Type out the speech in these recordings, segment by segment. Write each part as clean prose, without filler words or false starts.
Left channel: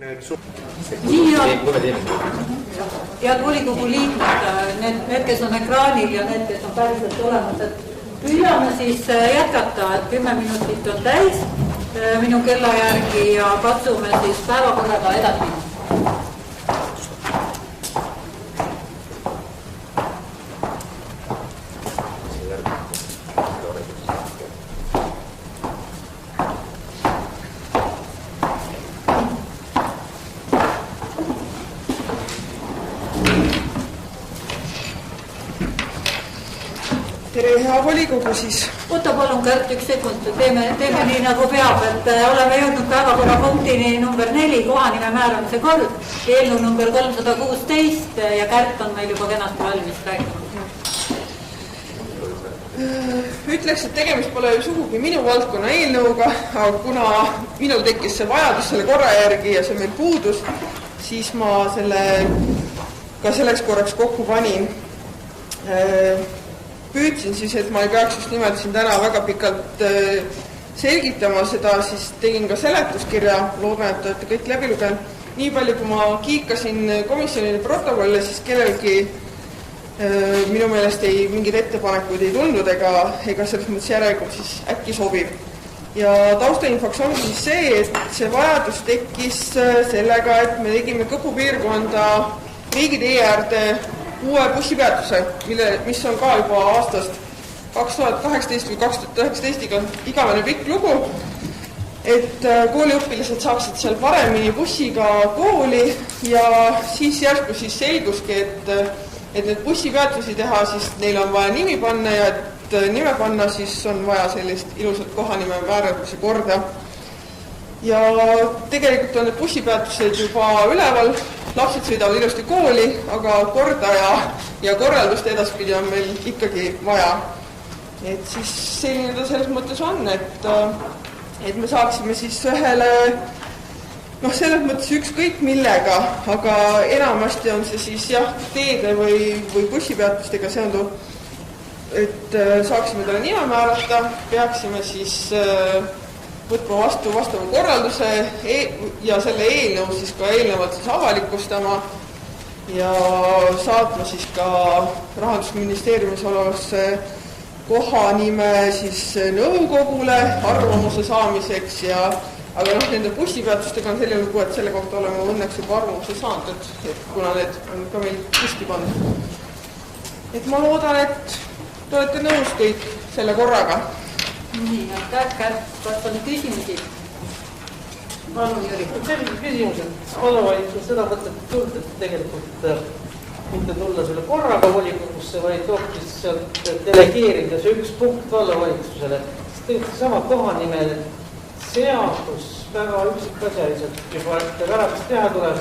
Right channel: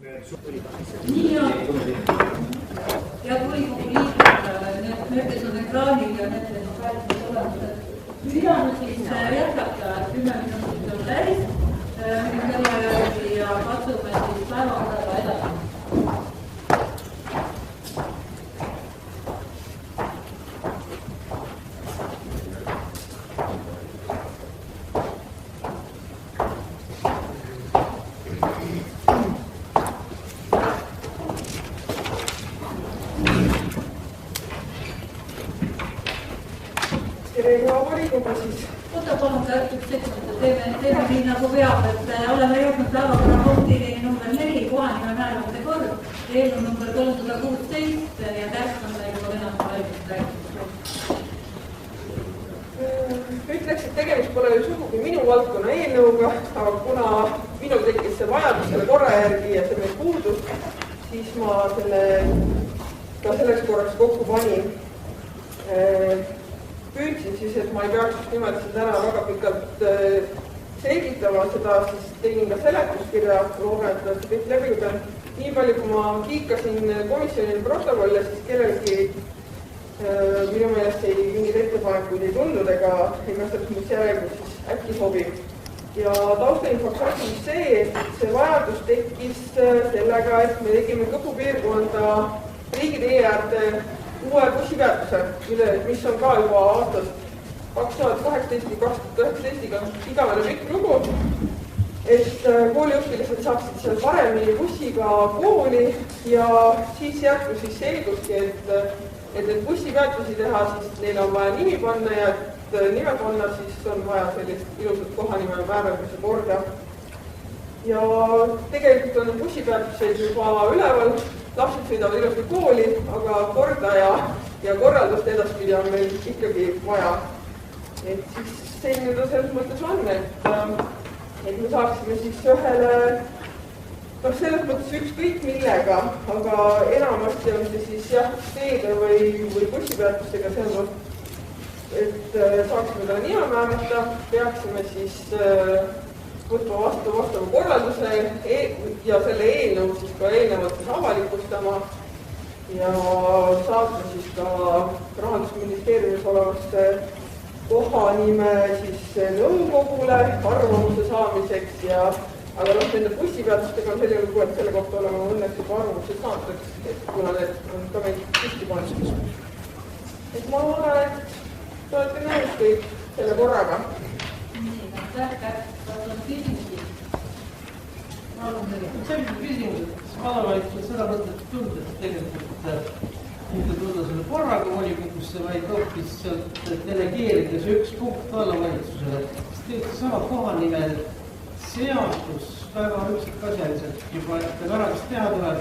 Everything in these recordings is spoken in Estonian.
Nii on. Head volikogu liikmed, need, kes on ekraanil ja need, kes on päriselt olemas, et püüame siis jätkata, et 10 minutit on täis minu kella järgi ja katsume siis päevakorraga edasi. Volikogu siis. Võta palun Kärt üks sekund, teeme nii nagu peab, et oleme jõudnud päevakorrapunktini number 4, kohanime määramise kord, eelnõu number 316 ja Kärt on meil juba kenasti valmis rääkima. Ütleks, et tegemist pole ju sugugi minu valdkonna eelnõuga, aga kuna minul tekkis see vajadus selle korra järgi ja see meil puudus, siis ma selle ka selleks korraks kokku panin. Püüdsin siis, et ma ei peaks just nimelt siin täna väga pikalt selgitama seda, siis tegin ka seletuskirja, loodan, et olete kõik läbi lugenud. Nii palju, kui ma kiikasin komisjonile protokolle, siis kellelgi minu meelest mingid ettepanekuid ei tundnud ega selles mõttes järelikult siis äkki sobib. Ja taustainfoks on siis see, et see vajadus tekkis sellega, et me tegime Kõpu piirkonda riigitee äärde uue bussipeatuse, mis on ka juba aastast 2018 või 2019 igavene pikk lugu, et kooliõpilased saaksid seal paremini bussiga kooli ja siis järsku siis selguski, et need bussipeatusi teha, siis neil on vaja nimi panna ja et nime panna, siis on vaja sellist ilusat kohanime määramise korda. Ja tegelikult on need bussipeatused juba üleval, lapsed sõidavad ilusti kooli, aga korda ja korraldust edaspidi on meil ikkagi vaja. Et siis selline ta selles mõttes on, et me saaksime siis ühele, selles mõttes ükskõik millega, aga enamasti on see siis teede või bussipeatustega seonduv, et saaksime talle nime määrata, peaksime siis võtma vastava korralduse ja selle eelnõu siis ka eelnevalt siis avalikustama ja saatma siis ka Rahandusministeeriumis olevasse kohanime siis nõukogule arvamuse saamiseks aga nende bussipeatustega on selline lugu, et selle kohta oleme õnneks juba arvamuse saanud, et kuna need on ka meil püsti pandud. Et ma loodan, et te olete nõus kõik selle korraga. Nii, aitäh, kas on küsimusi? Palun, Jüri. Selline küsimus, et vallavalitsus seda mõtet tuld, et tegelikult mitte tulla selle korraga volikogusse, vaid hoopis sealt delegeerida see üks punkt vallavalitsusele. Tegelikult sama kohanimeline seadus väga üksikasjaliselt juba, et pärast teha tuleb,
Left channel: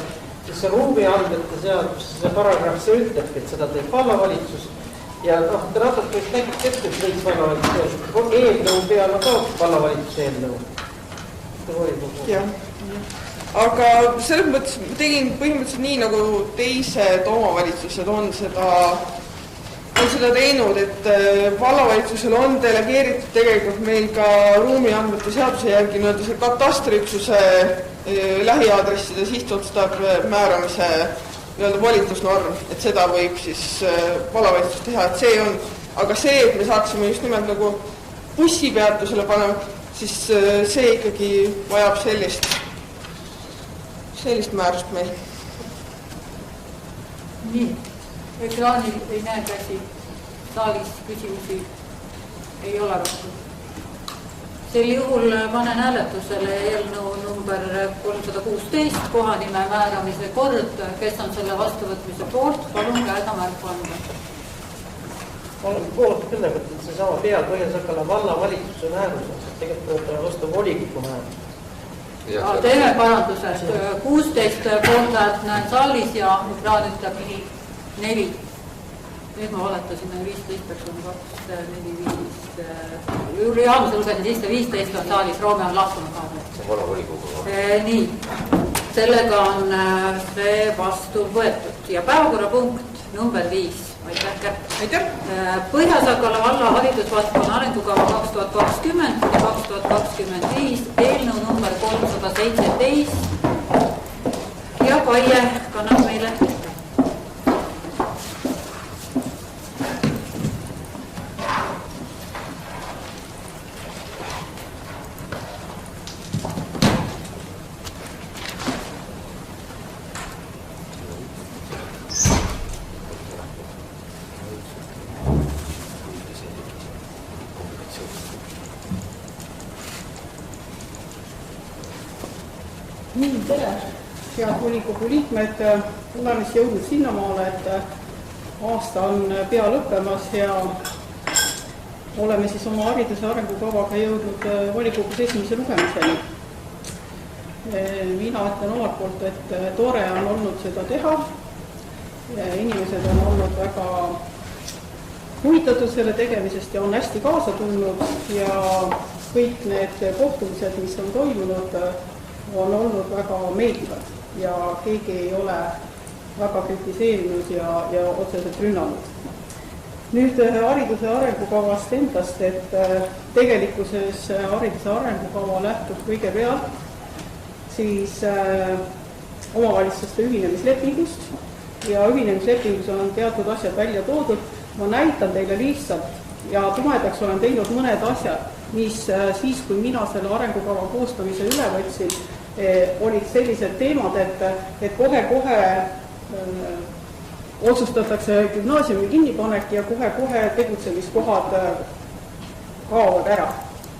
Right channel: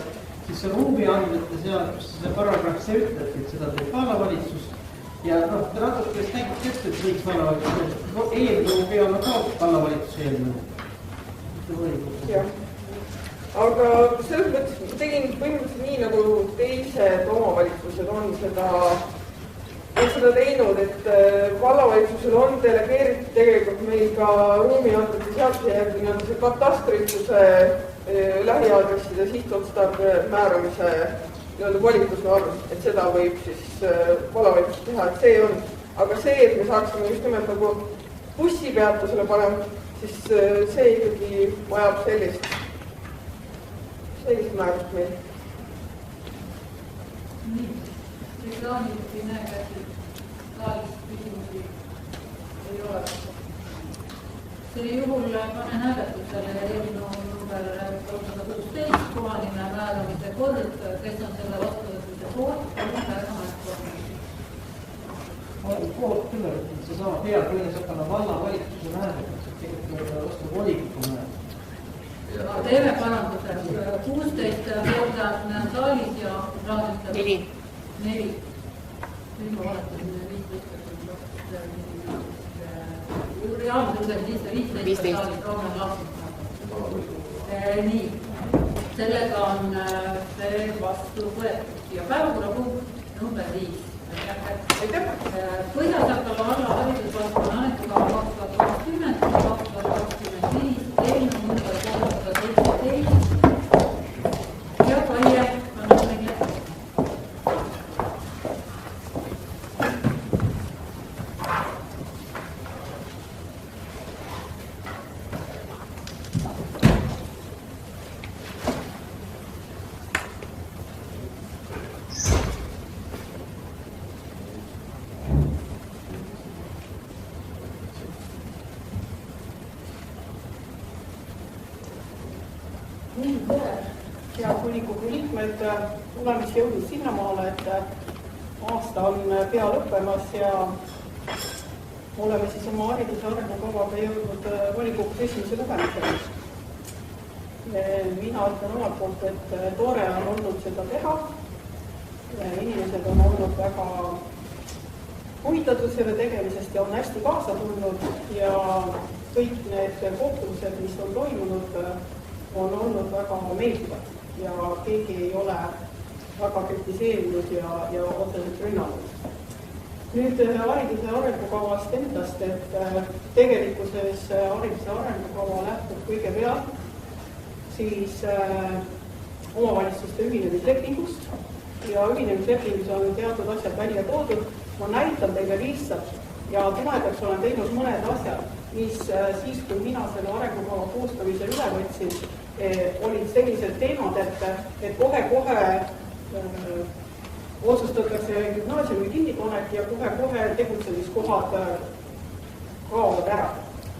siis see ruumiandmete seadus, see paragrahv, see ütleb, et seda teeb vallavalitsus. Ja te natuke nägite ette, et võiks vallavalitsus eelnõu peale ka vallavalituse eelnõu. Aga selles mõttes tegin põhimõtteliselt nii, nagu teised omavalitsused on seda teinud, et vallavalitsusel on delegeeritud tegelikult meil ka ruumiandmete seaduse järgi see katastriüksuse lähiaadresside sihtotstarbe määramise volitusnorm, et seda võib siis vallavalitsus teha, et see on, aga see, et me saaksime just nimelt nagu bussipeatusele panema, siis see ikkagi vajab sellist määrust meil. Nii, ekraanil ei näe käsi, saalis küsimusi ei ole vastu. Sel juhul panen hääletusele eelnõu number 316, kohanime määramise kord, kes on selle vastuvõtmise poolt, palun käega märku anda. Olen poolt küll, et see sama peapõhjasakala vallavalitsuse määrus, et tegelikult on vastu volikogu määrus. Teeme paranduse, 16 poolt näen saalis ja ekraan ütleb 4. Nüüd ma valetasin 15, peaks on 2, 4, 5. Jüri Aamus ulgeni sisse 15 on saalis, Roome on lahkunud. See on vana volikogu. Nii, sellega on see vastu võetud. Ja päevakorrapunkt number 5. Aitäh. Põhja-Sakala valla haridusvaldkonna arengukava 2020 ja 2025 eelnõu number 317. Head volikogu liikmed, oleme siis jõudnud sinnamaale, et aasta on pea lõppemas ja oleme siis oma hariduse arengukavaga jõudnud volikogus esimese lugemiseni. Mina ütlen omalt poolt, et tore on olnud seda teha. Inimesed on olnud väga huvitatud selle tegemisest ja on hästi kaasa tulnud ja kõik need kohtumised, mis on toimunud, on olnud väga meeldivad ja keegi ei ole väga kritiseerinud ja otseselt rünnanud. Nüüd hariduse arengukavast endast, et tegelikkuses hariduse arengukava lähtub kõigepealt siis omavalitsuste ühinemislepingust ja ühinemislepingus on teatud asjad välja toodud. Ma näitan teile lihtsalt ja tumedaks olen teinud mõned asjad, mis siis, kui mina selle arengukava koostamise üle võtsin, olid sellised teemad, et kohe-kohe otsustatakse gümnaasiumi kinnipanek ja kohe-kohe tegutsemiskohad kaovad ära.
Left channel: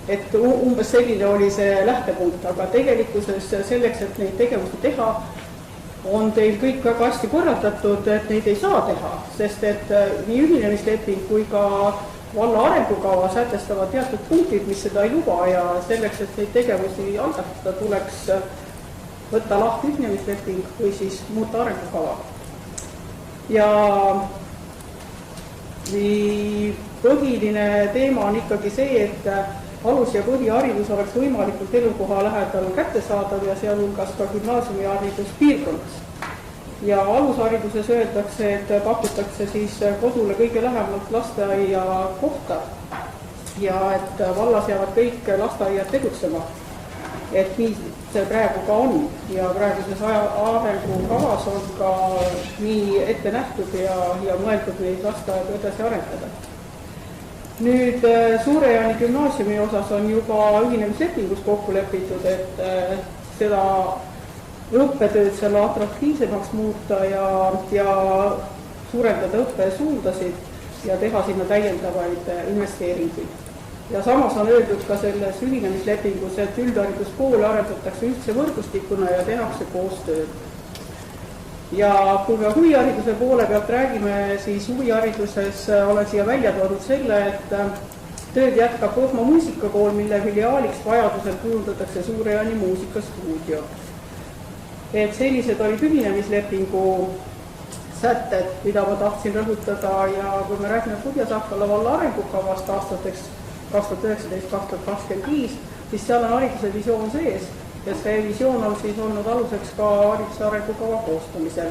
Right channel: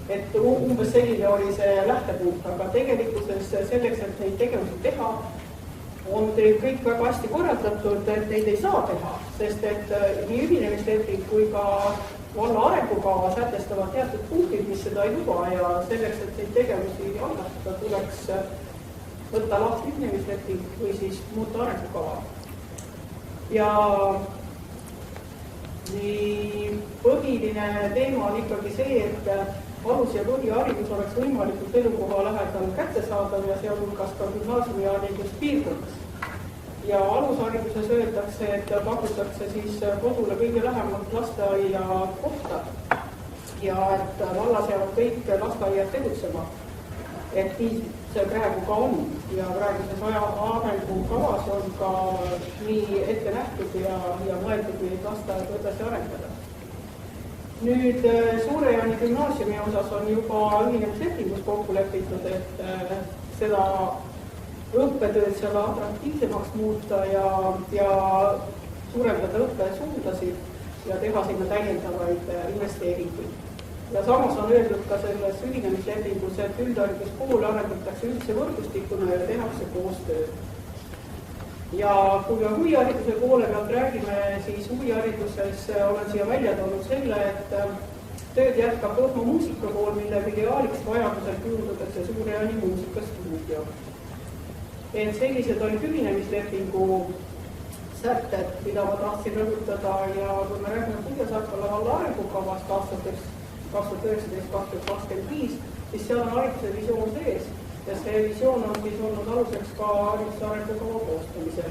Et umbes selline oli see lähtepunkt, aga tegelikkuses selleks, et neid tegevusi teha, on teil kõik väga hästi korraldatud, et neid ei saa teha, sest et nii ühinemisleping kui ka valla arengukava sätestavad teatud punktid, mis seda ei luba ja selleks, et neid tegevusi algatada, tuleks võtta lahti ühinemisleping või siis muuta arengukava. Ja põhiline teema on ikkagi see, et alus- ja põhiharidus oleks võimalikult elukoha lähedal kättesaadav ja sealhulgas ka gümnaasiumiharidus piirkonnas. Ja alushariduses öeldakse, et pakutakse siis kodule kõige lähemalt lasteaia kohta ja et vallas jäävad kõik lasteaiad tegutsema. Et nii see praegu ka on ja praeguses arengukavas on ka nii ette nähtud ja mõeldud neid lasteaedu edasi arendada. Nüüd Suure-Jaani gümnaasiumi osas on juba ühinemislepingus kokku lepitud, et seda õppetööd selle atraktiivsemaks muuta ja suurendada õppesuundasid ja teha sinna täiendavaid investeeringuid. Ja samas on öeldud ka selles ühinemislepingus, et üldhariduskoole arendatakse ühtse võrgustikuna ja tehakse koostööd. Ja kui me huvihariduse poole pealt räägime, siis huvihariduses olen siia välja toonud selle, et tööd jätkab Võhma muusikakool, mille filiaaliks vajadusel kujundatakse Suure-Jaani muusikastuudio. Et sellised olid ühinemislepingu sätted, mida ma tahtsin rõhutada ja kui me räägime Põhja-Sakala valla arengukavast aastateks 2019-2025, siis seal on hariduse visioon sees ja see visioon on siis olnud aluseks ka hariduse arengukava koostamisel.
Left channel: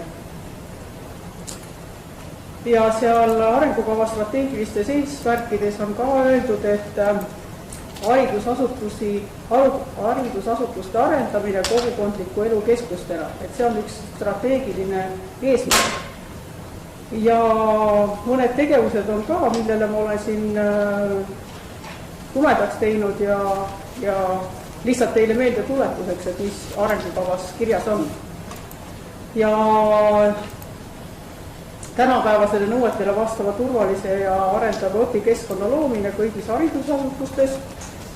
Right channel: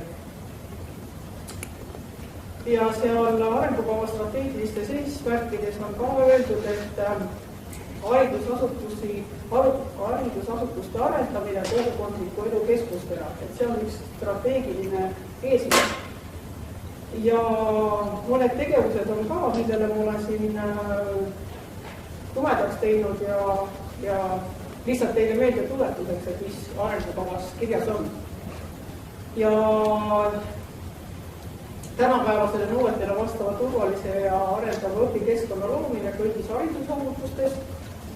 Ja seal arengukava strateegilistes eesmärkides on ka öeldud, et haridusasutuste arendamine kogukondliku elu keskustena, et see on üks strateegiline eesmärk. Ja mõned tegevused on ka, millele ma olen siin tumedaks teinud ja lihtsalt teile meelde tuletuseks, et mis arengukavas kirjas on. Ja tänapäevasele nõuetele vastava turvalise ja arendava õpikeskkonna loomine kõigis haridusasutustes,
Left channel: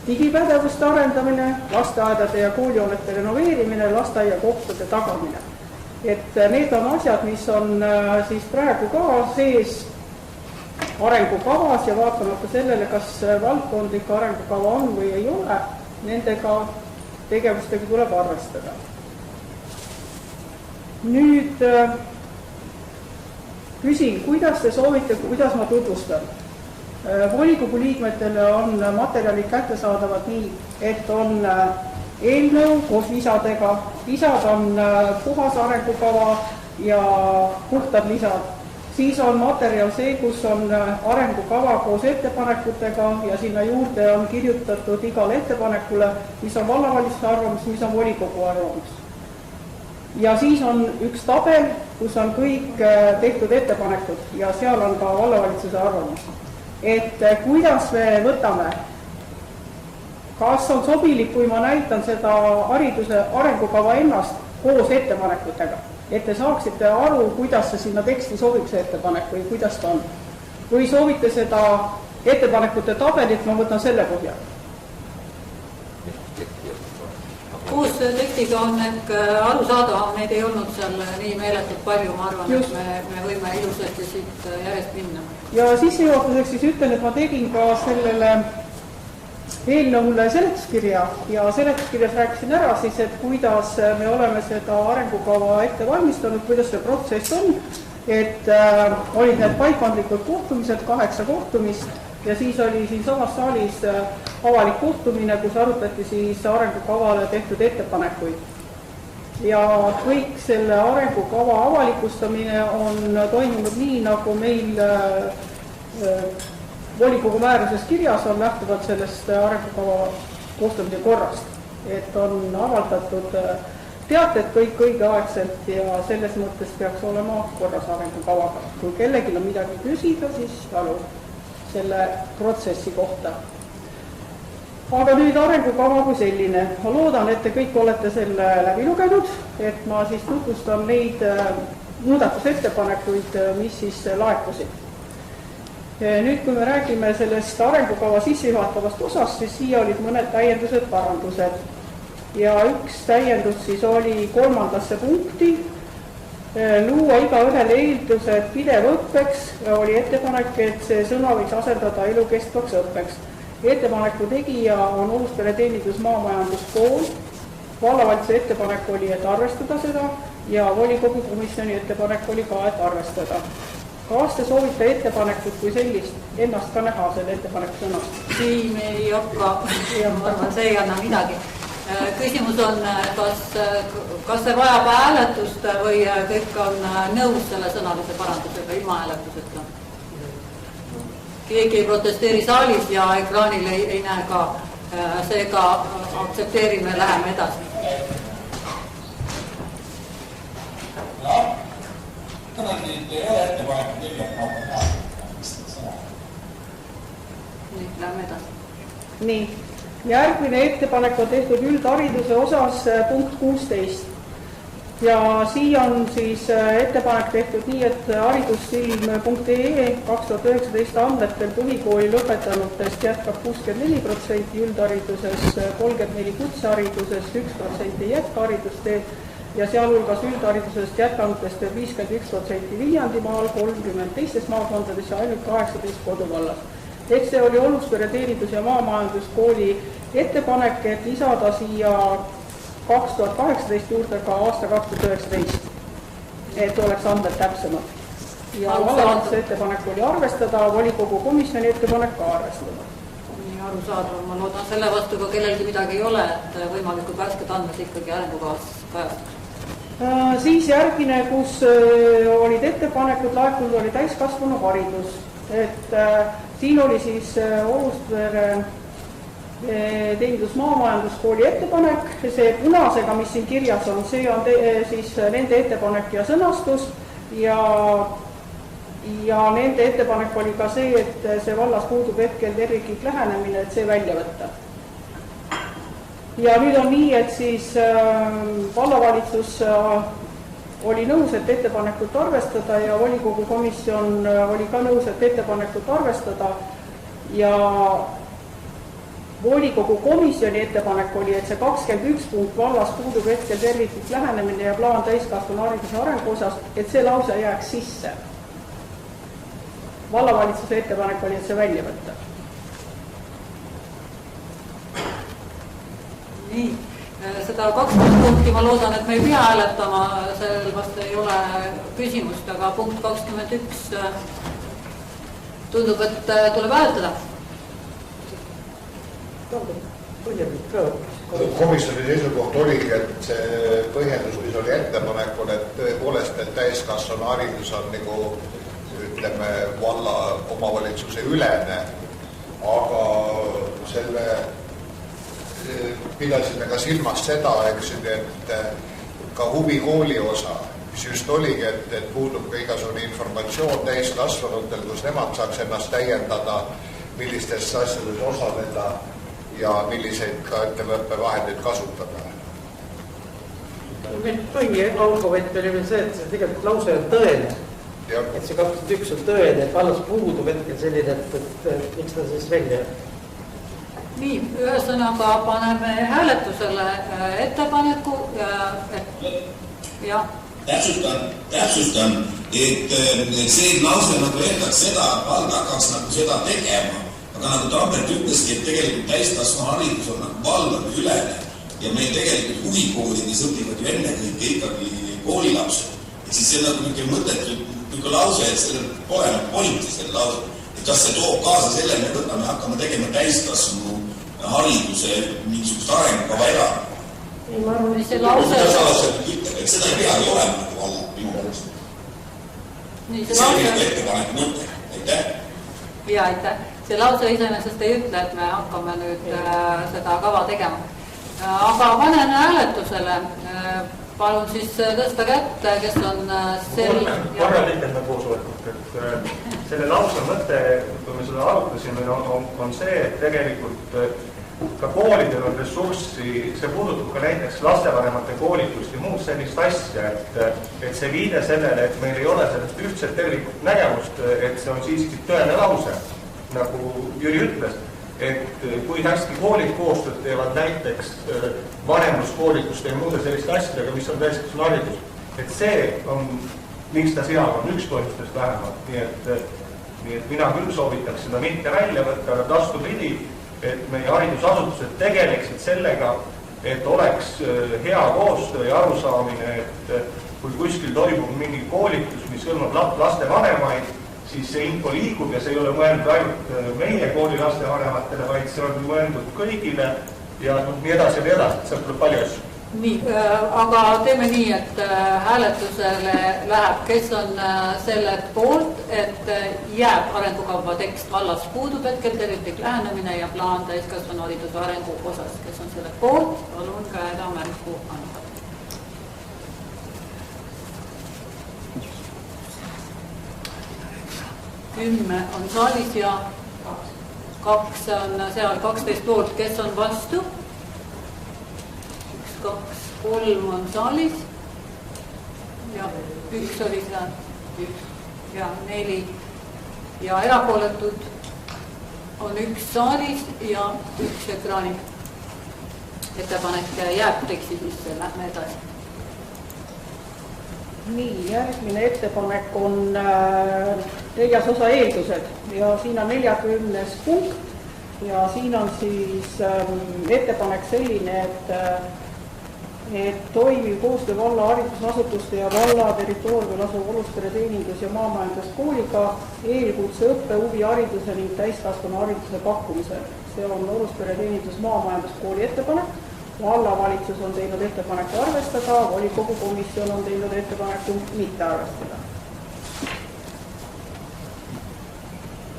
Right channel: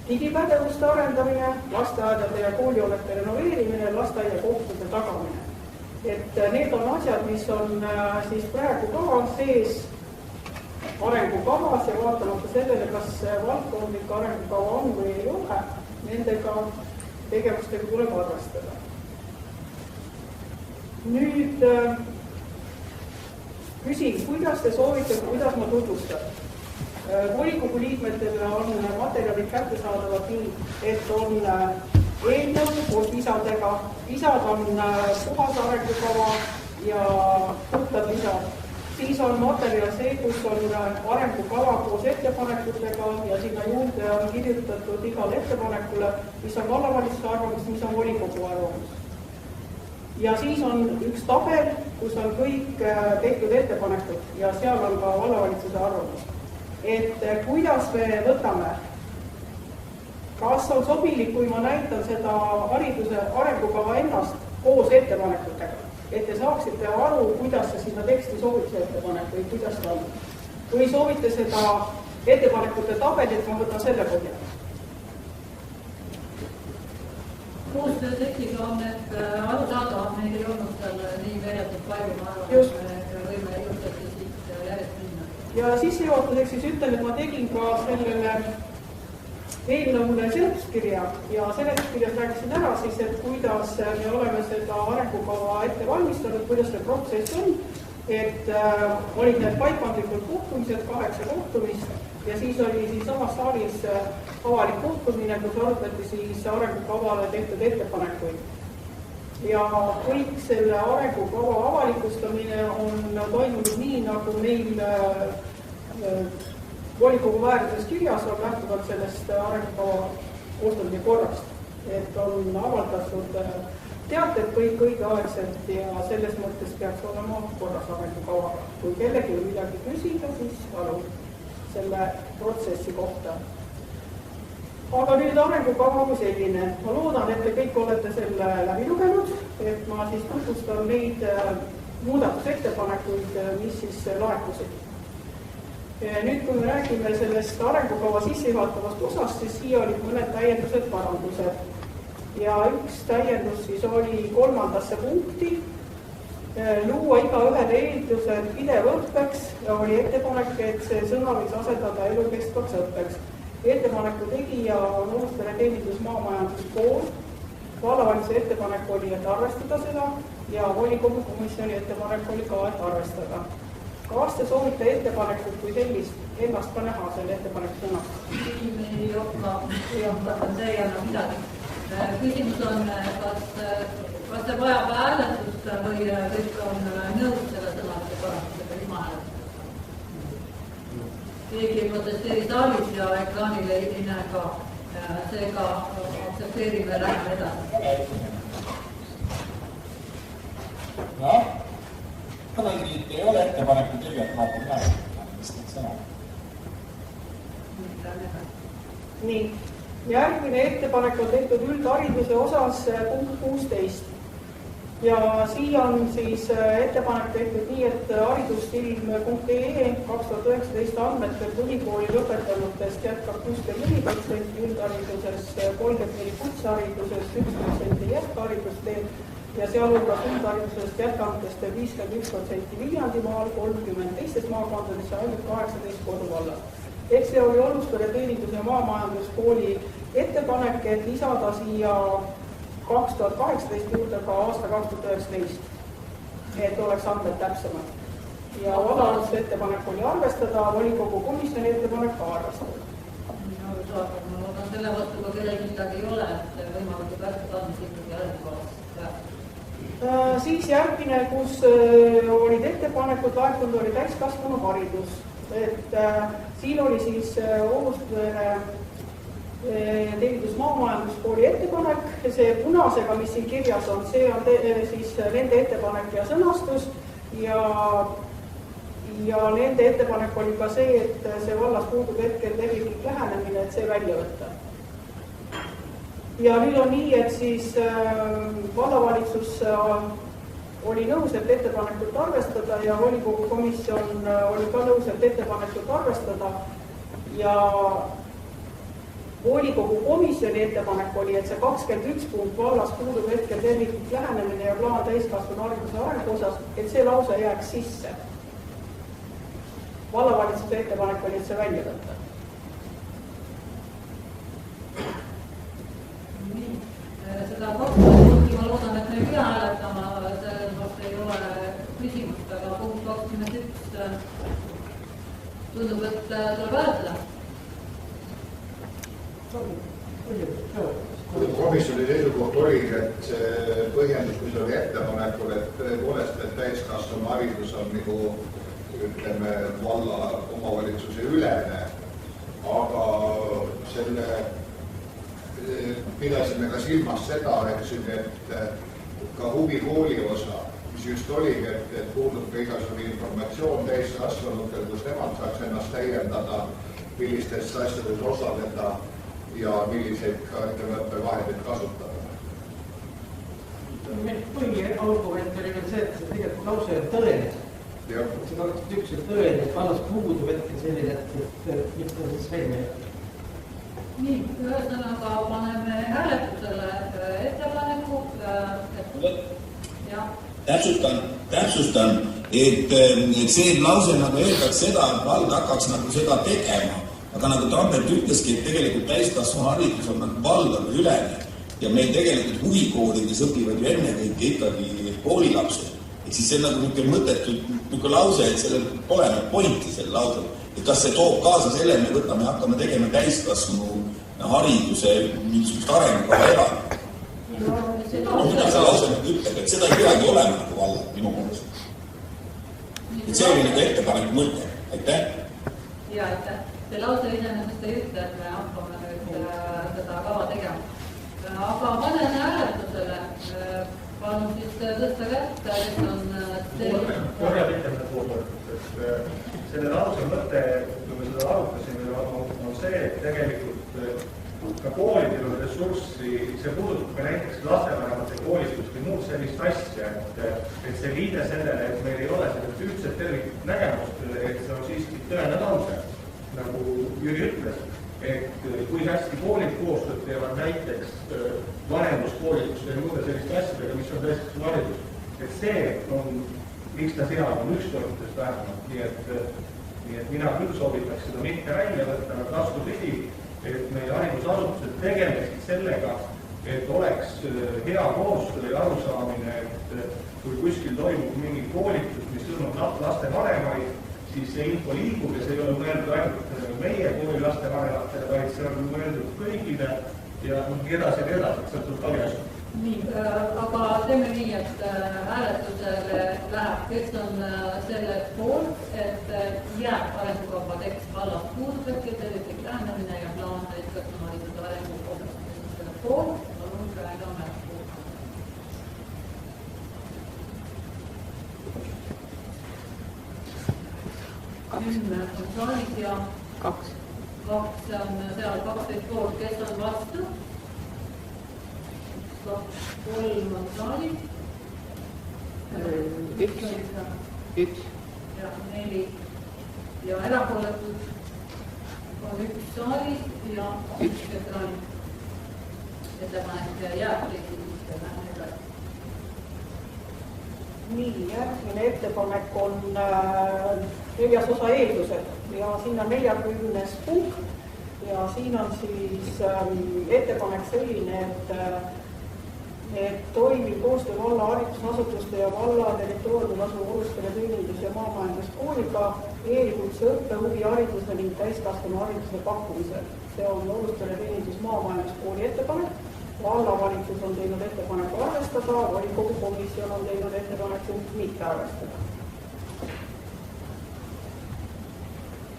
digipädevuste arendamine, lasteaedade ja koolihoonete renoveerimine, lasteaiakohtade tagamine. Et need on asjad, mis on siis praegu ka sees arengukavas ja vaatamata sellele, kas valdkondlik arengukava on või ei ole, nendega tegevustega tuleb arvestada. Nüüd küsin, kuidas te soovite, kuidas ma tutvustan? Volikogu liikmetele on materjalid kättesaadavad nii, et on eelnõu koos lisadega. Lisad on puhas arengukava ja puhtad lisad. Siis on materjal see, kus on arengukava koos ettepanekutega ja sinna juurde on kirjutatud igale ettepanekule, mis on vallavalitsuse arvamus, mis on volikogu arvamus. Ja siis on üks tabel, kus on kõik tehtud ettepanekud ja seal on ka vallavalitsuse arvamus. Et kuidas me võtame, kas on sobilik, kui ma näitan seda hariduse arengukava ennast koos ettepanekutega, et te saaksite aru, kuidas see sinna teksti sobib see ettepanek või kuidas ta on. Kui soovite seda ettepanekute tabelit, ma võtan selle põhjal. uus tekstiga on ehk arusaadavam, neid ei olnud seal nii meeletult palju, ma arvan, et me võime ilusasti siit järjest minna. Ja sissejuhatuseks siis ütlen, et ma tegin ka sellele eelnõule seletuskirja ja seletuskirjas rääkisin ära siis, et kuidas me oleme seda arengukava ette valmistanud, kuidas see protsess on, et olid need paikkondlikud kohtumised, 8 kohtumist ja siis oli siin samas saalis avalik kohtumine, kus arutati siis arengukavale tehtud ettepanekuid. Ja kõik selle arengukava avalikustamine on toimunud nii, nagu meil volikogu määruses kirjas on lähtuvalt sellest arengukava koostamise korrast. Et on avaldatud teated kõik õigeaegselt ja selles mõttes peaks olema korras arengukavaga. Kui kellelgi on midagi küsida, siis palun selle protsessi kohta. Aga nüüd arengukava kui selline. Ma loodan, et te kõik olete selle läbi lugenud, et ma siis tutvustan neid muudatusettepanekuid, mis siis laekusid. Nüüd, kui me räägime sellest arengukava sissejuhatavast osast, siis siia olid mõned täiendused, parandused. Ja üks täiendus siis oli 3. punkti. Luua igaühele eeldused pidev õppeks oli ettepanek, et see sõna võiks asendada elukestvaks õppeks. Ettepaneku tegija on Ouluspere teenindus maamajanduskool. Vallavalitsuse ettepanek oli, et arvestada seda ja volikogu komisjoni ettepanek oli ka, et arvestada. Kas te soovite ettepanekut kui sellist ennast ka näha selle ettepaneku sõnast? Siin ei hakka, ma arvan, see ei anna midagi. Küsimus on, kas see vajab hääletust või kõik on nõus selle sõnalise parandusega ilma hääletuseta? Keegi ei protesteeri saalis ja ekraanil ei näe ka. Seega aktsepteerime, läheme edasi. Ei ole ettepaneku kirjalt Nüüd läheme edasi. Nii. Järgmine ettepanek on tehtud üldhariduse osas punkt 16. Ja siia on siis ettepanek tehtud nii, et haridusfilm.ee 2019 andmetel põhikooli lõpetanutest jätkab 64%, üldhariduses 34%, kutsehariduses 1% jätkharidusteed ja sealhulgas üldharidusest jätkanutest 51% Viljandimaal, 30% teistes maakondades ja ainult 18 koduvallas. Ehk see oli Ouluspere teenindus- ja maamajanduskooli ettepanek, et lisada siia 2018 juurde ka aasta 2019, et oleks andmed täpsemad. Ja vallavalitsuse ettepanek oli arvestada, volikogu komisjoni ettepanek ka arvestada. Arusaadav, ma loodan selle vastu, kui kellelgi midagi ei ole, et võimalikult värsked andmed ikkagi arengukavas kajastada. Siis järgmine, kus olid ettepanekud, laekunud oli täiskasvanu haridus. Et siin oli siis Ouluspere teenindus maamajanduskooli ettepanek, see punasega, mis siin kirjas on, see on siis nende ettepanek ja sõnastus ja nende ettepanek oli ka see, et see vallas puudub hetkel terviklik lähenemine, et see välja võtta. Ja nüüd on nii, et siis vallavalitsus oli nõus, et ettepanekut arvestada ja volikogu komisjon oli ka nõus, et ettepanekut arvestada ja volikogu komisjoni ettepanek oli, et see 21 punkt vallas puudub hetkel terviklik lähenemine ja plaan täiskasvanu hariduse arengu osas, et see lause jääks sisse. Vallavalitsuse ettepanek oli, et see välja võtta. Nii, seda 20 punkti ma loodan, et me ei pea hääletama, sellel vast ei ole küsimust, aga punkt 21 tundub, et tuleb hääletada. Komisjoni seisukoht oligi, et see põhjendus, mis oli ettepanekul, et tõepoolest, et täiskasvanu haridus on nagu ütleme valla omavalitsuse ülene, aga selle pidasime ka silmas seda, et ka huvikooli osa, mis just oligi, et puudub ka igasugune informatsioon täiskasvanutel, kus nemad saaks ennast täiendada, millistest asjades osaleda ja milliseid ka ettevõttevahendeid kasutada. Põhiargument oli veel see, et see tegelikult lause on tõene. Et see 21 on tõene, et vallas puudub hetkel selline, et miks ta siis välja. Nii, ühesõnaga paneme hääletusele ettepaneku ja täpsustan, et see lause nagu öeldaks seda, et vald hakkaks nagu seda tegema, aga nagu Tambert ütleski, et tegelikult täiskasvanu haridus on nagu valdade ülene ja meil tegelikult huvikoolides õpivad ju ennekõike ikkagi koolilapsed. Et siis see on nagu niisugune mõttetu lause, et sellel pole nagu politi selle lause. Et kas see toob kaasa selle, et me võtame ja hakkame tegema täiskasvanu hariduse mingisugust arengukava elanud. See lause ütleb, et seda ei peagi olema nagu vald minu mõttes. See on minu ettepanek mõte. Aitäh. Ja aitäh. See lause iseenesest ei ütle, et me hakkame nüüd seda kava tegema. Aga panen hääletusele. Palun siis tõsta kätte, kes on korra liikmed koosolekut, et selle lause mõte, kui me seda arutasime, on see, et tegelikult ka koolidel on ressurssi, see puudutab ka näiteks lastevanemate koolitust ja muud sellist asja, et see viide sellele, et meil ei ole sellest ühtset tervikut nägemust, et see on siiski tõene lause, nagu Jüri ütles, et kui hästi koolid koostööd teevad näiteks vanemuskoolitust ja muude selliste asjadega, mis on täiskasvanu haridus, et see on, miks ta seal on üks toetustest vähemalt, nii et mina küll soovitaks seda mitte välja võtta, aga vastupidi, et meie haridusasutused tegeleksid sellega, et oleks hea koostöö ja arusaamine, et kui kuskil toimub mingi koolitus, mis hõlmab lastevanemaid, siis see info liigub ja see ei ole mõeldud ainult meie kooli lastevanematele, vaid see on mõeldud kõigile ja nii edasi, et seal tuleb palju asju. Nii, aga teeme nii, et hääletusele läheb, kes on selle poolt, et jääb arengukava tekst vallas puudub hetkel terviklik lähenemine ja plaan täiskasvanu hariduse arengu osas. Kes on selle poolt, palun käega märku anda. 10 on saalis ja 2 on seal 12 poolt, kes on vastu? 1, 2, 3 on saalis ja 1 oli seal ja 4 ja erapooletud on 1 saalis ja 1 ekraanil. Ettepanek jääb teksti sisse, lähme edasi. Nii, järgmine ettepanek on 4. osa eeldused ja siin on 40. punkt ja siin on siis ettepanek selline, et toimiv koostöö valla haridusasutuste ja valla territooriumil asuv Oruspere teenindus- ja maamajanduskooliga eelkutse õppe, huvihariduse ning täiskasvanu hariduse pakkumisel. See on Oruspere teenindus- maamajanduskooli ettepanek. Vallavalitsus on teinud ettepaneku arvestada, volikogu komisjon on teinud ettepaneku mitte arvestada.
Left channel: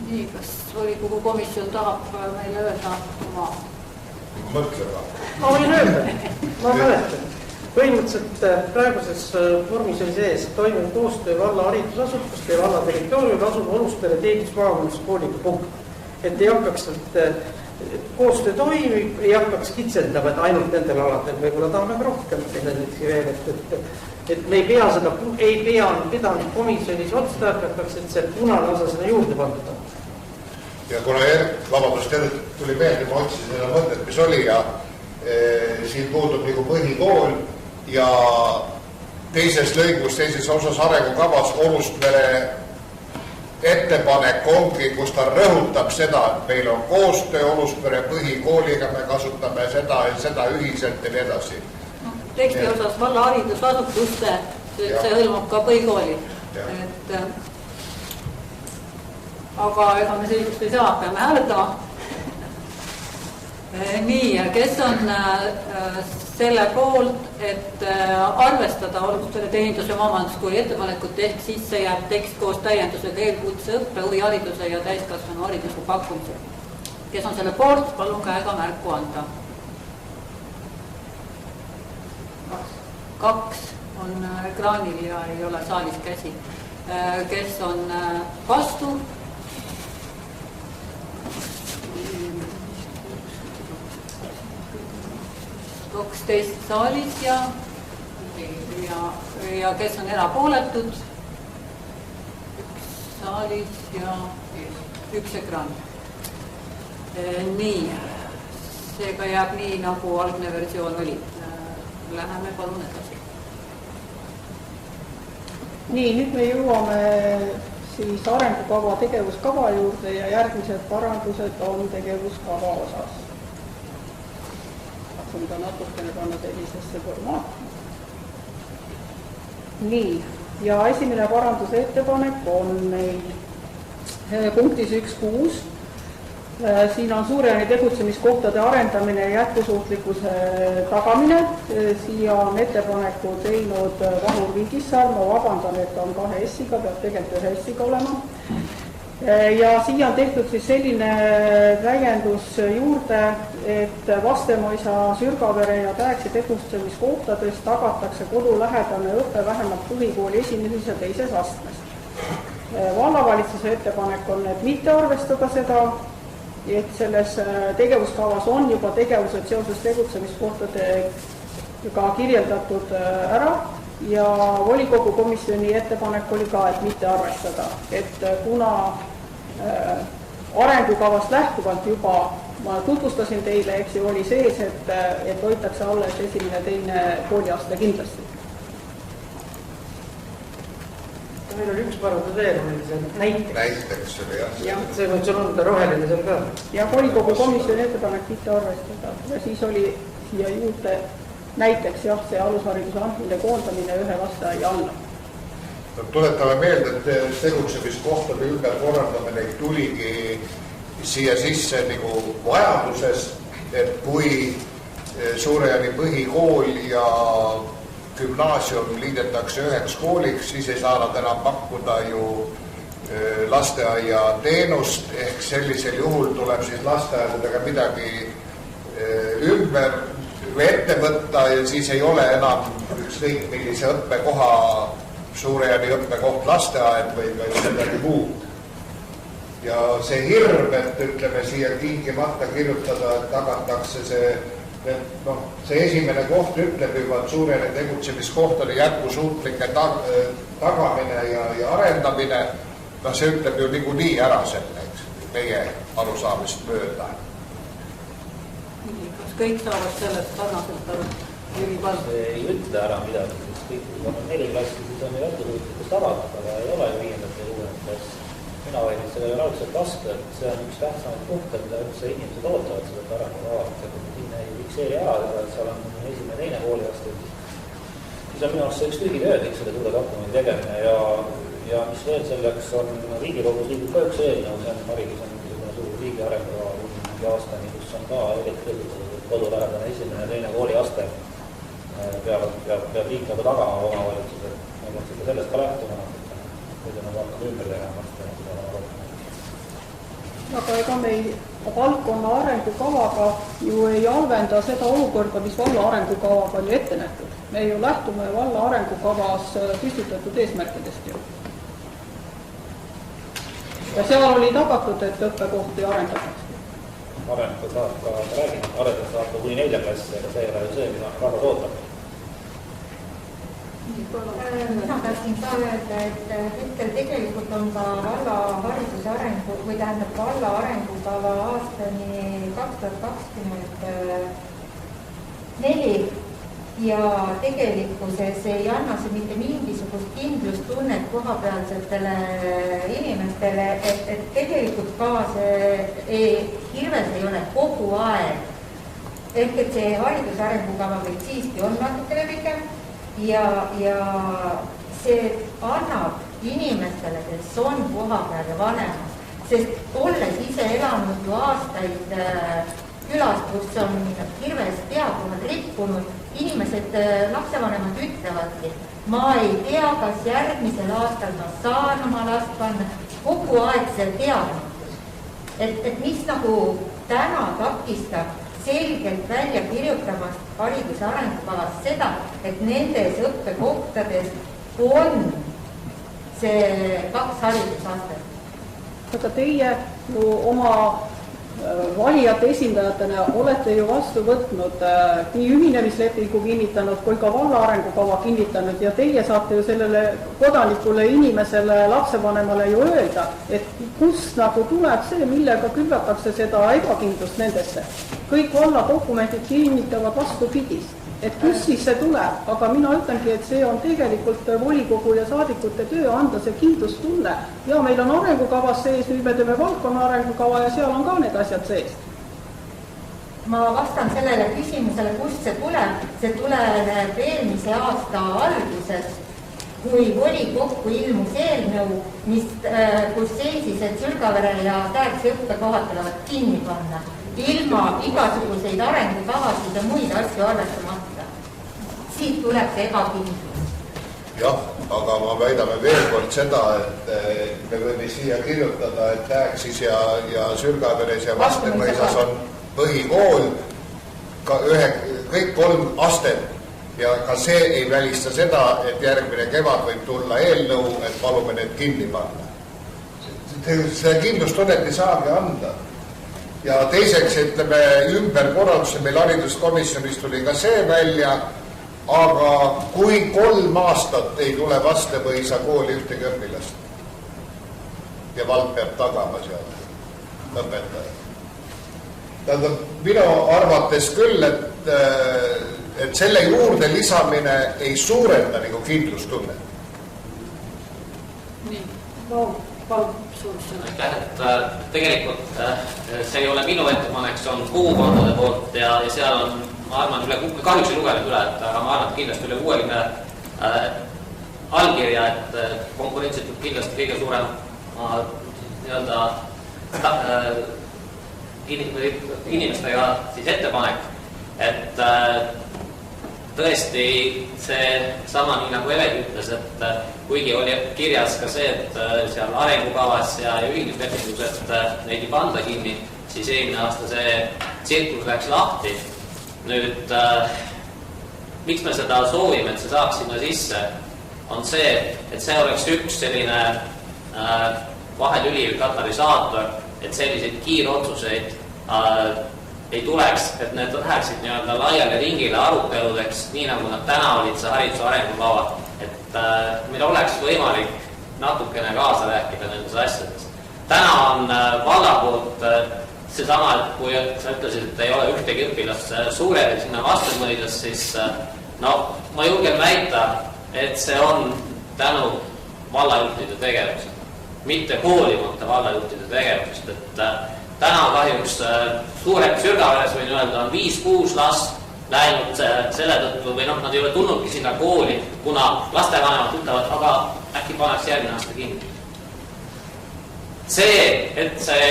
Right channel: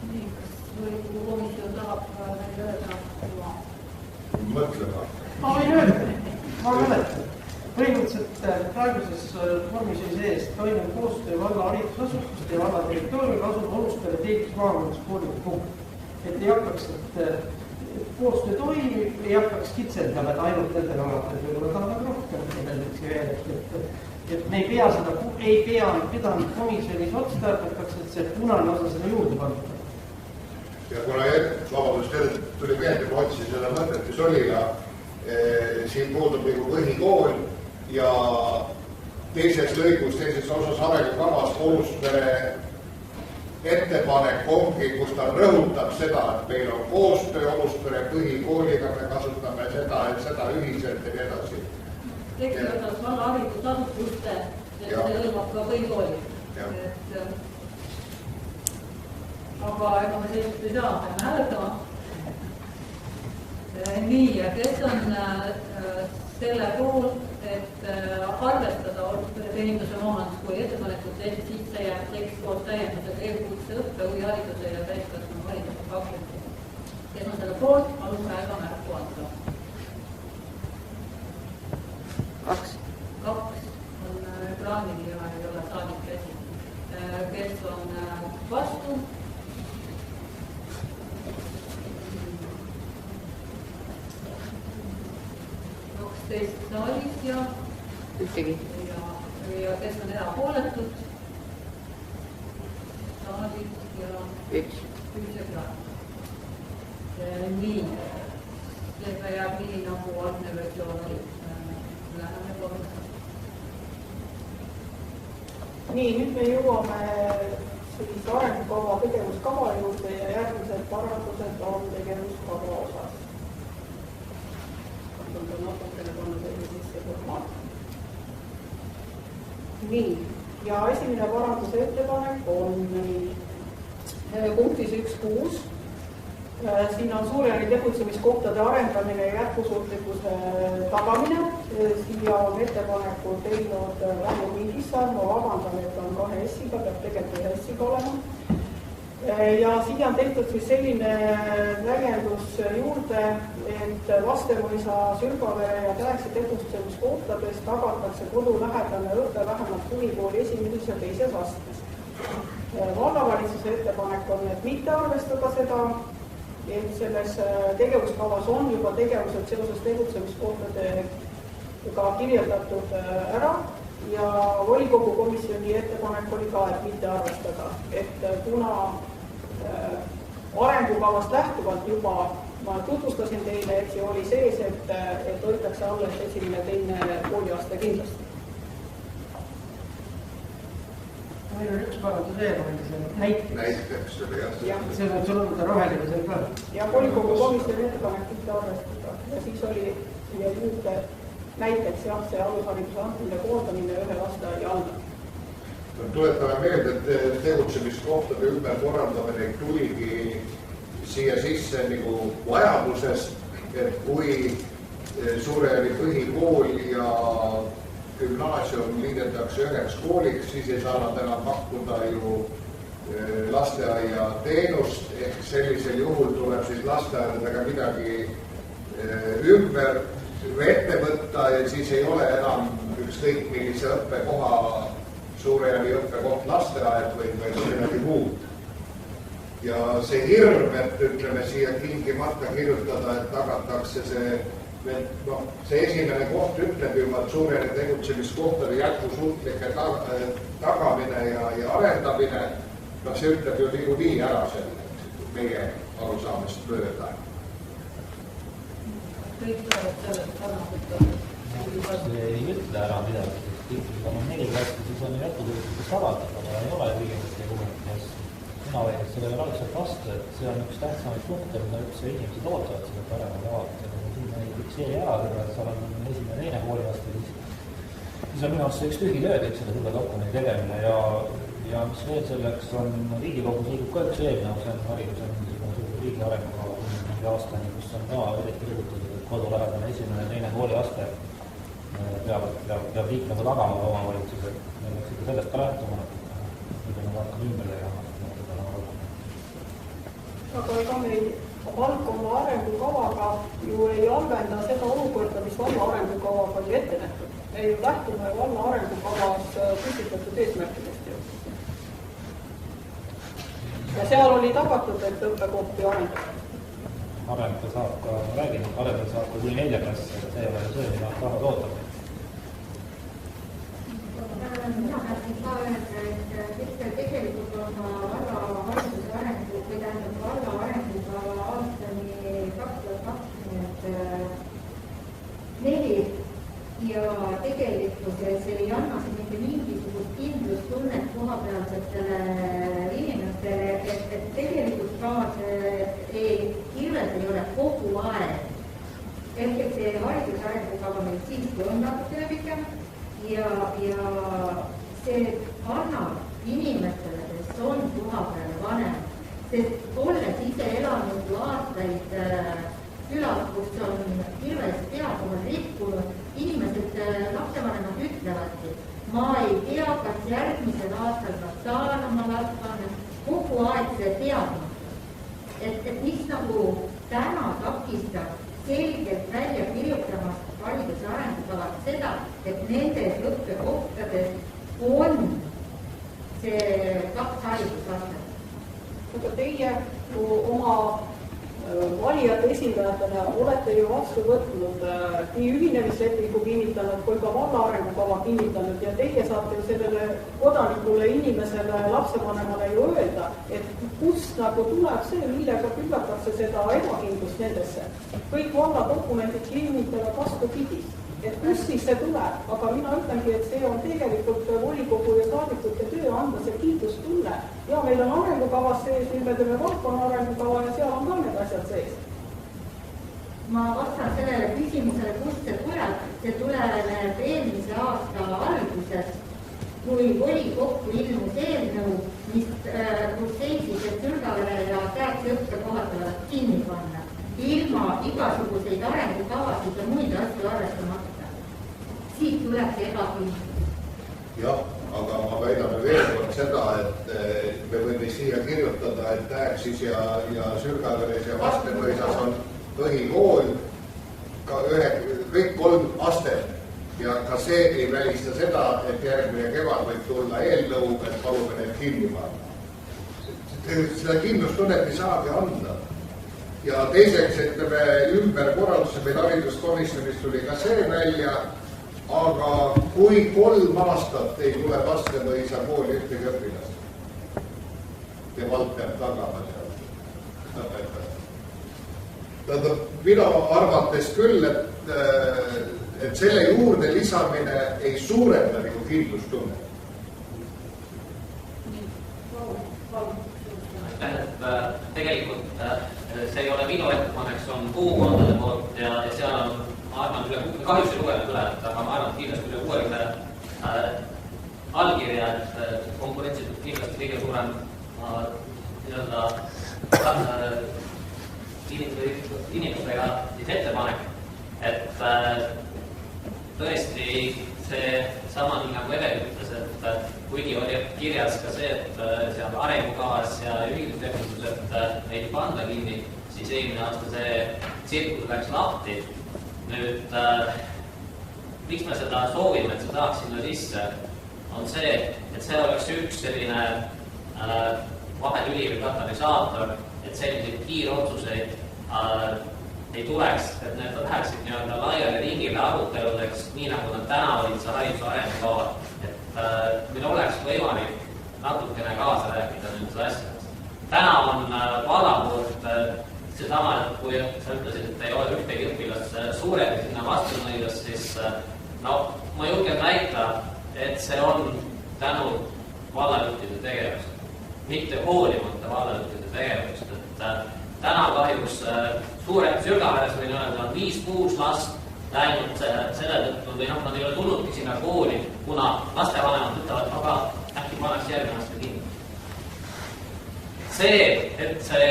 Nii, kas volikogu komisjon tahab meile öelda oma? Mõtlema. Ma võin öelda, ma mäletan. Põhimõtteliselt praeguses vormis oli sees toimiv koostöö valla haridusasutuste ja valla territooriumil asub Oruspere teenindus- maamajanduskooliga punkt. Et ei hakkaks, koostöö toimib, ei hakkaks kitsendama, et ainult nendel aladel võib-olla tahame rohkem veel, et me ei pea seda, ei pidanud komisjonis otstarbekaks, et see punane osa seda juurde pandada. Ja kuna vabandust tuli meelde, kui otsisin seda mõtet, mis oli ja siin puudub nagu põhikool ja teises lõigus, teises osas arengukavas Oruspere ettepanek ongi, kus ta rõhutab seda, et meil on koostöö Oruspere põhikooliga, me kasutame seda ühiselt ja nii edasi. Teksti osas valla haridusasutuste, see hõlmab ka põhikooli. Aga ega me sellist ei saa, peame hääletama. Nii, kes on selle poolt, et arvestada Oruspere teenindus- ja maamajanduskooli ettepanekut ehk sisse jääb tekst koos täiendusega eelkutse õppe, huvihariduse ja täiskasvanu hariduse pakkumisel. Kes on selle poolt, palun käega märku anda. 2 on ekraanil ja ei ole saalis käsi. Kes on vastu? 12 saalis ja kes on erapooletud? 1 saalis ja 1 ekraan. Nii, seega jääb nii, nagu algne versioon oli. Läheme palun edasi. Nii, nüüd me jõuame siis arengukava tegevuskava juurde ja järgmised parandused on tegevuskava osas. Katsun ta natukene panna sellisesse formaati. Nii, ja esimene paranduse ettepanek on meil punktis 1.6. Siin on Suurjaani tegutsemiskohtade arendamine ja jätkusuutlikkuse tagamine. Siia on ettepaneku teinud Vahur Vingissaar, ma vabandan, et on 2 S-iga, peab tegelikult 1 S-iga olema. Ja siia on tehtud siis selline täiendus juurde, et Vastemõisa, Sürgavere ja Täeksi tegutsemiskohtades tagatakse kodulähedane õppe vähemalt põhikooli esimeses ja teises astmes. Vallavalitsuse ettepanek on, et mitte arvestada seda, et selles tegevuskavas on juba tegevused seoses tegutsemiskohtadega kirjeldatud ära ja volikogu komisjoni ettepanek oli ka, et mitte arvestada, et kuna arengukavast lähtuvalt juba ma tutvustasin teile, eks ju oli sees, et hoitakse alles esimene, teine kooliaste kindlasti. Meil on üks parandus veel, näiteks oli jah. See võiks olla roheline seal ka. Ja volikogu komisjoni ettepanek mitte arvestada ja siis oli siia juurde näiteks jah, see alushariduse andmine koondamine ühe lasteaia alla. Tuletame meelde, et tegutsemiskohtade ümberkorraldamine tuligi siia sisse nagu vajaduses, et kui Suurjaani põhikool ja gümnaasium liidetakse üheks kooliks, siis ei saa nad enam pakkuda ju lasteaia teenust, ehk sellisel juhul tuleb siis lasteaedadega midagi ümber või ette võtta ja siis ei ole enam ükskõik millise õppekoha Suurjaani õppekoht lasteaed või midagi muud. Ja see hirm, et ütleme siia tingimata kirjutada, et tagatakse see esimene koht ütleb juba, et Suurjaani tegutsemiskohtade jätkusuutlike tagamine ja arendamine, see ütleb ju niikuinii ära selle, meie arusaamist mööda. Kas kõik saavad sellest sarnaselt aru? See ei ütle ära midagi, siis kõik, kui on 4 klassi, siis on ju jätkusuutlikkus avaldada, aga ei ole 5. ja 6. klass. Mina vaidin sellele raudselt vastu, et see on üks tähtsamaid punkte, mida üldse inimesed ootavad seda arengukava. Siin ei fikseeri ära, et seal on esimene, teine kooliaste, siis on minu arust see üks tühi töö, kõik seda suure dokumendi tegemine ja mis veel selleks on Riigikogus liigub ka üks eelnõu, see on haridus on niisugune suur riigi arengukava mingi aastani, kus on ka eriti rõhutatud, et kodulähedane esimene ja teine kooliaste peab liikmega tagama omavalitsused. Me peaks ikka sellest ka lähtuma, kui me hakkame ümber tegema. Aga ega meil valdkonna arengukavaga ju ei halvenda seda olukorda, mis valla arengukavaga oli ette nähtud. Me ju lähtume valla arengukavas püstitatud eesmärkidest ju. Ja seal oli tagatud, et õppekohti arendatakse. Arendada saab ka, ma räägin, arendada saab ka kuni 4 klassi, aga see ei ole ju see, mida rahvas ootab. Mina tahtsin ka öelda, et hetkel tegelikult on ka valla hariduse arengu või tähendab valla arengukava aastani 2024 ja tegelikkuses ei anna see mitte mingisugust kindlustunnet kohapealsetele inimestele, et tegelikult ka see hirves ei ole kogu aeg. Ehk et see hariduse arengukava meil siiski on natukene pikem ja see annab inimestele, kes on kohapeal ja vanemad, sest olles ise elanud ju aastaid külast, kus on hirves peakohal rikkunud, inimesed, lapsevanemad ütlevadki, ma ei tea, kas järgmisel aastal ma saan oma last panna, kogu aeg see teadmatus. Et mis nagu täna takistab selgelt välja kirjutamast hariduse arengukavas seda, et nendes õppekohtades on see 2 haridusastet. Aga teie ju oma valijate esindajatena olete ju vastu võtnud nii ühinemislepingu kinnitanud kui ka valla arengukava kinnitanud ja teie saate ju sellele kodanikule, inimesele, lapsevanemale ju öelda, et kust nagu tuleb see, millega küllatakse seda ebakindlust nendesse. Kõik valla dokumendid kinnitavad vastupidist. Et kus siis see tuleb, aga mina ütlengi, et see on tegelikult volikogu ja saadikute töö anda see kindlustunne. Ja meil on arengukavas sees, nüüd me teeme valdkonna arengukava ja seal on ka need asjad sees. Ma vastan sellele küsimusele, kust see tuleb. See tuleb eelmise aasta alguses, kui volikokku ilmus eelnõu, kus seisis, et Sülgavere ja Tähtsa õppekohad tulevad kinni panna, ilma igasuguseid arengukavasid ja muid asju arvestamata. Siit tuleb see ebakindlus. Jah, aga ma väidame veel kord seda, et me võime siia kirjutada, et Tähtsis ja Sülgaveres ja Vastemõisas on põhikool, kõik 3 astet. Ja ka see ei välista seda, et järgmine kevad võib tulla eelnõu, et palume need kinni panna. Seda kindlustunnet ei saagi anda. Ja teiseks, ütleme, ümberkorralduse meil hariduskomisjonis tuli ka see välja, aga kui 3 aastat ei tule Vastemõisa kooli ühtegi õpilast ja vald peab tagama seal õpetaja. Tähendab, minu arvates küll, et selle juurde lisamine ei suurenda nagu kindlustunnet. Nii, palun suunsõna. Et tegelikult see ei ole minu ettepanek, see on kogukondade poolt ja seal on, ma arvan, kahjuks ei lugenud üle, aga ma arvan, et kindlasti üle 60 allkirja, et konkurentsitud kindlasti kõige suurem inimestega siis ettepanek, et tõesti see sama nii nagu Eve ütles, et kuigi oli kirjas ka see, et seal arengukavas ja ühinemislepingus, et neid ei panda kinni, siis eelmine aasta see tsirkus läks lahti. Nüüd, miks me seda soovime, et see saaks sinna sisse, on see, et see oleks üks selline vahetüli katalüsaator, et selliseid kiirotsuseid ei tuleks, et need läheksid nii-öelda laiale ringile aruteludeks, nii nagu nad täna olid see hariduse arengukava, et meil oleks võimalik natukene kaasa rääkida nendes asjades. Täna on valla poolt seesama, et kui sa ütlesid, et ei ole ühtegi õpilast suured sinna Vastemõisas, siis ma julgen väita, et see on tänu vallajuhtide tegevused, mitte hoolimata vallajuhtide tegevusest, et täna kahjuks Sülgaveres võin öelda, on 5-6 last läinud selle tõttu või nad ei ole tulnudki sinna kooli, kuna lastevanemad ütlevad, aga äkki paneks järgmine aasta kinni. See, et see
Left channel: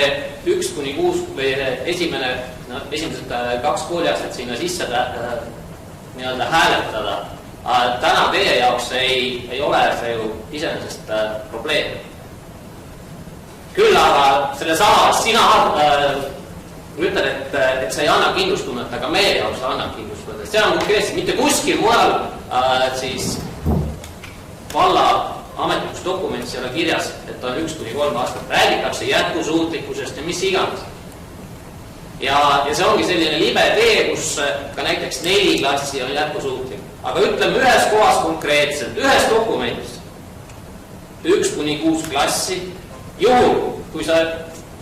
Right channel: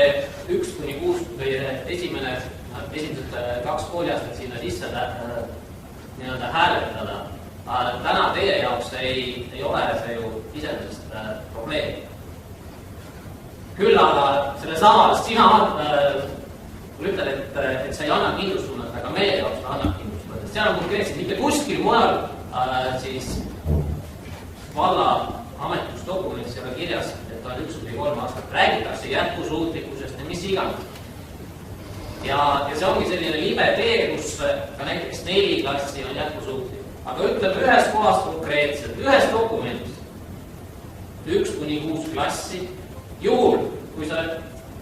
1-6 või esimesed 2 kooliastet sinna sisse nii-öelda hääletada, täna teie jaoks ei ole see ju iseenesest probleem. Küll aga selle sama, sina ütlen, et see ei anna kindlustunnet, aga meie jaoks annab kindlustunnet. See on konkreetselt mitte kuskil mujal siis valla ametlikus dokumendis ei ole kirjas, et on 1-3 aastat. Räägitakse jätkusuutlikkusest ja mis iganes. Ja see ongi selline libe tee, kus ka näiteks 4 klassi on jätkusuutlik. Aga ütleme ühes kohas konkreetselt, ühes dokumendis 1-6 klassi, juhul, kui sa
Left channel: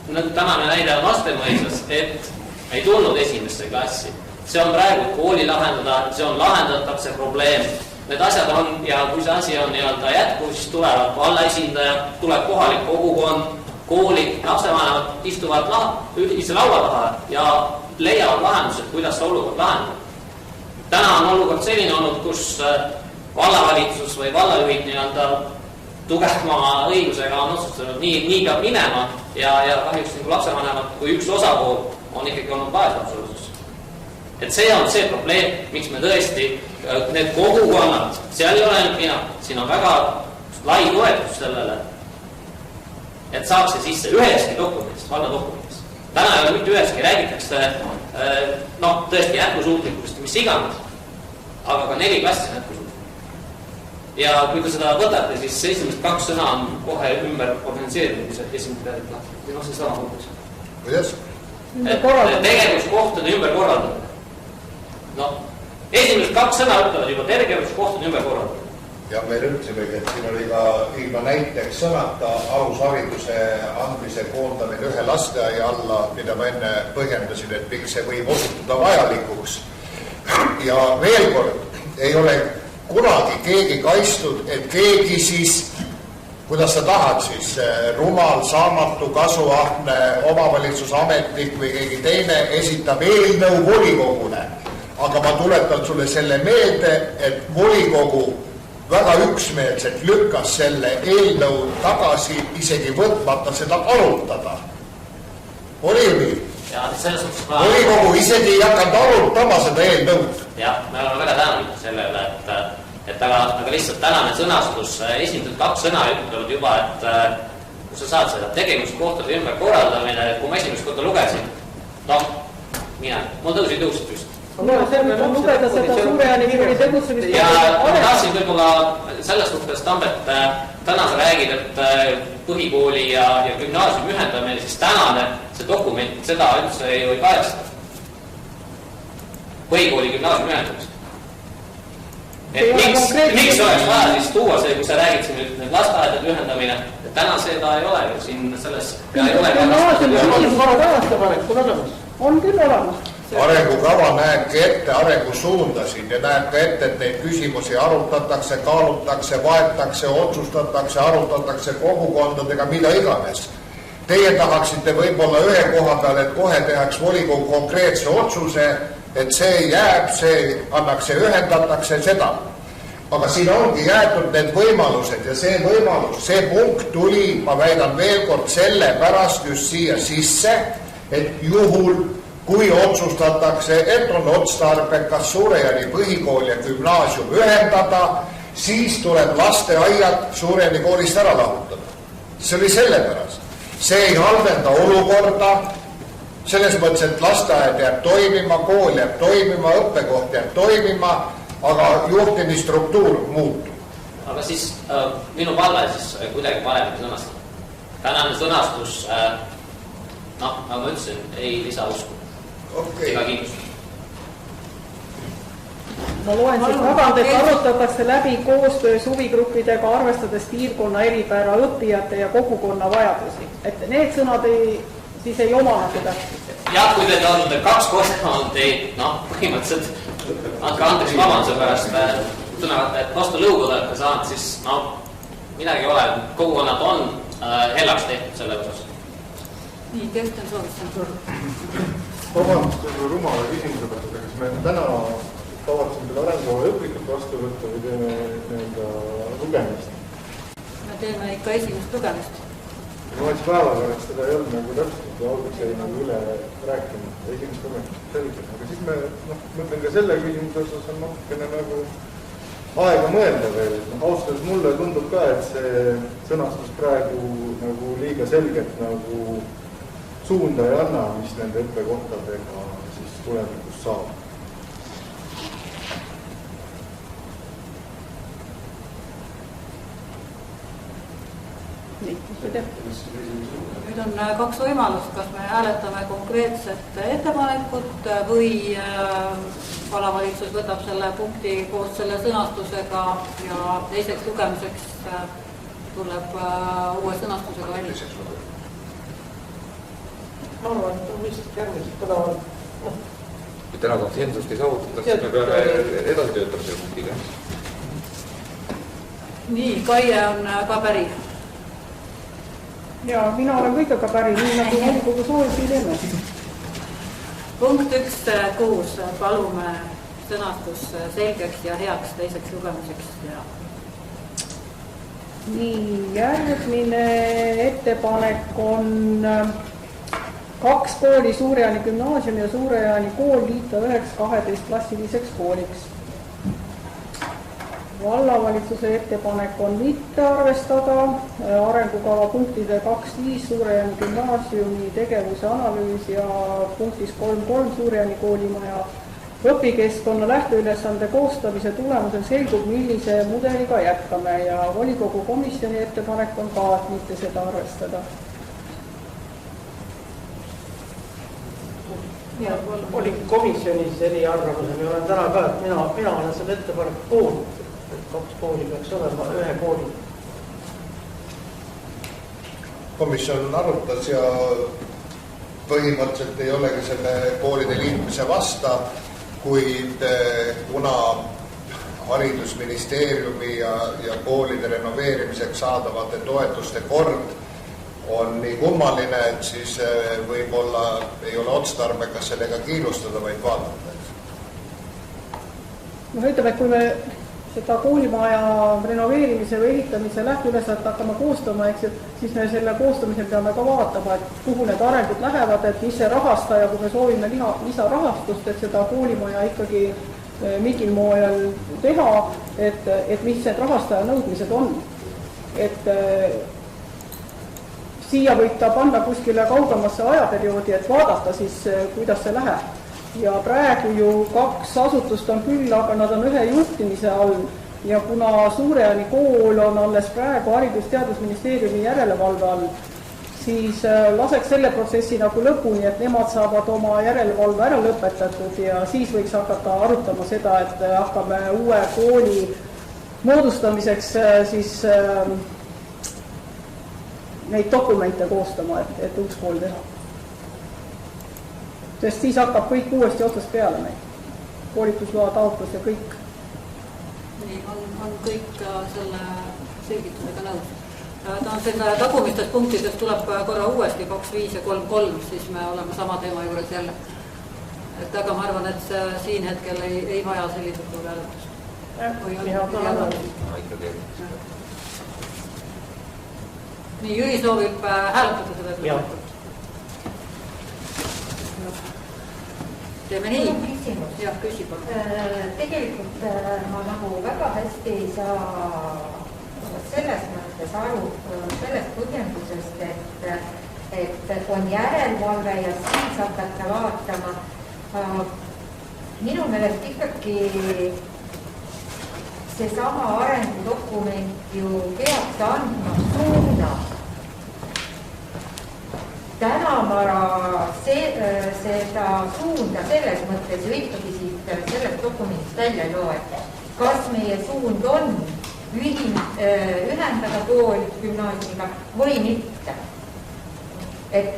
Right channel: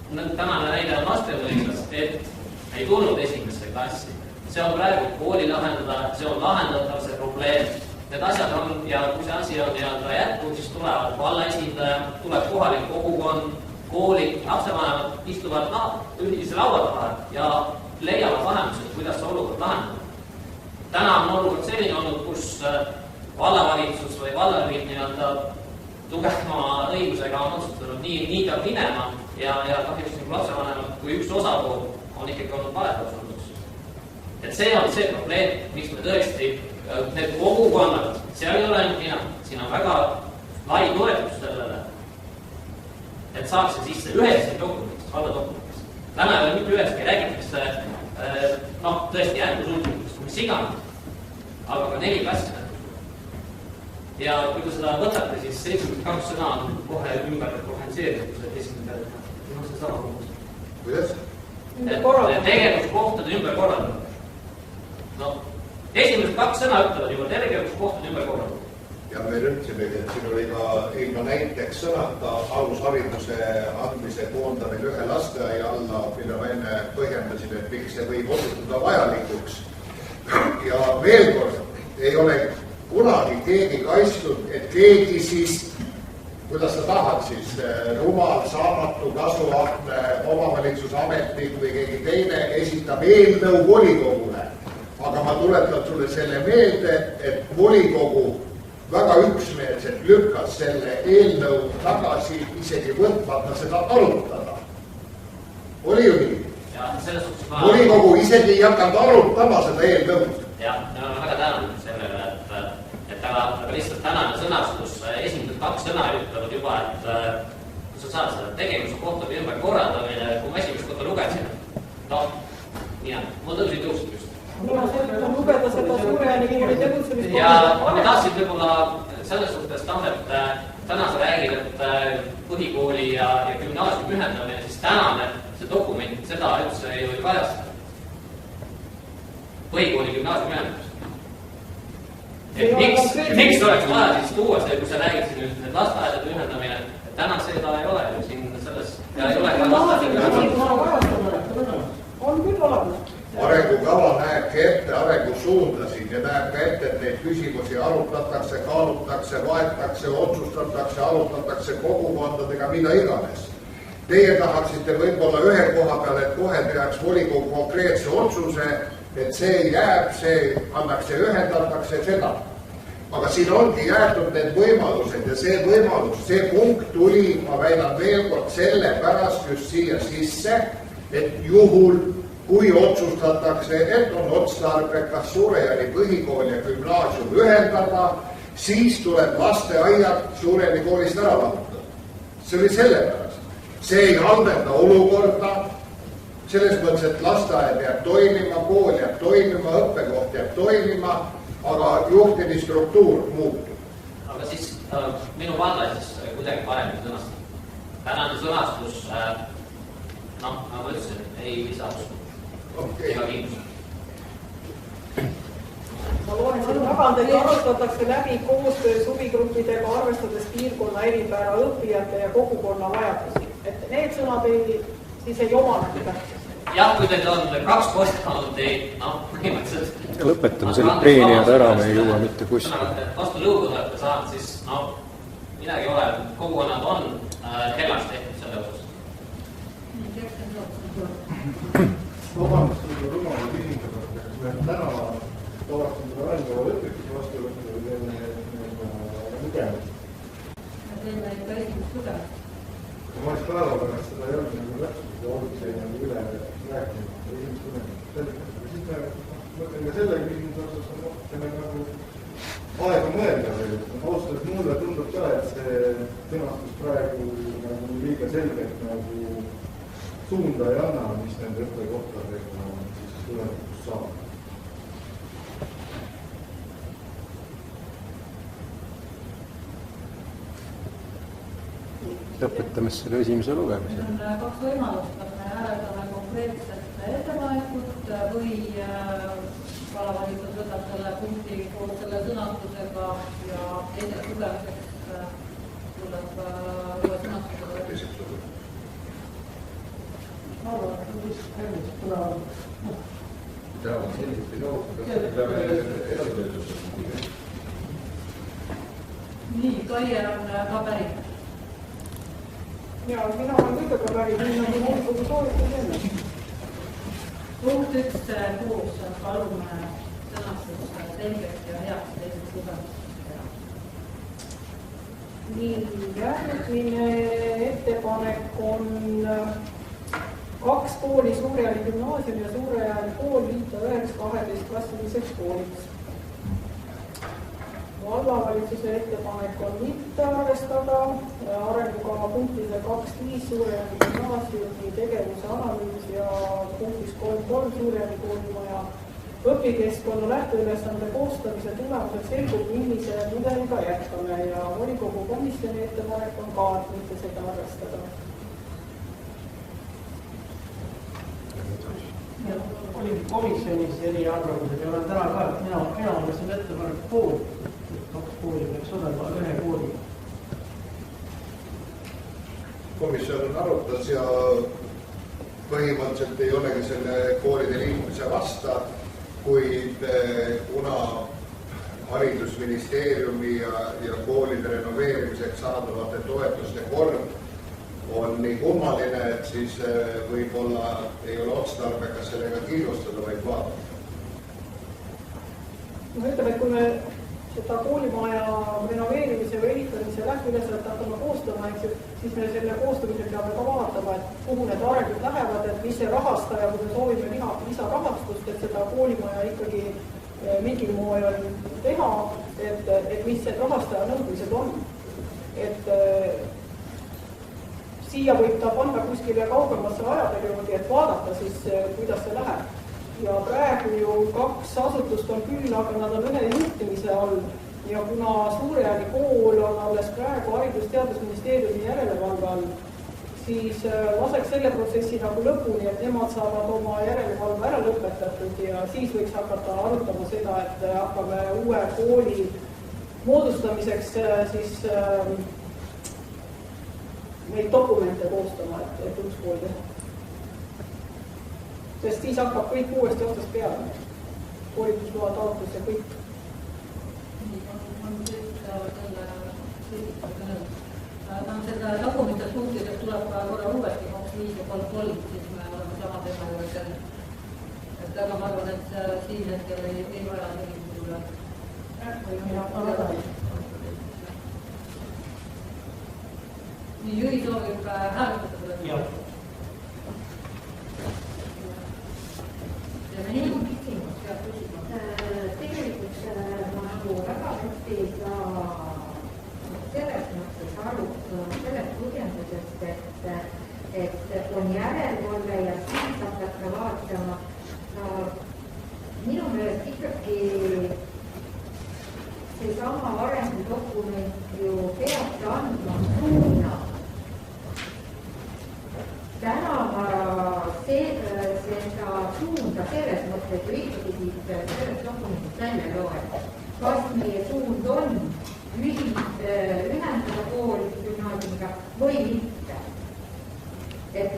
tänane näide on Vastemõisas, et ei tulnud esimesse klassi. See on praegu kooli lahendada, see on lahendatav see probleem. Need asjad on, ja kui see asi on jätkuv, siis tulevad valla esindaja, tuleb kohalik kogukond, koolid, lapsevanemad istuvad ühise laua taha ja leiavad lahendused, kuidas see olukord lahendab. Täna on olukord selline olnud, kus vallavalitsus või vallajuhid tugevama õigusega on otsustanud, nii peab minema ja kahjuks lapsevanemad kui üks osapool on ikkagi olnud vaeslapsulusus. Et see on see probleem, miks me tõesti need kogukonnad, seal ei ole ainult mina, siin on väga lai toetus sellele, et saaks see sisse üheski dokumendis, valla dokumendis. Täna ei ole mitte üheski, räägitakse tõesti jätkusuutlikust, mis iganes, aga ka 4 klassi on jätkusuutlik. Ja kui te seda võtate, siis esimesed 2 sõna on kohe ümber organiseerinud, mis esimene peale, see sama kogus. Kuidas? tegevuskohtade ümberkorraldamine. No, esimesed 2 sõna ütlevad juba tegevuskohtade ümberkorraldamine. Ja me ütlesimegi, et siin oli ka ilma näiteks sõnata alushariduse andmise koondamine ühe lasteaia alla, mida ma enne põhjendasin, et miks see võib osutuda vajalikuks. Ja veel kord, ei ole kunagi keegi kaitstud, et keegi siis, kuidas sa tahad siis, rumal, saamatu, kasuahne, omavalitsusametnik või keegi teine esitab eelnõu volikogule. Aga ma tuletan sulle selle meelde, et volikogu väga üksmeelselt lükkas selle eelnõu tagasi, isegi võtmata seda arutada. Oli ju nii? Volikogu isegi ei hakanud arutama seda eelnõud. Jah, me oleme väga tänulikud selle üle, et aga lihtsalt tänane sõnastus, esimesed 2 sõna ütlevad juba, et kui sa saad seda tegevuskohtade ümberkorraldamine, kui ma esimest korda lugesin, mul tõusid püsti. Lugeda seda Suurejani kooli tegutsemist. Ja ma tahtsin võib-olla selles suhtes, Tambet, täna sa räägid, et põhikooli ja gümnaasiumi ühendamine, siis tänane see dokument seda üldse ju ei kajasta. Põhikooli gümnaasiumi ühendamist. Miks oleks vaja siis tuua see, kui sa räägid siin nüüd lasteaedade ühendamine, et täna seda ei ole ju siin selles... On küll olemas. Arengukava näebki ette arengusuundasid ja näeb ka ette, et neid küsimusi arutatakse, kaalutakse, vaetakse, otsustatakse, arutatakse kogukondadega, mida iganes. Teie tahaksite võib-olla ühe koha peal, et kohe tehaks volikogu konkreetse otsuse, et see jääb, see annakse, ühendatakse seda. Aga siin ongi jäetud need võimalused ja see võimalus, see punkt tuli, ma väidan veel kord, selle pärast just siia sisse, et juhul kui otsustatakse, et on otstarbekas Suurejani põhikool ja gümnaasium ühendada, siis tuleb lasteaiad Suurejani koolist ära lahutada. See oli sellepärast. See ei halvenda olukorda, selles mõttes, et lasteaed jääb toimima, kool jääb toimima, õppekoht jääb toimima, aga juhtimisstruktuur muutub. Aga siis minu palve siis kuidagi paremini sõnastada. Tänane sõnastus, nagu ma ütlesin, ei lisa usku. Ega kindlust. Ma loen siis tagant, et arutatakse läbi koostöös huvigruppidega, arvestades piirkonna eripära, õppijate ja kogukonna vajadusi. Et need sõnad siis ei omana seda. Jah, kui teid on 2 korda on teid, põhimõtteliselt vastu lõugu olete saanud, siis midagi ei ole. Kogukonnad on hellaks tehtud selle osas. Nii, Kersten Sootsen. Vabandust, rumala küsimuse pärast, aga me täna tavatsime seda arengukava õpikut vastu võtta või teeme lugemist? Me teeme ikka esimest lugemist. Ma oleks päevapärast seda ei olnud nagu täpselt ja alguses jäi nagu üle rääkima, esimest lugemist selgelt. Aga siis me mõtlen ka selle küsimuse osas on natukene nagu aega mõelda veel. Austades mulle tundub ka, et see sõnastus praegu nagu liiga selgelt nagu suunda ei anna, mis nende õppekohtadega siis tulevikus saab. Lõpetame selle esimese lugemise. Nüüd on 2 võimalust, kas me hääletame konkreetset ettepanekut või vallavalitsus võtab selle punkti koos selle sõnastusega ja teiseks lugemiseks tuleb uue sõnastusega välja. Ma arvan, et on vist järgmised põnevad. Et täna konsensust ei saavutatakse, me peame edasi töötama selle punktiga. Nii, Kaie on ka päri. Ja, mina olen kõigega päri, nii nagu volikogu soovis ei teeme. Punkt 1.6. Palume sõnastus selgeks ja heaks teiseks lugemiseks. Nii, järgmine ettepanek on 2 kooli, Suurejani gümnaasium ja Suurejani kool liita 9-12 klassiliseks kooliks. Vallavalitsuse ettepanek on mitte arvestada arengukava punktide 2.5 Suurejani gümnaasiumi tegevuse analüüs ja punktis 3.3 Suurejani koolimaja õpikeskkonna lähteülesande koostamise tulemusel selgub, millise mudeliga jätkame ja volikogu komisjoni ettepanek on ka, et mitte seda arvestada. oli komisjonis eriarvamus ja olen täna ka, et mina olen selle ettepaneku poolt, et 2 kooli peaks olema 1 kooli. Komisjon arutas ja põhimõtteliselt ei olegi selle koolide liitmise vasta, kuid kuna haridusministeeriumi ja koolide renoveerimiseks saadavate toetuste kord on nii kummaline, et siis võib-olla ei ole otstarbekas sellega kiirustada, vaid vaadata. No ütleme, et kui me seda koolimaja renoveerimise või ehitamise lähteülesannet hakkame koostama, siis me selle koostamisel peame ka vaatama, et kuhu need arengud lähevad, et mis see rahastaja, kui me soovime lisarahastust, et seda koolimaja ikkagi mingil moel teha, et mis need rahastaja nõudmised on. Et siia võib ta panna kuskile kaugemasse ajaperioodi, et vaadata siis, kuidas see läheb. Ja praegu ju 2 asutust on küll, aga nad on 1 juhtimise all ja kuna Suurejärvi kool on alles praegu Haridus-Teadusministeeriumi järelevalve all, siis laseks selle protsessi nagu lõpuni, et nemad saavad oma järelevalve ära lõpetatud ja siis võiks hakata arutama seda, et hakkame uue kooli moodustamiseks siis neid dokumente koostama, et uus kool teha. Sest siis hakkab kõik uuesti otsast peale meil. Koolitusloa taotlus ja kõik. Nii, on kõik selle selgitusega nõus. Ta on selle tagumistest punktidest tuleb korra uuesti 2.5 ja 3.3, siis me oleme sama teema juures jälle. Et aga ma arvan, et siin hetkel ei vaja sellised hääletust. Nii, Jüri soovib hääletada seda. Jah. Teeme nii. Küsimus. Jah, küsib. Tegelikult ma nagu väga hästi ei saa selles mõttes aru sellest põhjendusest, et on järelevalve ja siis hakata vaatama. Minu meelest ikkagi seesama arengudokument ju peab andma suuna. Täna ma seda suunda selles mõttes ju ikkagi siit sellest dokumendist välja loe. Kas meie suund on ühendada kool gümnaasiumiga või mitte? Et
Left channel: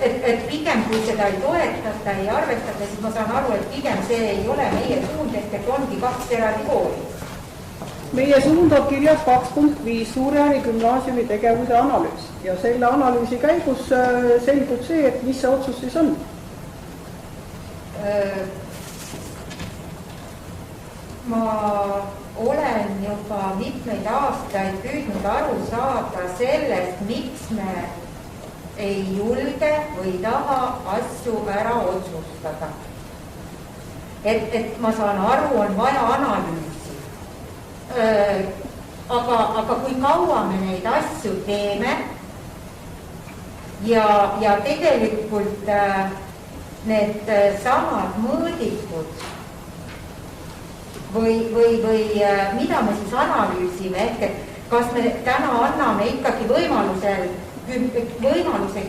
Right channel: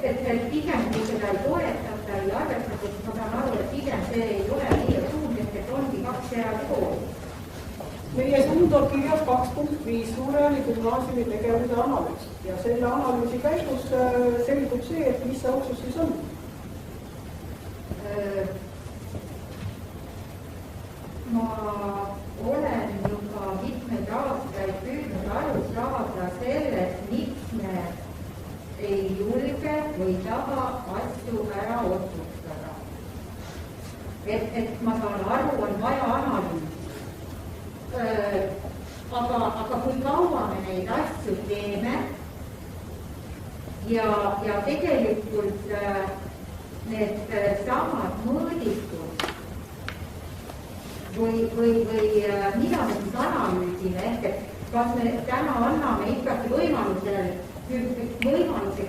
pigem kui seda ei toetata, ei arvestada, siis ma saan aru, et pigem see ei ole meie suund, et ongi 2 eraldi kooli. Meie suund on kirjas 2.5 Suurejärvi gümnaasiumi tegevuse analüüs ja selle analüüsi käigus selgub see, et mis see otsus siis on. Ma olen juba mitmeid aastaid püüdnud aru saada sellest, miks me ei julge või taha asju ära otsustada. Et ma saan aru, on vaja analüüsi. Aga kui kaua me neid asju teeme ja tegelikult need samad mõõdikud või mida me siis analüüsime, et kas me täna anname ikkagi võimaluse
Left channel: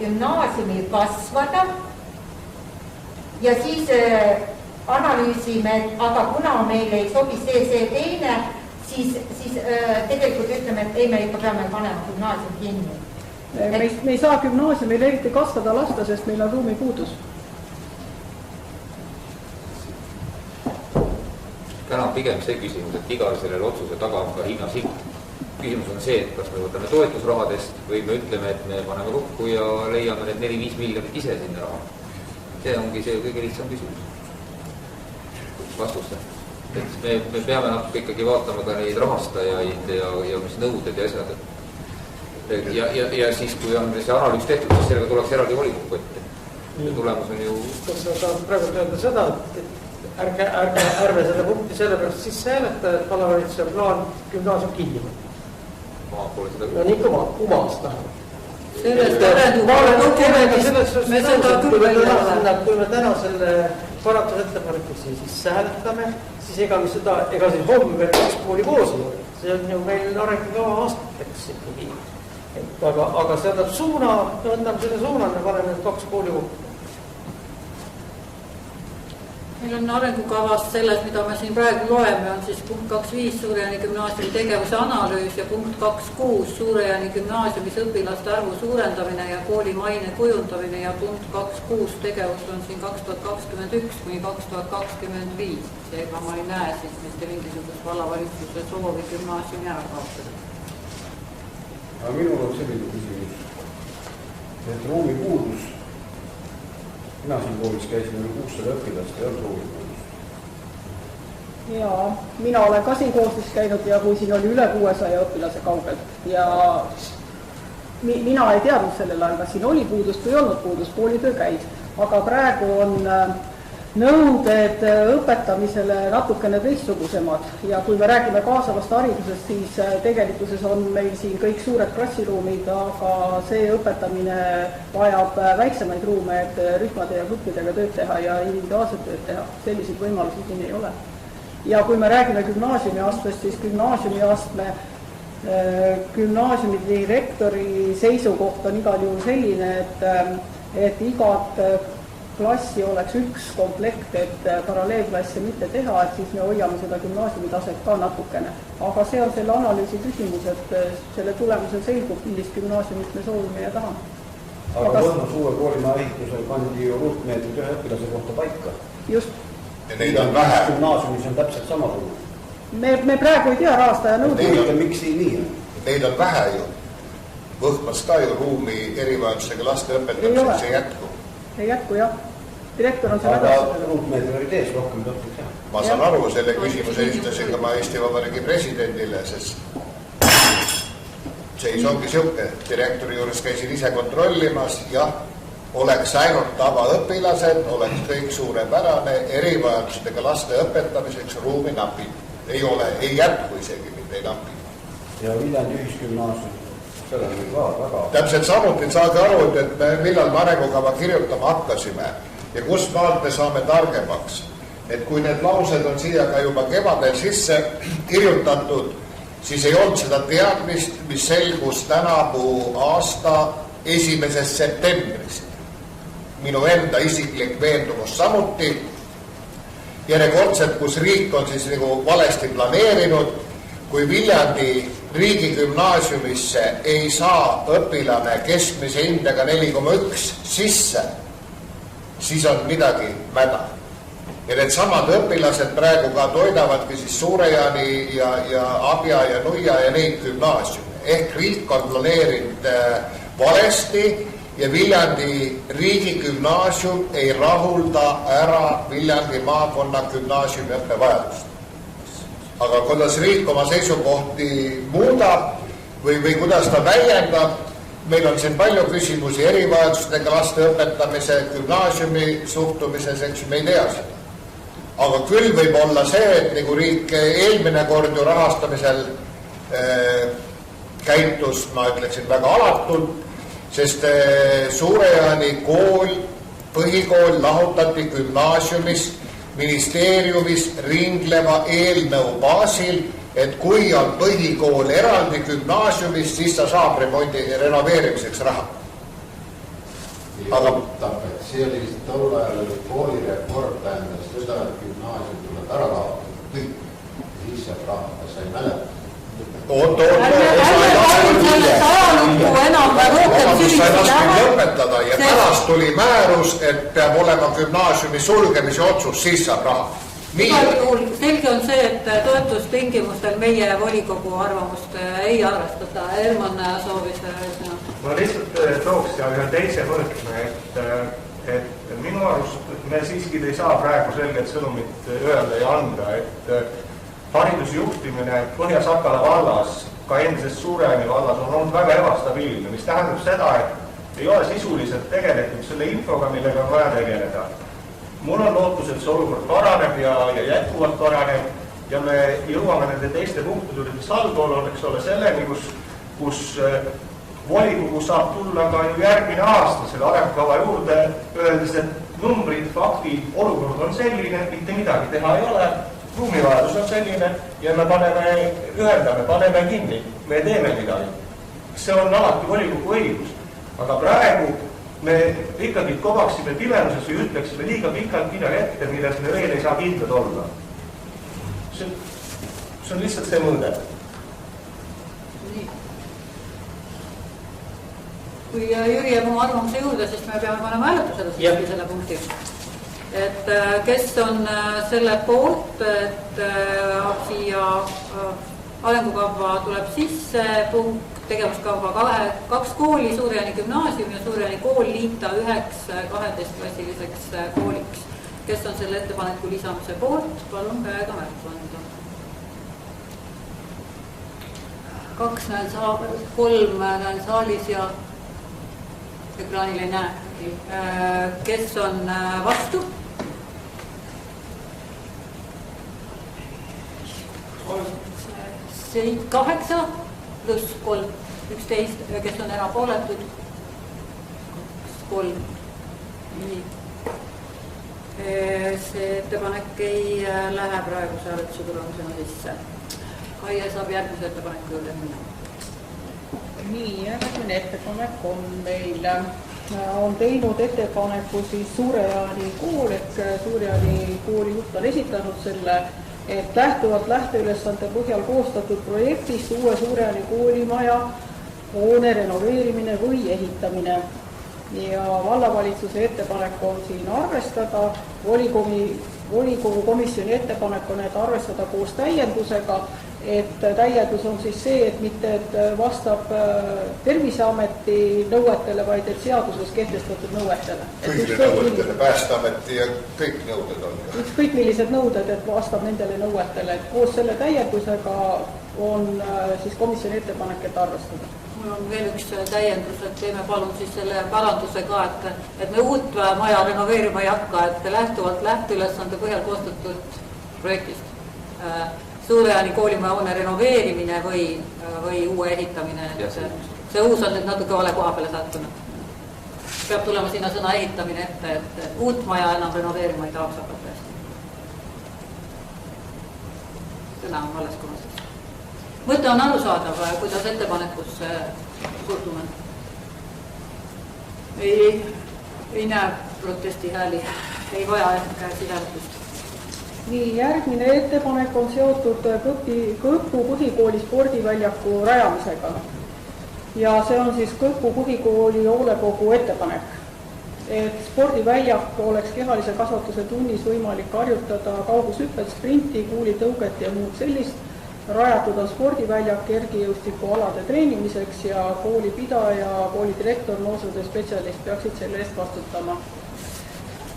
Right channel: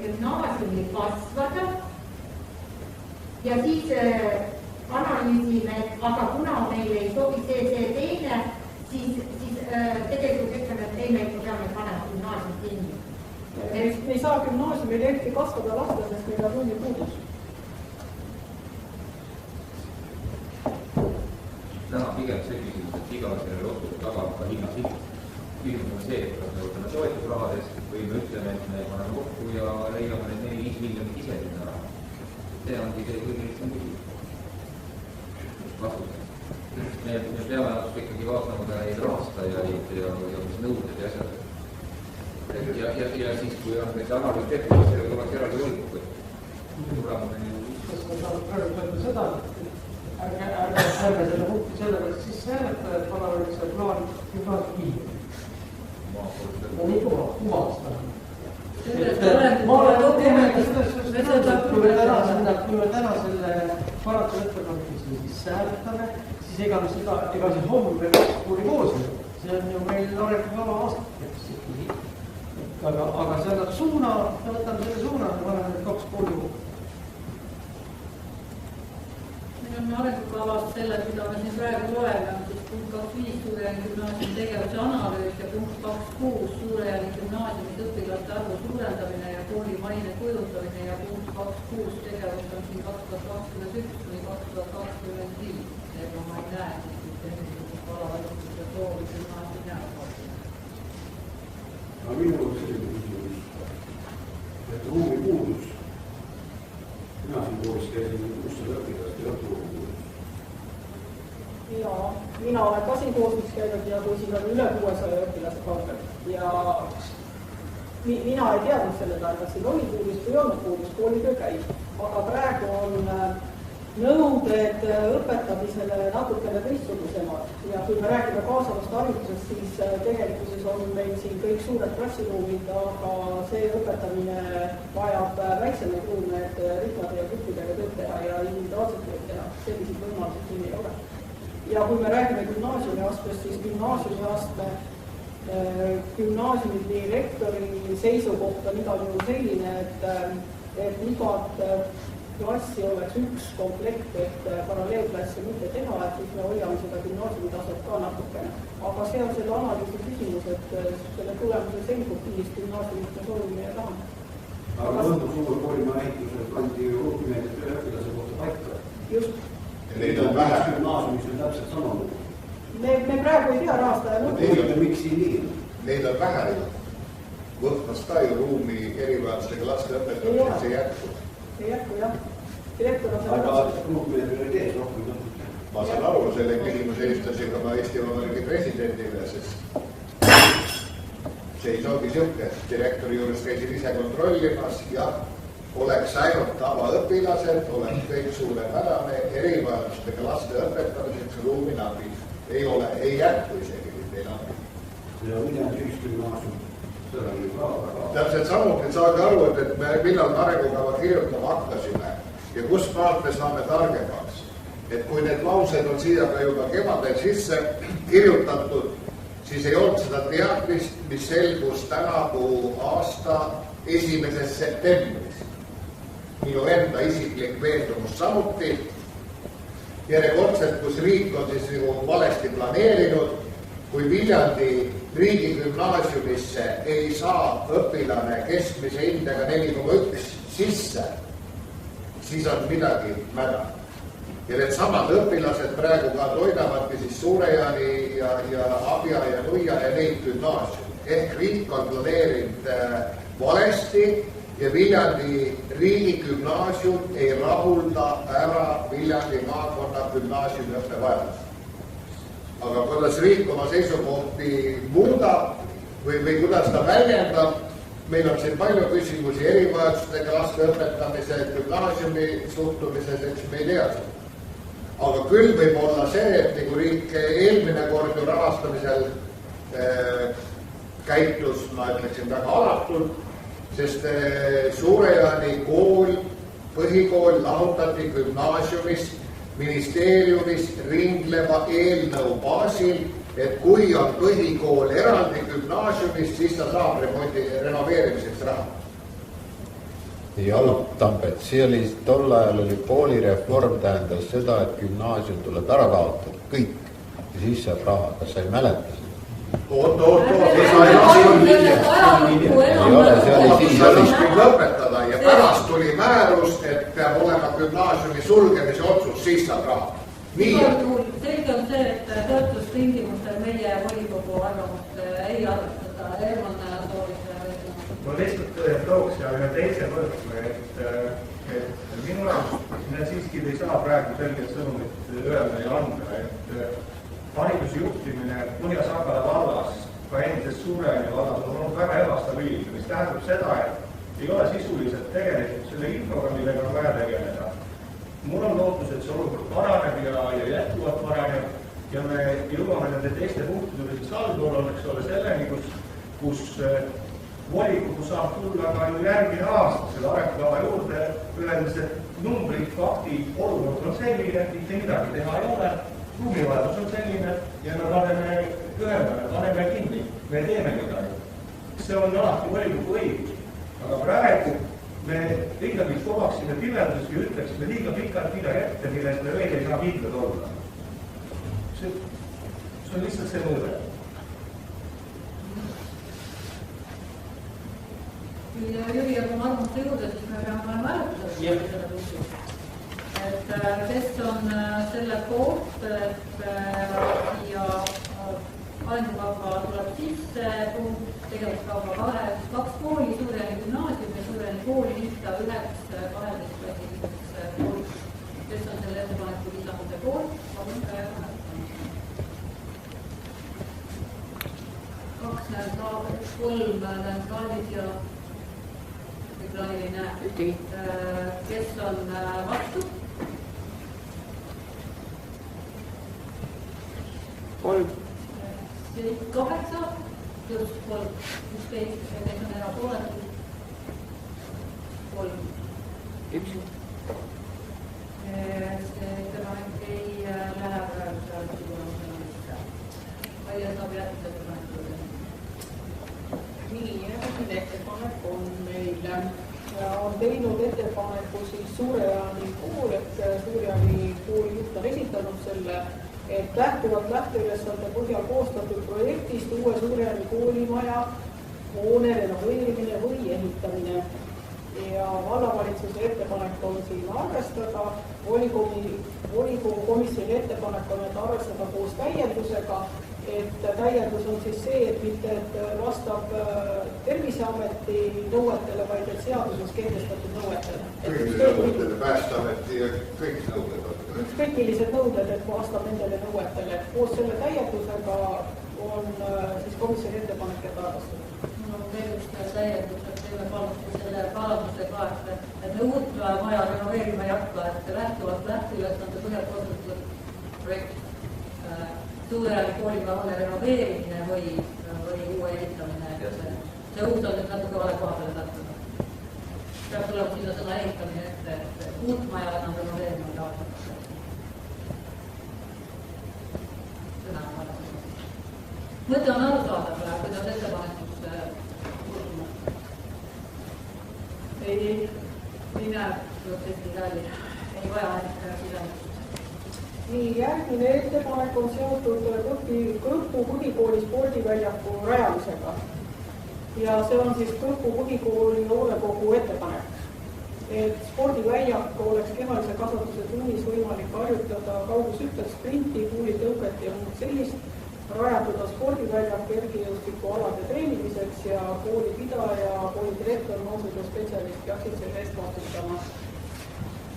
gümnaasiumil kasvada ja siis analüüsime, aga kuna meil ei sobi see teine, siis tegelikult ütleme, et ei, me ikka peame panema gümnaasium kinni. Me ei saa gümnaasiumil eriti kasvada lasta, sest meil on ruumi puudus. Täna on pigem see küsimus, et igal sellele otsuse taga on ka hinnasilt. Küsimus on see, et kas me võtame toetusrahadest või me ütleme, et me paneme kokku ja leiame need 4-5 miljonit ise sinna raha. See ongi see kõige lihtsam küsimus. Vastuste. Et me peame natuke ikkagi vaatama ka neid rahastajaid ja mis nõuded ja asjad. Ja siis, kui on see analüüs tehtud, siis sellega tuleks eraldi volikokku ette. Ja tulemus on ju... Kas sa saad praegu öelda seda, et ärme selle punkti selle pärast sisse hääleta, et vallavalitsuse plaan gümnaasium kinni. No nii kumas taha. Kui me täna selle paratusettepaneku siis hääletame, siis ega siis homme veel 2 kooli koos on. See on ju meil arengukava aastateks ikkagi. Aga see annab suuna, me võtame selle suuna ja paneme 2 kooli kokku. Meil on arengukavas selles, mida me siin praegu loeme, on siis punkt 2.5 Suure-Jaani gümnaasiumi tegevuse analüüs ja punkt 2.6 Suure-Jaani gümnaasiumis õpilaste arvu suurendamine ja kooli maine kujundamine ja punkt 2.6 tegevus on siin 2021 või 2025. Seega ma ei näe siin mitte mingisugust vallavalitsuse soovi gümnaasiumi ära kaotada. Aga minul on selline küsimus, et ruumi puudus. Mina siin koolis käisin 600 õpilast ja ruumi puudus. Ja mina olen ka siin kooslis käinud ja kui siin oli üle 600 õpilase kaugelt ja mina ei teadnud sellel ajal, kas siin oli puudust või olnud puudust, koolitöö käis, aga praegu on nõuded õpetamisele natukene teistsugusemad ja kui me räägime kaasavast haridusest, siis tegelikkuses on meil siin kõik suured klassiruumid, aga see õpetamine vajab väiksemaid ruume, et rühmade ja gruppidega tööd teha ja individuaalset tööd teha. Selliseid võimalusi siin ei ole. Ja kui me räägime gümnaasiumiastmest, siis gümnaasiumi direktori seisukoht on igal juhul selline, et igat klassi oleks üks komplekt, et paralleelklasse mitte teha, et siis me hoiame seda gümnaasiumi taset ka natukene. Aga see on selle analüüsi küsimus, et selle tulemusel selgub, millist gümnaasiumit me soovime ja tahame. Aga Võndus uue koolimaa ehitusel pandi ju ruutmeetrid ühe õpilase kohta paika. Just. Ja neid on vähe. Gümnaasiumis on täpselt sama ruum. Me praegu ei tea rahastaja nõude. Miks ei nii? Neid on vähe ju. Võhmas ka ju ruumi erivajadusega laste õpetamiseks ei jätku. Ei jätku, jah. Direktor on selle aga ruutmeetri oli tees rohkem tõpud, jah. Ma saan aru, selle küsimuse esitasin ka ma Eesti Vabariigi presidendile, sest seis ongi siuke. Direktori juures käisin ise kontrollimas, jah, oleks ainult tavaõpilased, oleks kõik suurepärane, erivajadustega laste õpetamiseks ruumi napib. Ei ole, ei jätku isegi mitte ei napib. Ja Viljandi ühisgümnaasium. Täpselt samuti saage aru, et me millal me arengukava kirjutama hakkasime ja kust maalt me saame targemaks. Et kui need laused on siia ka juba kevadel sisse kirjutatud, siis ei olnud seda teadmist, mis selgus tänavu aasta 1. septembris. Minu enda isiklik veendumus samuti. Järjekordselt, kus riik on siis nagu valesti planeerinud, kui Viljandi riigigümnaasiumisse ei saa õpilane keskmise hindega 4,1 sisse, siis on midagi mäda. Ja need samad õpilased praegu ka toidavadki siis Suure-Jaani ja Abja ja Nuia ja neid gümnaasiume. Ehk riik on planeerinud valesti ja Viljandi riigigümnaasium ei rahulda ära Viljandi maakonna gümnaasiumi õppevajadust. Aga kuidas riik oma seisukohti muudab või kuidas ta väljendab, meil on siin palju küsimusi erivajadustega laste õpetamise, gümnaasiumi suhtumises, eks me ei tea seda. Aga küll võib olla see, et nagu riik eelmine kord ju rahastamisel käitus, ma ütleksin väga alatult, sest Suure-Jaani kool, põhikool lahutati gümnaasiumist ministeeriumis ringleva eelnõu baasil, et kui on põhikool eraldi gümnaasiumist, siis ta saab renoveerimiseks raha. Ei oota, et see oli tol ajal oli koolireform tähendas seda, et gümnaasium tuleb ära kaotada, kõik, ja siis saab raha, kas sa ei mäleta? Oot, lõpetada ja pärast tuli määrus, et peab olema gümnaasiumi sulgemise otsus, siis saab raha. Selge on see, et toetustingimustel meie volikogu arvamust ei arvestada. Erman soovis ühesõna. Ma lihtsalt tooks ja ühe teise võrdme, et minu arust me siiski ei saa praegu selget sõnumit öelda ja anda, et haridusjuhtimine Põhja-Sakala vallas, ka endises Suure-Jaani vallas on olnud väga ebastabiilne, mis tähendab seda, et ei ole sisuliselt tegelikult selle infoga, millega on vaja tegeleda. Mul on lootus, et see olukord paraneb ja jätkuvalt paraneb ja me jõuame nende teiste punktide saldool on, eks ole, selleni, kus volikogu saab tulla ka ju järgmine aasta selle arengukava juurde, öeldes, et numbrid, faktid, olukord on selline, mitte midagi teha ei ole, ruumivajadus on selline ja me paneme kinni, me teeme midagi. See on alati volikogu õigus, aga praegu me ikkagi kovaksime pimeduses või ütleksime liiga pikalt midagi ette, milles me veel ei saa kindlad olla. See on lihtsalt see mõõde. Kui Jüri jääb oma arvamuse juurde, siis me peame panema hääletusele selle punkti. Et kes on selle poolt, et siia arengukava tuleb sisse punkt tegevuskava 2 kooli, Suur-Jaani gümnaasium ja Suur-Jaani kool liita üheks 12-klassiliseks kooliks. Kes on selle ettepaneku lisamise poolt, palun käega märku anda. 2 näen 3 näen saalis ja ekraanil ei näe. Kes on vastu? 8 pluss 3, 11, kes on erapooletud? 3. See ettepanek ei lähe praeguse hääletuse tulemusena sisse. Kaie saab järgmise ettepaneku juurde minna. Nii, järgmine ettepanek on meil, on teinud ettepaneku siis Suur-Jaani kool, et Suur-Jaani kooli juht on esitanud selle, et lähtuvalt lähteülesande põhjal koostatud projektist uue Suur-Jaani koolimaja hoone renoveerimine või ehitamine. Ja vallavalitsuse ettepanek on siin arvestada, volikogu komisjoni ettepanek on, et arvestada koos täiendusega, et täiendus on siis see, et mitte et vastab Terviseameti nõuetele, vaid et seaduses kehtestatud nõuetele. Kõigile nõuetele, Päästeameti ja kõik nõuded on. Ükskõik millised nõuded, et vastab nendele nõuetele, et koos selle täiendusega on siis komisjoni ettepanek, et arvestada. Mul on veel üks täiendus, et teeme palun siis selle paranduse ka, et me uut maja renoveerima ei hakka, et lähtuvalt lähteülesande põhjal koostatud projektist Suur-Jaani koolimaja hoone renoveerimine või uue ehitamine. See uus on nüüd natuke vale koha peale sattunud. Peab tulema sinna sõna ehitamine ette, et uut maja enam renoveerima ei tahaks hakata. Sõna on vales kohas. Mõte on arusaadav, kuidas ettepanekusse suhtume. Ei näe protesti hääli, ei vaja sisemetust. Nii, järgmine ettepanek on seotud Kõpu põhikooli spordiväljaku rajamisega. Ja see on siis Kõpu põhikooli hoolekogu ettepanek. Et spordiväljak oleks kehalise kasvatuse tunnis võimalik harjutada kaugushüppet, sprinti, kuulitõuget ja muud sellist. Rajatud on spordiväljak kergejõustikualade treenimiseks ja koolipidaja, koolidirektor, noorsootöö spetsialist peaksid selle eest vastutama.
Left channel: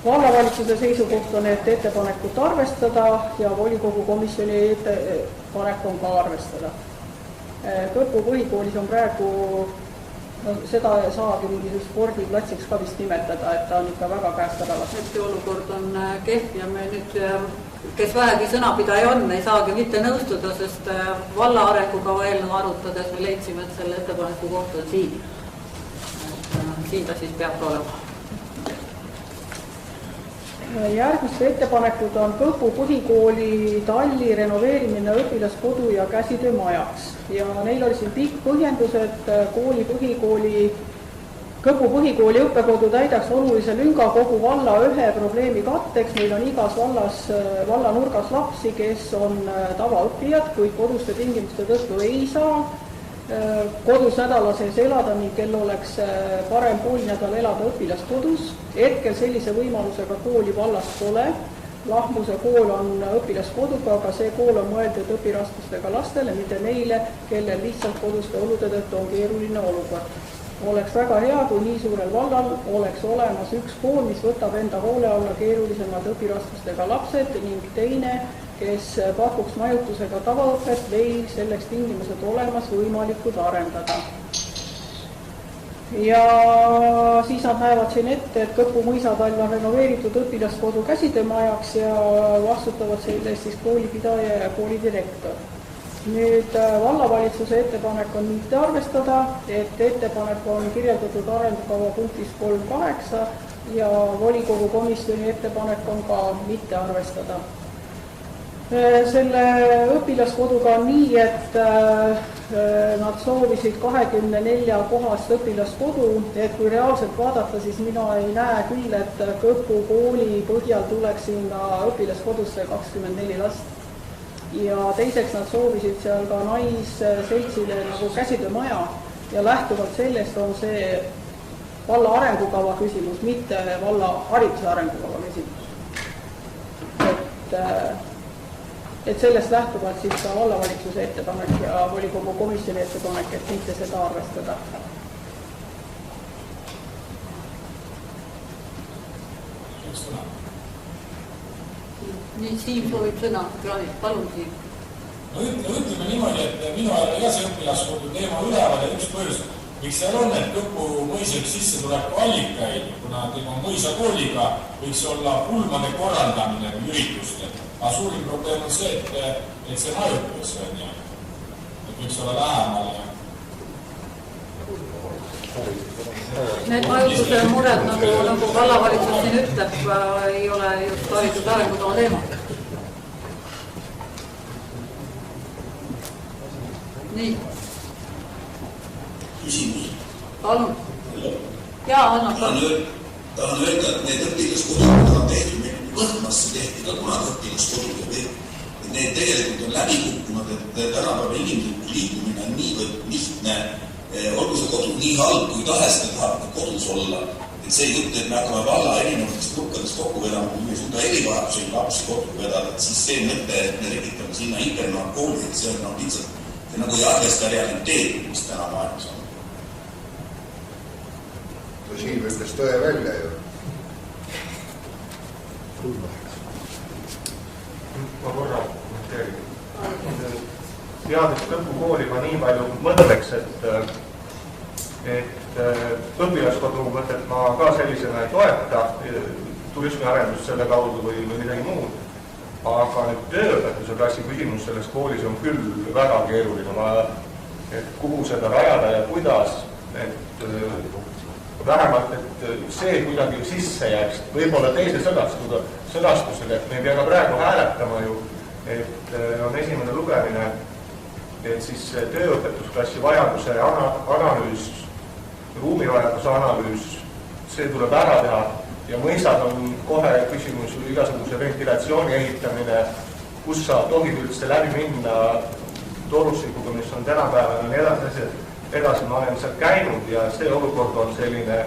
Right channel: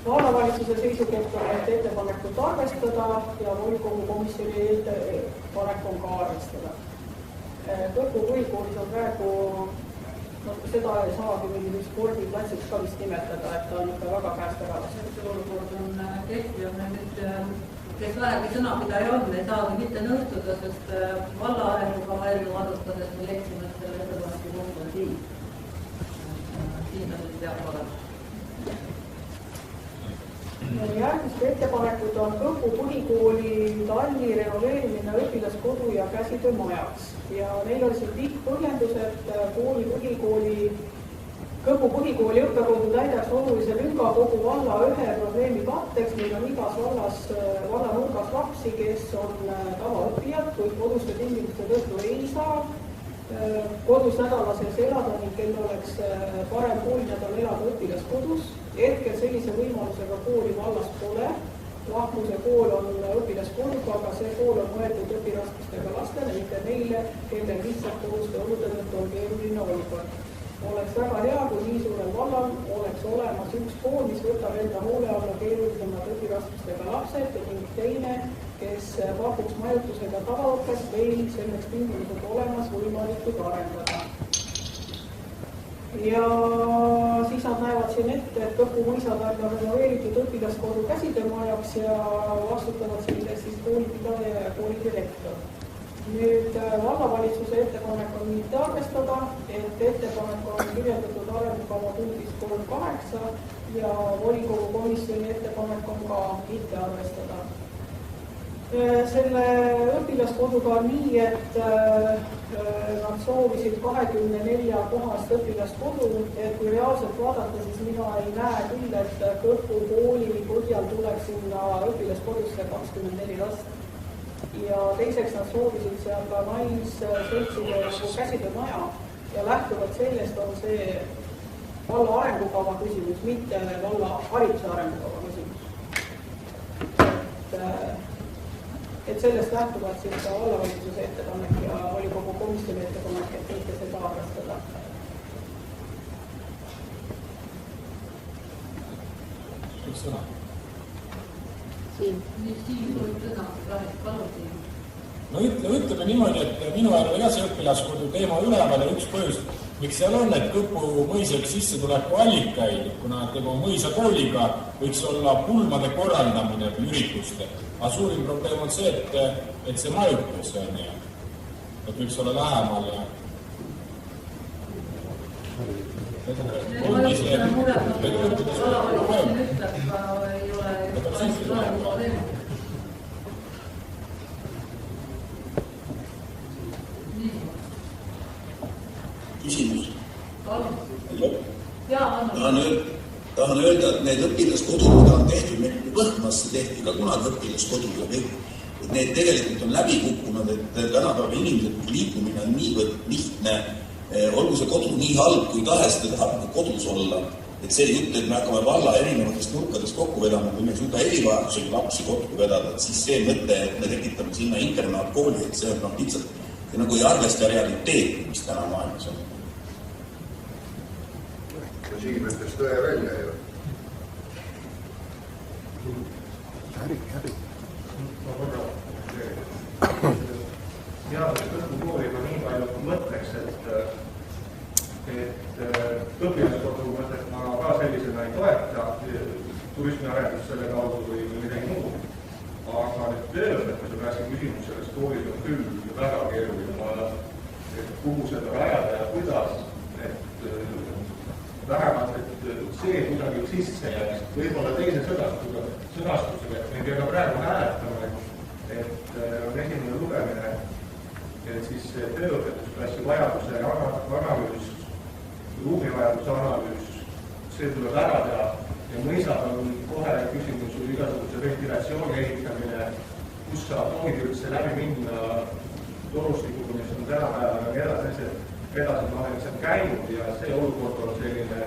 Vallavalitsuse seisukoht on, et ettepanekut arvestada ja volikogu komisjoni ettepanek on ka arvestada. Kõpu põhikoolis on praegu, seda saagi mingi spordiplatsiks ka vist nimetada, et ta on ikka väga käest ära lastud. See olukord on kehv ja me nüüd, kes vähegi sõnapidaja on, ei saagi mitte nõustuda, sest valla arengukava eelnõu arutades me leidsime, et selle ettepaneku koht on siin. Siin ta siis peab olema. Järgmiste ettepanekud on Kõpu põhikooli talli renoveerimine õpilaskodu ja käsitöömajaks. Ja neil oli siin pikk põhjendus, et Kõpu põhikooli õppekodu täidaks olulise lünga kogu valla ühe probleemi katteks. Meil on igas valla nurgas lapsi, kes on tavaõppijad, kuid koduste tingimuste tõttu ei saa kodus nädala sees elada ning kel oleks parem poolinädal elada õpilaskodus. Hetkel sellise võimalusega kooli vallast pole. Lahmuse kool on õpilaskoduga, aga see kool on mõeldud õpiraskustega lastele, mitte neile, kellel lihtsalt koduste olude tõttu on keeruline olukord. Oleks väga hea, kui nii suurel vallal oleks olemas üks kool, mis võtab enda hoole alla keerulisemad õpiraskustega lapsed ning teine, kes pakuks majutusega tavaõpet, veel selleks tingimused olemas võimalikud arendada. Ja siis nad näevad siin ette, et Kõpu mõisatall on renoveeritud õpilaskodu käsitöömajaks ja vastutavad selle eest siis koolipidaja ja koolidirektor. Nüüd vallavalitsuse ettepanek on mitte arvestada, et ettepanek on kirjeldatud arengukava punktis 3.8 ja volikogu komisjoni ettepanek on ka mitte arvestada. Selle õpilaskoduga on nii, et nad soovisid 24 kohast õpilaskodu, et kui reaalselt vaadata, siis mina ei näe küll, et Kõpu kooli põhjal tuleks sinna õpilaskodusse 24 last. Ja teiseks nad soovisid seal ka naisseltsile käsitöömaja ja lähtuvalt sellest on see valla arengukava küsimus, mitte valla hariduse arengukava küsimus. Et sellest lähtuvalt siis ka vallavalitsuse ettepanek ja volikogu komisjoni ettepanek, et mitte seda arvestada. Nüüd Siim soovib sõna, palun Siim. No ütleme niimoodi, et minu ajal ka see õpilaskodu teema üleval ja üks põhjus, miks seal on, et Kõpu mõisa üks sissetuleku allikaid, kuna tema mõisakooliga võiks olla pulmade korraldamine üritustel. Aga suurim probleem on see, et see majutus on ja et võiks olla lähemal ja Need majutuse mured, nagu vallavalitsus siin ütleb, ei ole just hariduse arengutoo teema. Nii. Küsimus. Palun. Jaa, Anna. Tahan öelda, et need õpilaskodud, mida on tehtud, meil Võhmasse tehti ka kunagi õpilaskodud ja kõik. Need tegelikult on läbi kukkunud, et tänapäeval inimlik liikumine on niivõrd lihtne. Olgu see kodu nii halb, kui tahes te tahate kodus olla. Et see jutt, et me hakkame valla erinevatest nurkadest kokku vedama, kui me ei suuda erivajadusega lapsi kokku vedada, siis see mõte, et me tekitame sinna internaatkooli, et see on lihtsalt nagu ei arvesta realiteet, mis täna maailmas on. Ja Siim ütles tõe välja ju. Ma korra teades Kõpu kooli ma nii palju mõtleks, et õpilaskodu mõtet ma ka sellisena ei toeta, turismiarendust selle kaudu või midagi muud. Aga nüüd tööõpetuse klassi küsimus selles koolis on küll väga keeruline, et kuhu seda rajada ja kuidas, et vähemalt, et see kuidagi sisse jääks, võib-olla teise sõnastusega, et me ei pea ka praegu hääletama ju, et on esimene lugemine, et siis tööõpetusklassi vajaduse analüüs, ruumivajaduse analüüs, see tuleb ära teha ja mõisad on kohe küsimus igasuguse ventilatsiooni ehitamine, kus sa tohid üldse läbi minna torustikuga, mis on tänapäeval ja edasi ma olen seal käinud ja see olukord on selline,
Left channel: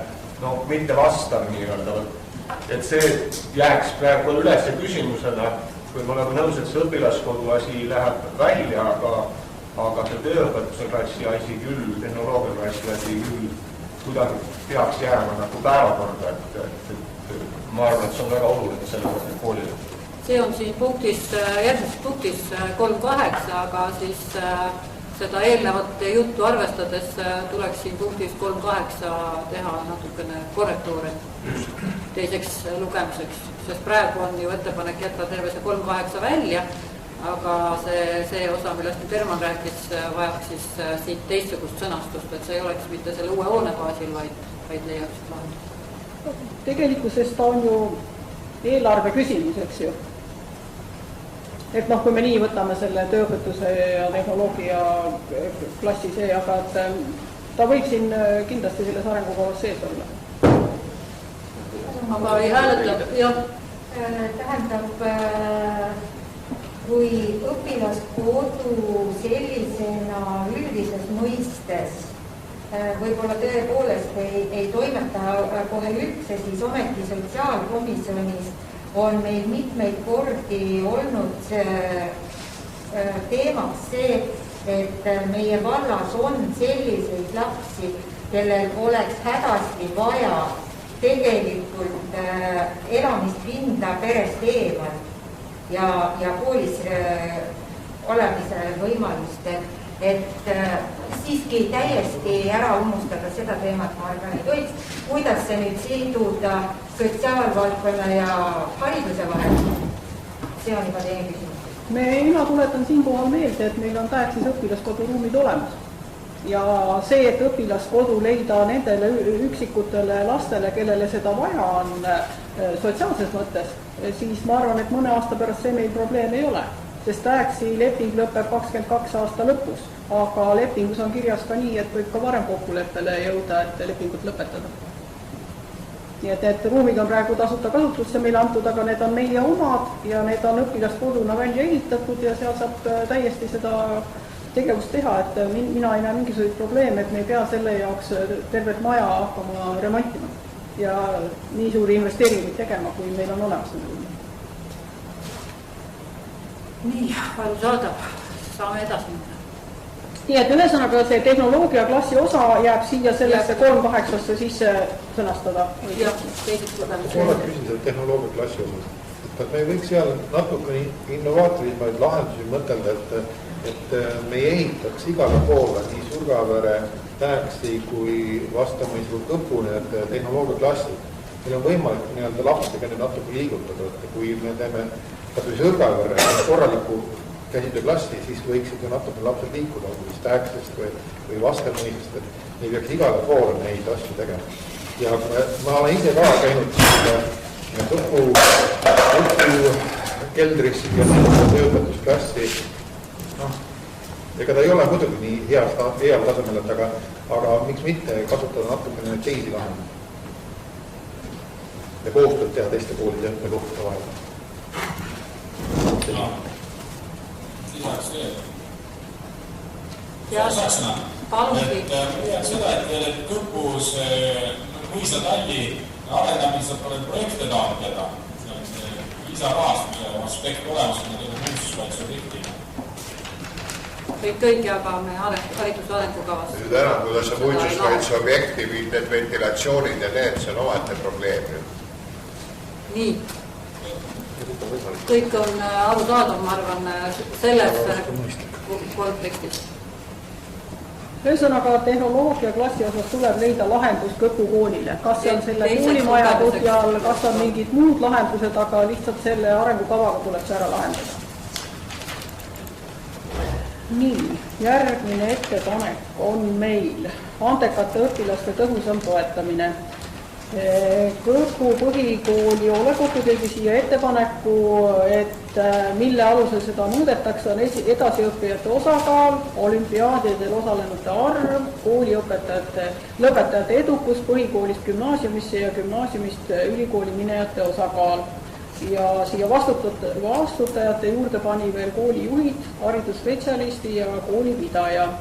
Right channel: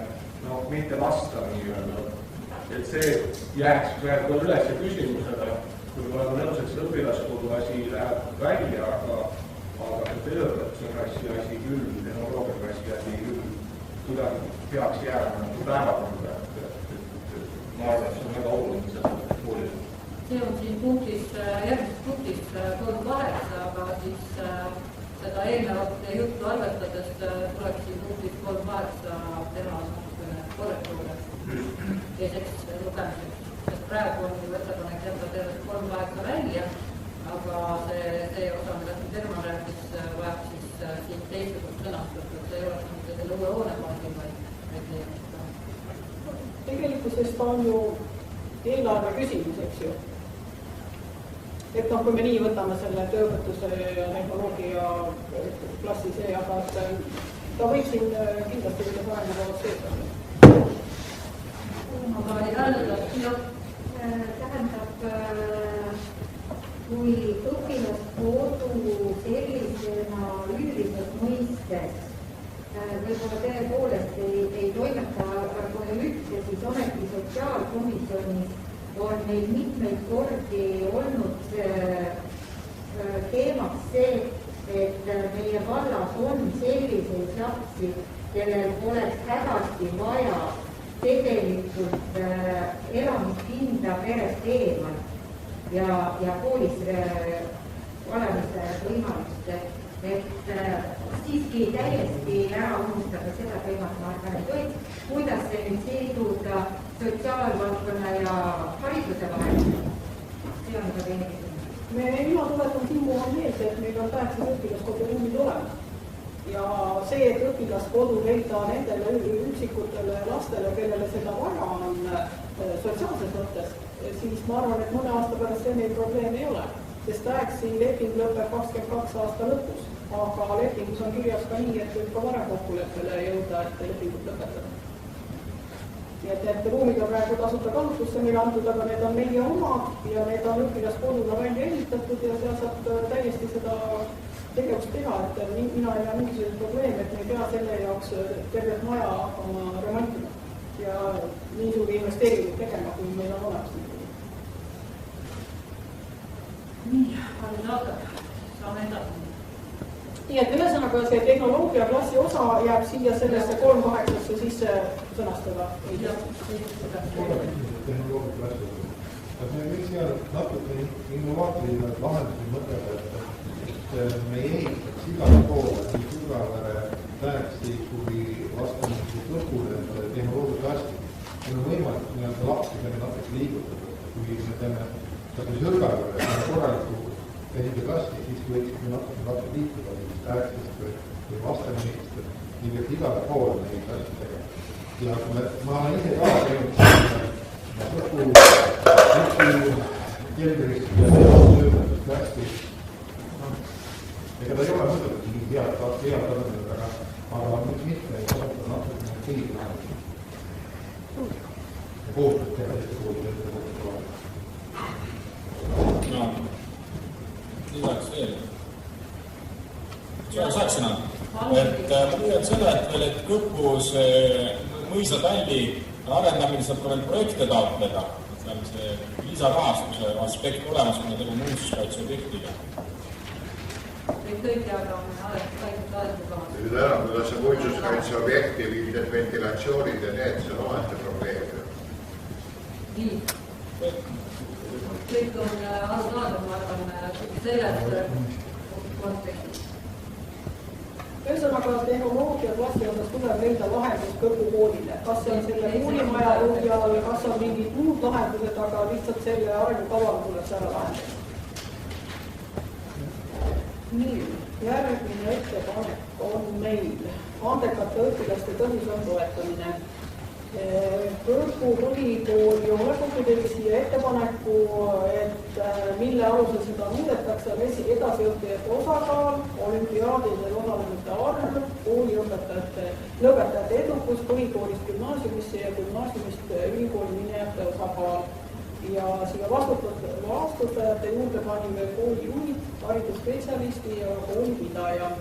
mitte vastav nii-öelda. Et see jääks praegu üles küsimusena, kui ma olen nõus, et see õpilaskodu asi läheb välja, aga see tööõpetuse klassi asi küll, tehnoloogia klassi asi küll kuidagi peaks jääma nagu päevakorda, et ma arvan, et see on väga oluline sellepärast, et koolile. See on siin järgmises punktis 3.8, aga siis seda eelnevat juttu arvestades tuleks siin punktis 3.8 teha natukene korrektuure teiseks lugemiseks, sest praegu on ju ettepanek jätta terve see 3.8 välja, aga see osa, millest nüüd Herman rääkis, vajab siis siit teistsugust sõnastust, et see ei oleks mitte selle uue hoone baasil, vaid leiaks lahendust. Tegelikkusest on ju eelarve küsimus, eks ju. Et kui me nii võtame selle tööõpetuse ja tehnoloogia klassi see, aga ta võib siin kindlasti selles arengukavas sees olla. Aga ei hääletab, jah. Tähendab, kui õpilaskodu sellisena üldises mõistes võib-olla tõepoolest ei toimeta kohe üldse, siis ometi sotsiaalkomisjonis on meil mitmeid kordi olnud teemaks see, et meie vallas on selliseid lapsi, kellel oleks hädasti vaja tegelikult elamispinda perest eemal ja koolis olemise võimalust, et siiski täiesti ära unustada seda teemat, ma arvan, ei tohiks. Kuidas see nüüd siduda sotsiaalvaldkonna ja hariduse vahel? See on juba teine küsimus. Mina tuletan siinkohal meelde, et meil on tähtis õpilaskodu ruumid olemas. Ja see, et õpilaskodu leida nendele üksikutele lastele, kellele seda vaja on sotsiaalses mõttes, siis ma arvan, et mõne aasta pärast see meil probleem ei ole. sest TAEX-i leping lõpeb 22 aasta lõpus, aga lepingus on kirjas ka nii, et võib ka varem kokkuleppele jõuda, et lepingut lõpetada. Nii et ruumid on praegu tasuta kasutusse meile antud, aga need on meie omad ja need on õpilaskoduna välja ehitatud ja seal saab täiesti seda tegevust teha, et mina ei näe mingisuguseid probleeme, et me ei pea selle jaoks tervet maja hakkama remontima ja nii suuri investeeringuid tegema, kui meil on olemas need ruumid. Nii, arusaadav, saame edasi. Nii et ühesõnaga see tehnoloogia klassi osa jääb siia sellesse 3.8-sse sisse sõnastada. Jah, ma küsin selle tehnoloogia klassi osa. Et me võiks seal natuke innovaatilisemaid lahendusi mõtelda, et me ei ehitaks igale poole nii Surgavere, TAEX-i kui vastamisu Kõpu tehnoloogia klassi. Meil on võimalik nii-öelda lapsega natuke liigutada, et kui me teeme kas või Surgavere korraliku käsitööklassi, siis võiksid ju natuke lapsed liikuda, või TAEX-ist või vastamisest, et ei peaks igale poole neid asju tegema. Ja ma olen ise ka käinud Kõpu keldris ja töötastusklassi. Ega ta ei ole muidugi nii heal tasemel, aga miks mitte kasutada natukene teisi lahendusi ja koostööd teha teiste koolide õppekohtade vahel. Lisaks veel. Saksõna. Ma tean seda, et Kõpus mõisatalli arendamisel tuleb projekte taotleda. Seal on see lisarahastuse aspekt olemas, need on muinsuskaitseobjektid. Kõik jagame hariduse arengukavas. Nüüd ära, kuidas on muinsuskaitseobjekti, need ventilatsioonid ja need, see on omate probleem. Nii. Kõik on arusaadav, ma arvan, selles kontekstis. Ühesõnaga tehnoloogia klassi osas tuleb leida lahendus Kõpu koolile. Kas see on selle koolimaja põhjal, kas on mingid muud lahendused, aga lihtsalt selle arengukavaga tuleks ära lahendada. Nii, järgmine ettepanek on meil andekate õpilaste tõhusam toetamine. Kõpu põhikooli hoolekogu tegi siia ettepaneku, et mille alusel seda muudetakse, on edasiõppijate osakaal, olümpiaadidel osalenute arv, lõpetajate edukus põhikoolist gümnaasiumisse ja gümnaasiumist ülikooli minejate osakaal. Ja siia vastutajate juurde pani veel koolijuhid, haridusspetsialisti ja koolipidaja.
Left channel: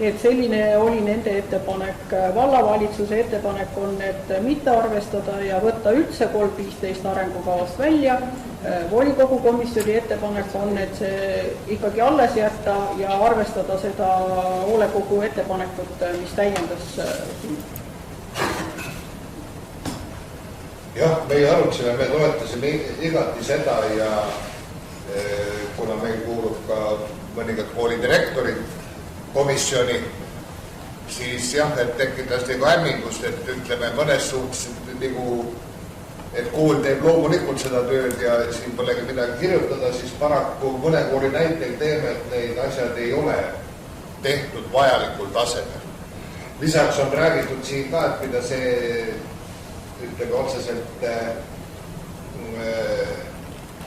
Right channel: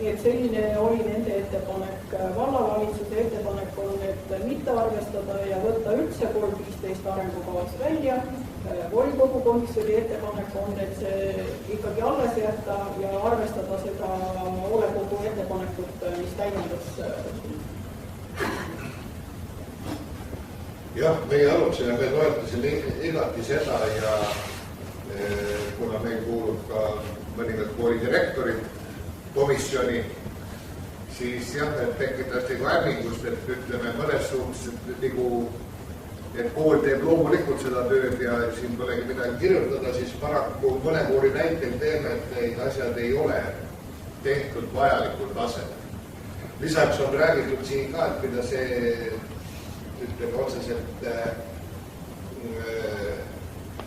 Et selline oli nende ettepanek. Vallavalitsuse ettepanek on, et mitte arvestada ja võtta üldse 3.15 arengukavast välja. Volikogu komisjoni ettepanek on, et see ikkagi alles jätta ja arvestada seda hoolekogu ettepanekut, mis täiendas. Jah, meie arutasime, me toetasime igati seda ja kuna meil kuulub ka mõningad koolidirektorid komisjoni, siis jah, et tekitas nagu hämmingust, et ütleme mõnes suhtes, et kool teeb loomulikult seda tööd ja siin polegi midagi kirjutada, siis paraku mõne kooli näitel teeme, et need asjad ei ole tehtud vajalikul tasemel. Lisaks on räägitud siin ka, et mida see ütleme otseselt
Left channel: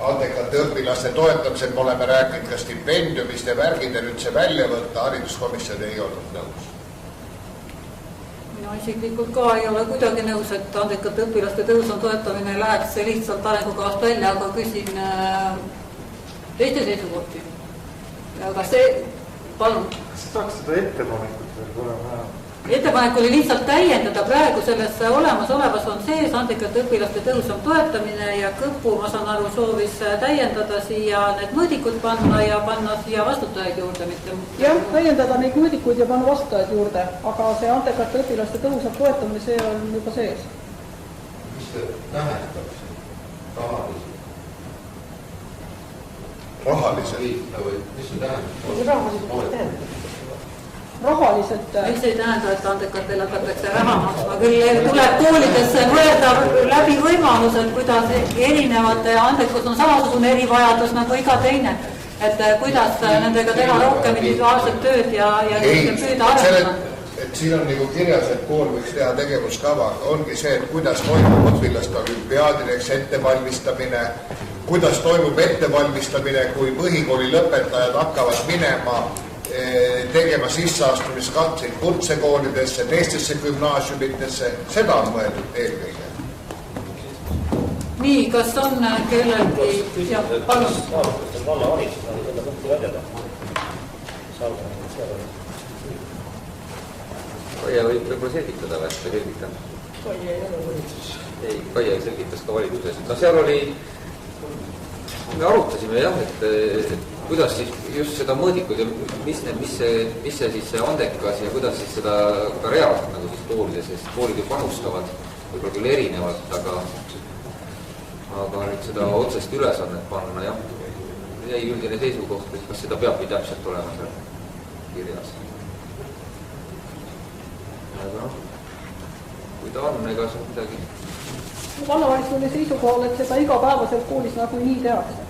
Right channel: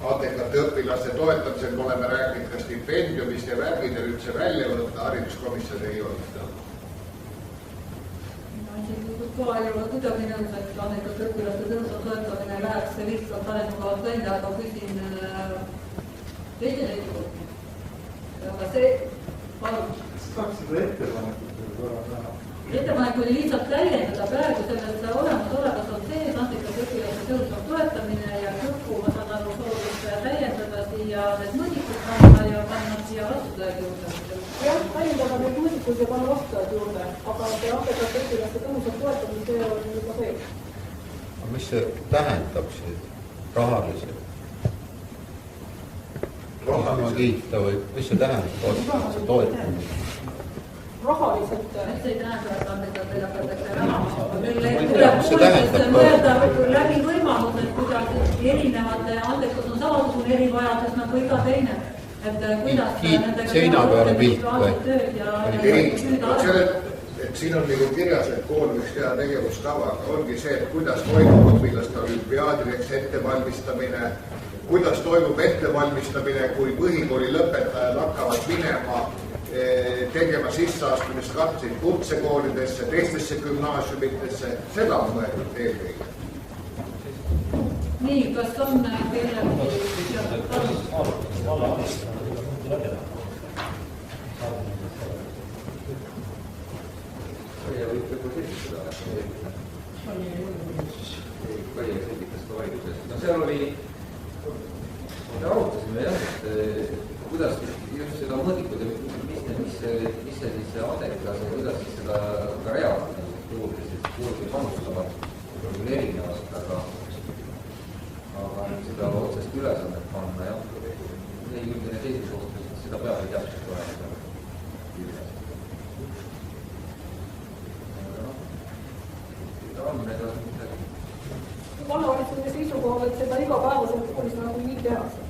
andekate õpilaste toetamisel me oleme rääkinud ka stipendiumist ja värgid ja nüüd see välja võtta, hariduskomisjon ei olnud nõus. Mina isiklikult ka ei ole kuidagi nõus, et andekate õpilaste tõusam toetamine läheks lihtsalt arengukavast välja, aga küsin teiste seisukohti. Aga see, palun. Saaks seda ettepanekut veel korra vähe? Ettepanek oli lihtsalt täiendada praegu selles olemasolevas on sees andekate õpilaste tõusam toetamine ja Kõpu, ma saan aru, soovis täiendada siia need mõõdikud panna ja panna siia vastutajaid juurde. Jah, täiendada neid mõõdikud ja panna vastutajaid juurde, aga see andekate õpilaste tõusam toetamine, see on juba sees. Mis see tähendab siin rahaliselt? Rahaliselt? Mis see tähendab? Rahaliselt. Miks ei tähenda, et andekatele hakatakse raha maksma? Küll tuleb koolidesse mõelda läbi võimalused, kuidas erinevate andekus on samasugune erivajadus nagu iga teine. Et kuidas nendega teha rohkem individuaalset tööd ja püüda arvestada. Et siin on nagu kirjas, et kool võiks teha tegevuskava. Ongi see, et kuidas toimub õpilaste olümpiaadideks ettevalmistamine, kuidas toimub ettevalmistamine, kui põhikooli lõpetajad hakkavad minema tegema sisseastumiskatseid kutsekoolidesse, teistesse gümnaasiumitesse, seda on mõeldud eelkõige. Nii, kas on kellelgi... Kaia võib võib-olla selgitada või selgitan? Kaia selgitas ka valitsuses. No seal oli, me arutasime jah, et kuidas siis just seda mõõdikud ja mis see siis see andekas ja kuidas siis seda ka reaalselt nagu siis koolides, sest koolid ju panustavad võib-olla küll erinevalt, aga nüüd seda otsest ülesannet panna, jah, jäi üldine seisukoht, et kas seda peabki täpselt olema seal kirjas. Aga noh, kui ta on, ega see midagi. Vallavalitsuse seisukohal, et seda igapäevaselt koolis nagu nii tehakse.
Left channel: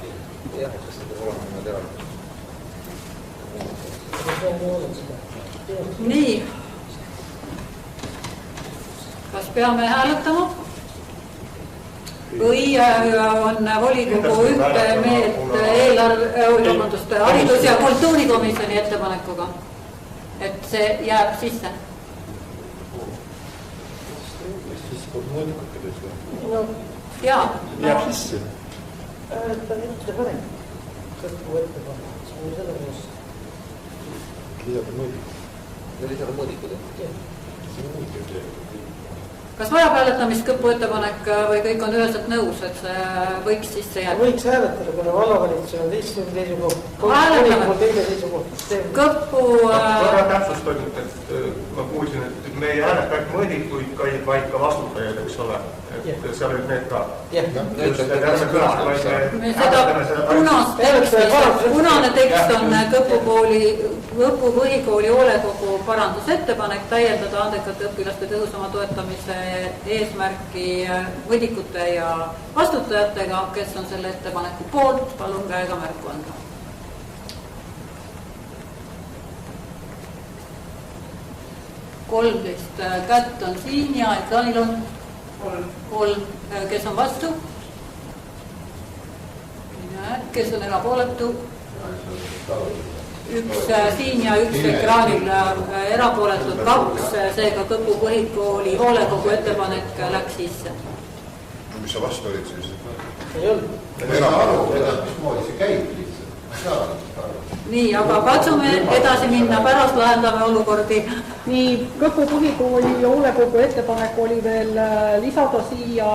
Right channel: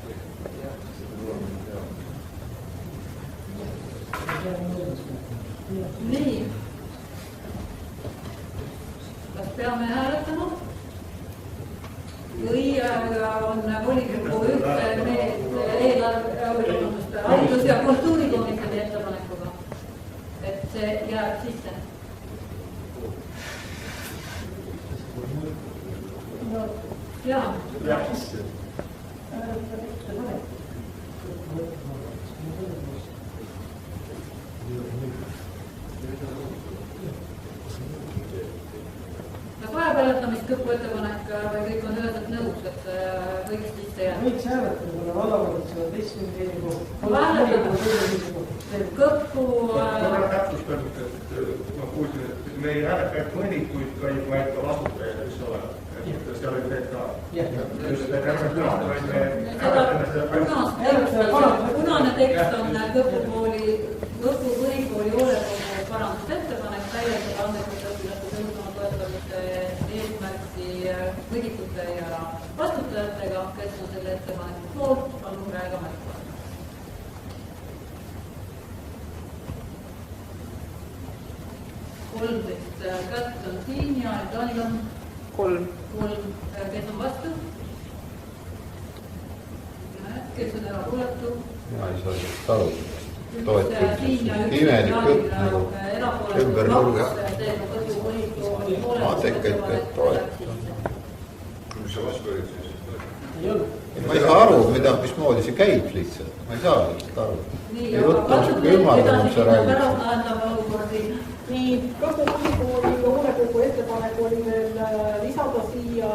Jah, kas seda olema teha. Nii. Kas peame hääletama? Või on volikogu ühte meelt haridus- ja kultuurikomisjoni ettepanekuga, et see jääb sisse? Jaa. Jääb sisse. Kas vajab hääletamist kõpu ettepanek või kõik on üheselt nõus, et see võiks sisse jääda? Võiks hääletada, kuna vallavalitsus on teistsugune seisukoht. Kõpu... Korra täpsustaksid, et ma kuulsin, et me ei hääleta ainult mõõdikuid, vaid ka vastutajaid, eks ole. Et seal olid need ka. Punane tekst on Kõpu põhikooli hoolekogu parandusettepanek täiendada andekate õpilaste tõhusama toetamise eesmärki mõõdikute ja vastutajatega, kes on selle ettepaneku poolt, palun käega märku anda. Kolmteist kätt on siin ja ekraanil on kolm, kes on vastu? Kes on erapooletu? Üks siin ja üks ekraanil erapooletud kaks, seega Kõpu põhikooli hoolekogu ettepanek läks sisse. Mis sa vastu olid siis? Ma ei saa aru, mismoodi see käib lihtsalt. Ma ei saa aru. Nii, aga katsume edasi minna, pärast lahendame olukordi. Nii, Kõpu põhikooli hoolekogu ettepanek oli veel lisada siia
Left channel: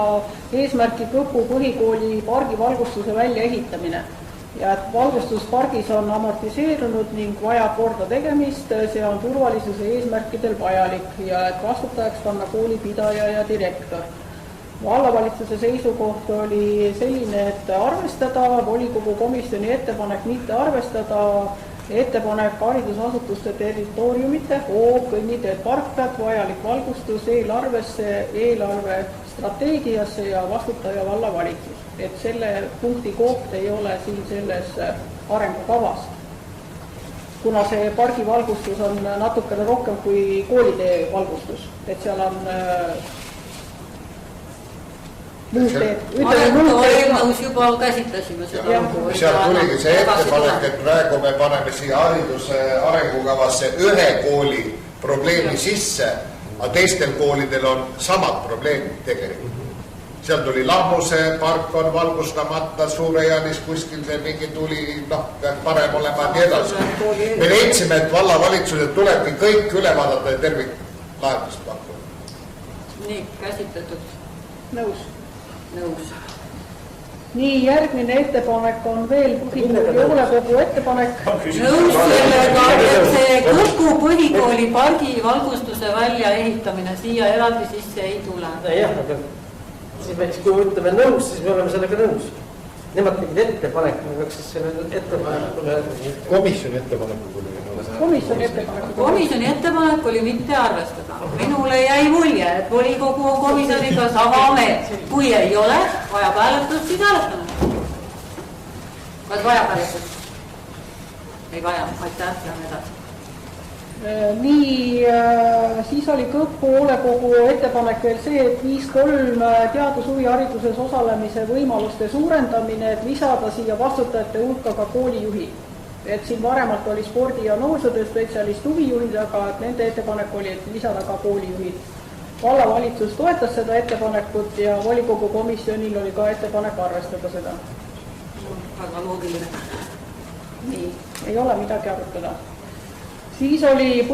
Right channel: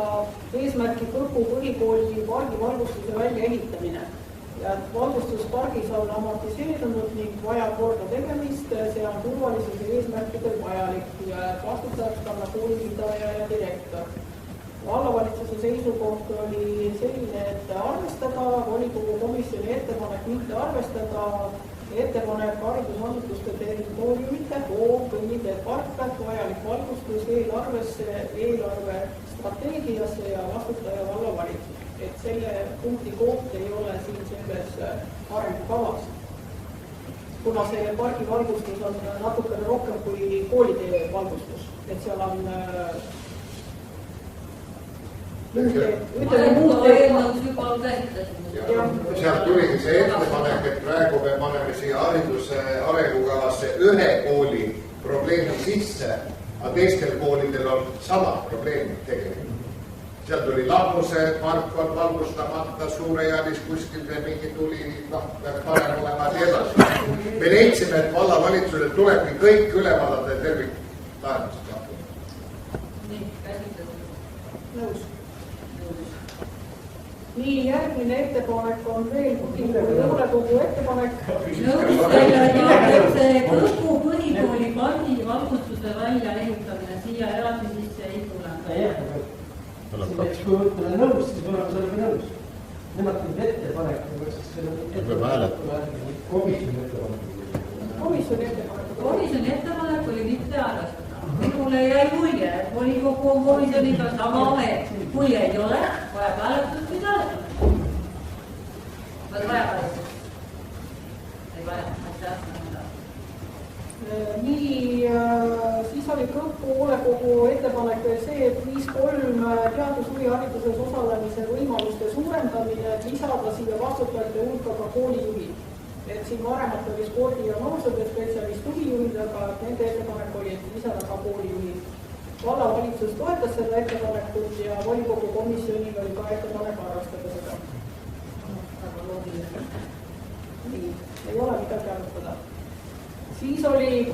eesmärki Kõpu põhikooli pargi valgustuse väljaehitamine. Ja et valgustuspargis on amortiseerunud ning vajab korda tegemist, see on turvalisuse eesmärkidel vajalik ja et vastutajaks panna koolipidaja ja direktor. Vallavalitsuse seisukoht oli selline, et arvestada, volikogu komisjoni ettepanek mitte arvestada, ettepanek haridusasutuste territooriumite, hoob, kõnniteed, parklad, vajalik valgustus eelarvesse, eelarve strateegiasse ja vastutaja vallavalitsus. Et selle punkti koht ei ole siin selles arengukavas. Kuna see pargi valgustus on natukene rohkem kui koolitee valgustus, et seal on Eelnõus juba käsitlesime seda. Sealt tuligi see ettepanek, et praegu me paneme siia hariduse arengukavasse ühe kooli probleemi sisse, aga teistel koolidel on samad probleemid tegelikult. Seal tuli Lammuse park on valgustamata, Suurejanis kuskil see mingi tuli, peaks parem olema ja nii edasi. Me leidsime, et vallavalitsused tulebki kõik üle vaadata ja terviklahendust pakkuda. Nii, käsitletud. Nõus. Nii, järgmine ettepanek on veel hoolekogu ettepanek. Nõus sellega, et see Kõpu põhikooli pargi valgustuse väljaehitamine siia eraldi sisse ei tule. Jah, aga kui me ütleme nõus, siis me oleme sellega nõus. Nemad tegid ettepanek, me peaks selle ettepanekule... Komisjoni ettepanek oli mitte arvestada. Minule jäi mulje, et volikogu on komisjoniga sama meelt. Kui ei ole, vajab hääletust, siis hääletame. Kas vajab hääletust? Ei vaja, aitäh, lähme edasi. Nii, siis oli Kõpu hoolekogu ettepanek veel see, et 5.3 teadus-huvihariduses osalemise võimaluste suurendamine, et lisada siia vastutajate hulka ka koolijuhid. Et siin varemalt oli spordi- ja noorsootöö spetsialist huvijuhid, aga nende ettepanek oli, et lisada ka koolijuhid. Vallavalitsus toetas seda ettepanekut ja volikogu komisjonil oli ka ettepanek arvestada seda. Väga loogiline. Nii, ei ole midagi arutada. Siis oli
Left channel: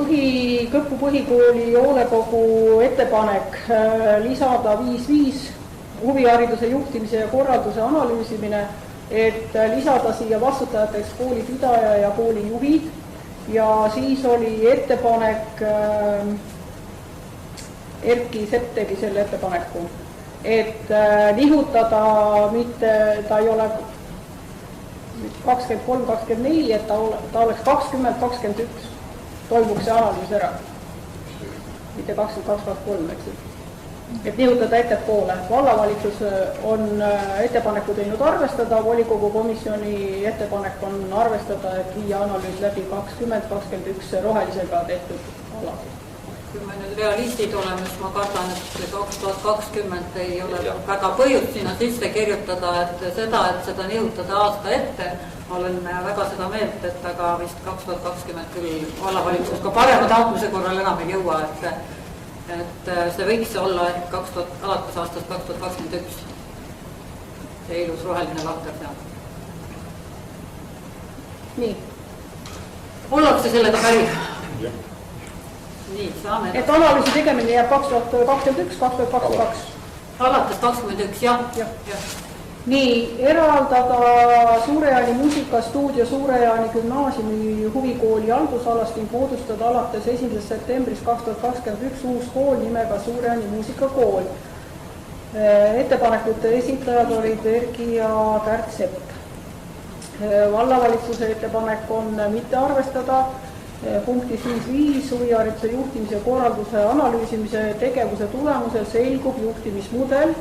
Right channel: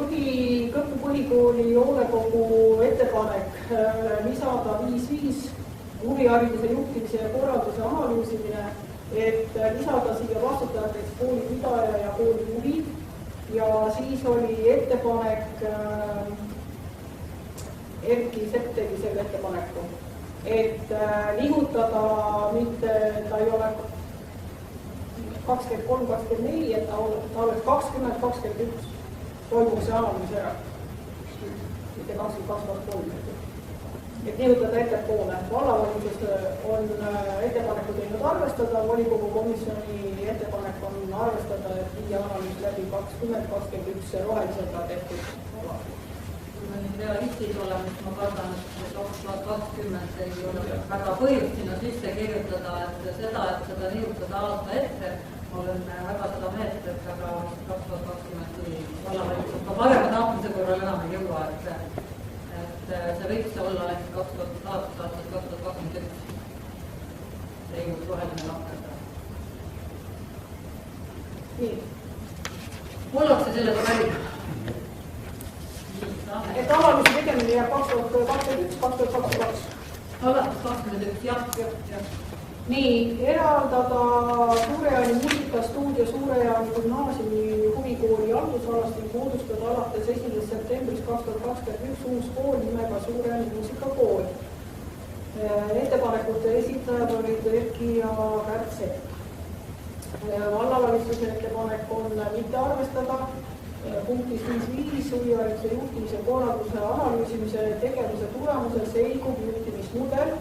Kõpu põhikooli hoolekogu ettepanek lisada 5.5 huvihariduse juhtimise ja korralduse analüüsimine, et lisada siia vastutajateks koolipidaja ja koolijuhid ja siis oli ettepanek, Erki Sepp tegi selle ettepaneku, et nihutada mitte, ta ei ole 23-24, et ta oleks 20-21, toimuks see analüüs ära, mitte 22-23, eks ju. Et nihutada ettepoole. Vallavalitsus on ettepaneku teinud arvestada, volikogu komisjoni ettepanek on arvestada, et viia analüüs läbi 20-21 rohelisega tehtud ala. Kui me nüüd realistid oleme, siis ma kardan, et 2020 ei ole väga põhjust sinna sisse kirjutada, et seda nihutada aasta ette. Olen väga seda meelt, et aga vist 2020 küll vallavalitsus ka parema taotmise korral enam ei jõua, et see võiks olla, et alates aastast 2021 see ilus roheline lakker seal. Nii. Ollakse sellega päri? Nii, saame. Et analüüsi tegemine jääb 2021-2022. Alates 21, jah. Nii, eraldada Suure-Jaani muusikastuudio Suure-Jaani gümnaasiumi huvikooli haldusalast ning moodustada alates 1. septembrist 2021 uus kool nimega Suure-Jaani muusikakool. Ettepanekute esitajad olid Erki ja Kärt Sepp. Vallavalitsuse ettepanek on mitte arvestada punktis 5.5 huvihariduse juhtimise korralduse analüüsimise tegevuse tulemusel selgub juhtimismudel.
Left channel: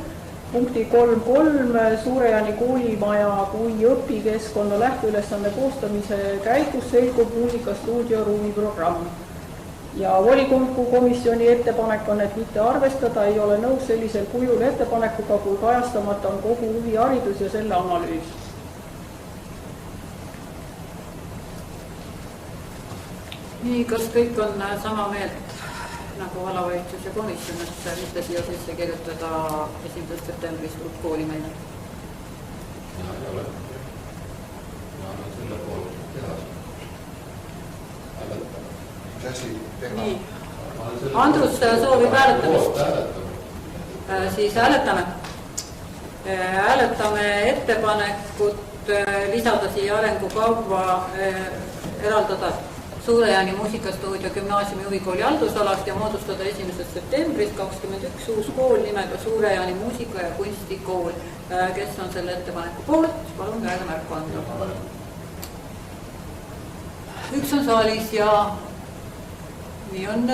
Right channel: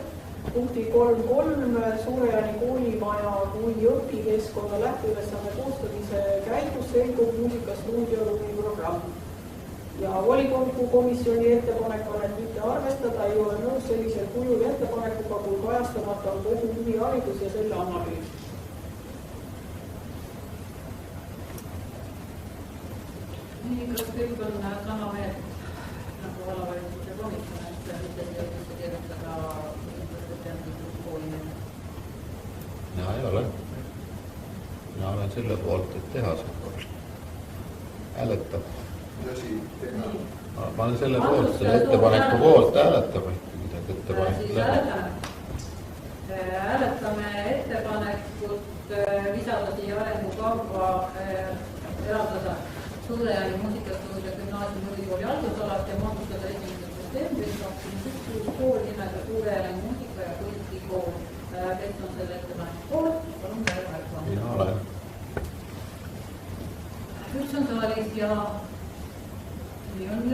Punkti 3.3 Suure-Jaani koolimaja kui õpikeskkonna lähteülesanne koostamise käigus selgub muusikastuudio ruumiprogramm. Ja volikogu komisjoni ettepanek on, et mitte arvestada, ei ole nõus sellisel kujul ettepanekuga, kui kajastamata on kogu huviharidus ja selle analüüs. Nii, kas kõik on sama meelt nagu vallavalitsus ja komisjon, et mitte siia sisse kirjutada 1. septembrist uut kooli meile? Ja ei ole. Ma olen selle poolt, et teha seda. Hääletab. Mis asi teha? Nii. Ma olen selle Andrus soovib hääletamist. Siis hääletame. Hääletame ettepanekut lisada siia arengukavva eraldada Suure-Jaani muusikastuudio gümnaasiumi huvikooli haldusalast ja moodustada 1. septembrist 2021 uus kool nimega Suure-Jaani muusika- ja kunstikool. Kes on selle ettepaneku poolt? Palun käega märku anda. Üks on saalis ja nii on.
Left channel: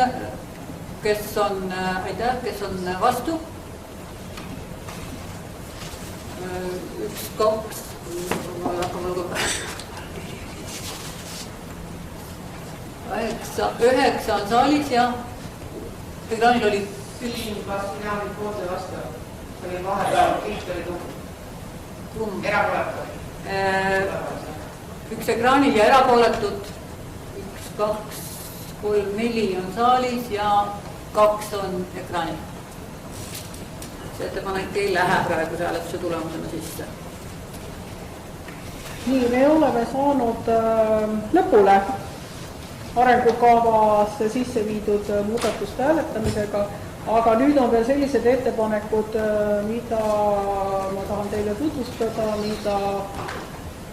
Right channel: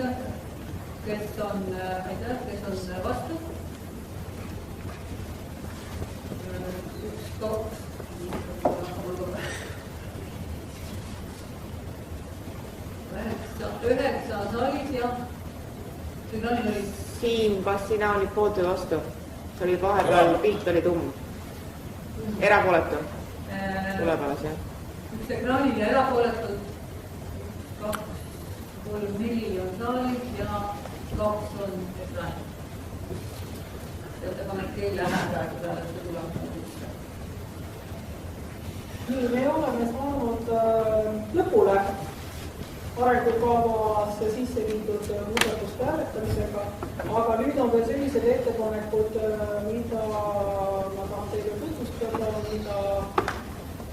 Kes on, aitäh, kes on vastu? 1, 2, hakkame lugema. 9 on saalis ja ekraanil oli Siim, kas sina olid poolt või vastu? See oli vahepeal, pilt oli tumm. Erapooletu. 1 ekraanil ja erapooletud. 1, 2, 3, 4 on saalis ja 2 on ekraanil. See ettepanek ei lähe praegu hääletuse tulemusena sisse. Nii, me oleme saanud lõpule arengukavasse sisse viidud muudatuste hääletamisega, aga nüüd on veel sellised ettepanekud, mida ma tahan teile tutvustada,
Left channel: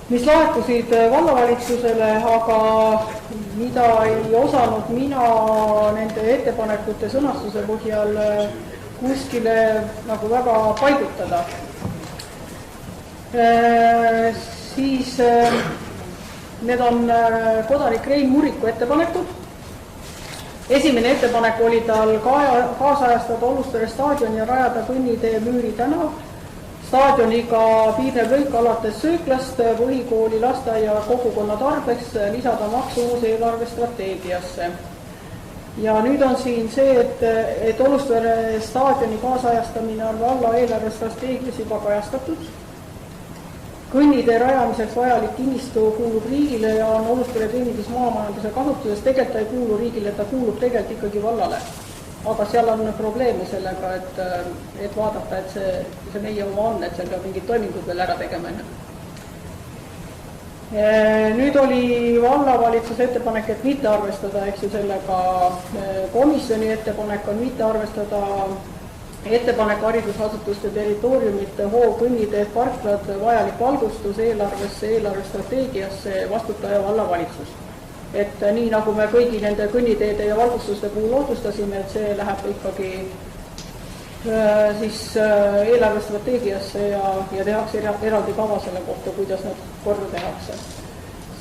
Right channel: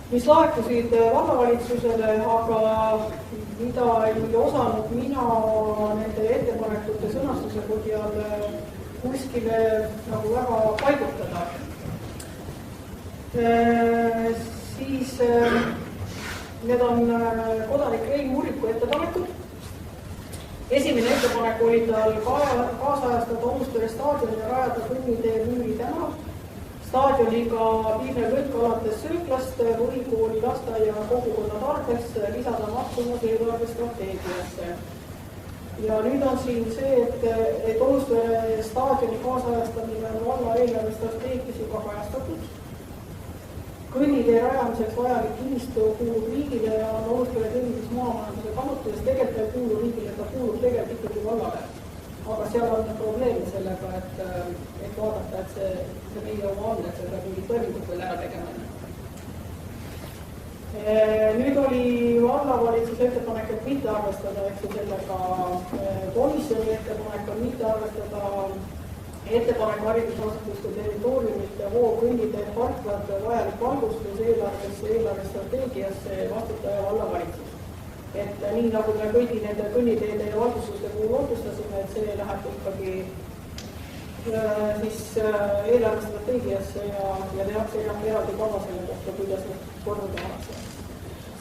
mis laekusid vallavalitsusele, aga mida ei osanud mina nende ettepanekute sõnastuse põhjal kuskile nagu väga paigutada. Siis need on kodanik Rein Muriku ettepanekud. Esimene ettepanek oli tal kaasajastada Olustere staadioni ja rajada kõnnitee Müüri tänav. Staadioniga piirnev lõik alates sööklast põhikooli lasteaia kogukonna tarbeks lisada maksu uus eelarvestrateegiasse. ja nüüd on siin see, et Olustvere staadioni kaasajastamine on valla eelarvestrateegias juba kajastatud. Kõnnitee rajamiseks vajalik kinnistu kuulub riigile ja on Olustvere teenindus maamajanduse kasutuses. Tegelikult ei kuulu riigile, ta kuulub tegelikult ikkagi vallale. Aga seal on probleeme sellega, et vaadata, et see meie oma on, et seal ka mingid toimingud veel ära tegema enne. Nüüd oli vallavalitsuse ettepanek, et mitte arvestada, eks ju, sellega komisjoni ettepanek on mitte arvestada ettepanek haridusasutuste territooriumite hoogõnniteed parklad vajalik valgustus eelarvesse, eelarvestrateegiasse vastutaja vallavalitsus. Et nii nagu me kõigi nende kõnniteede ja valgustuste puhul otsustasime, et see läheb ikkagi siis eelarvestrateegiasse ja tehakse eraldi kava selle kohta, kuidas need korda tehakse.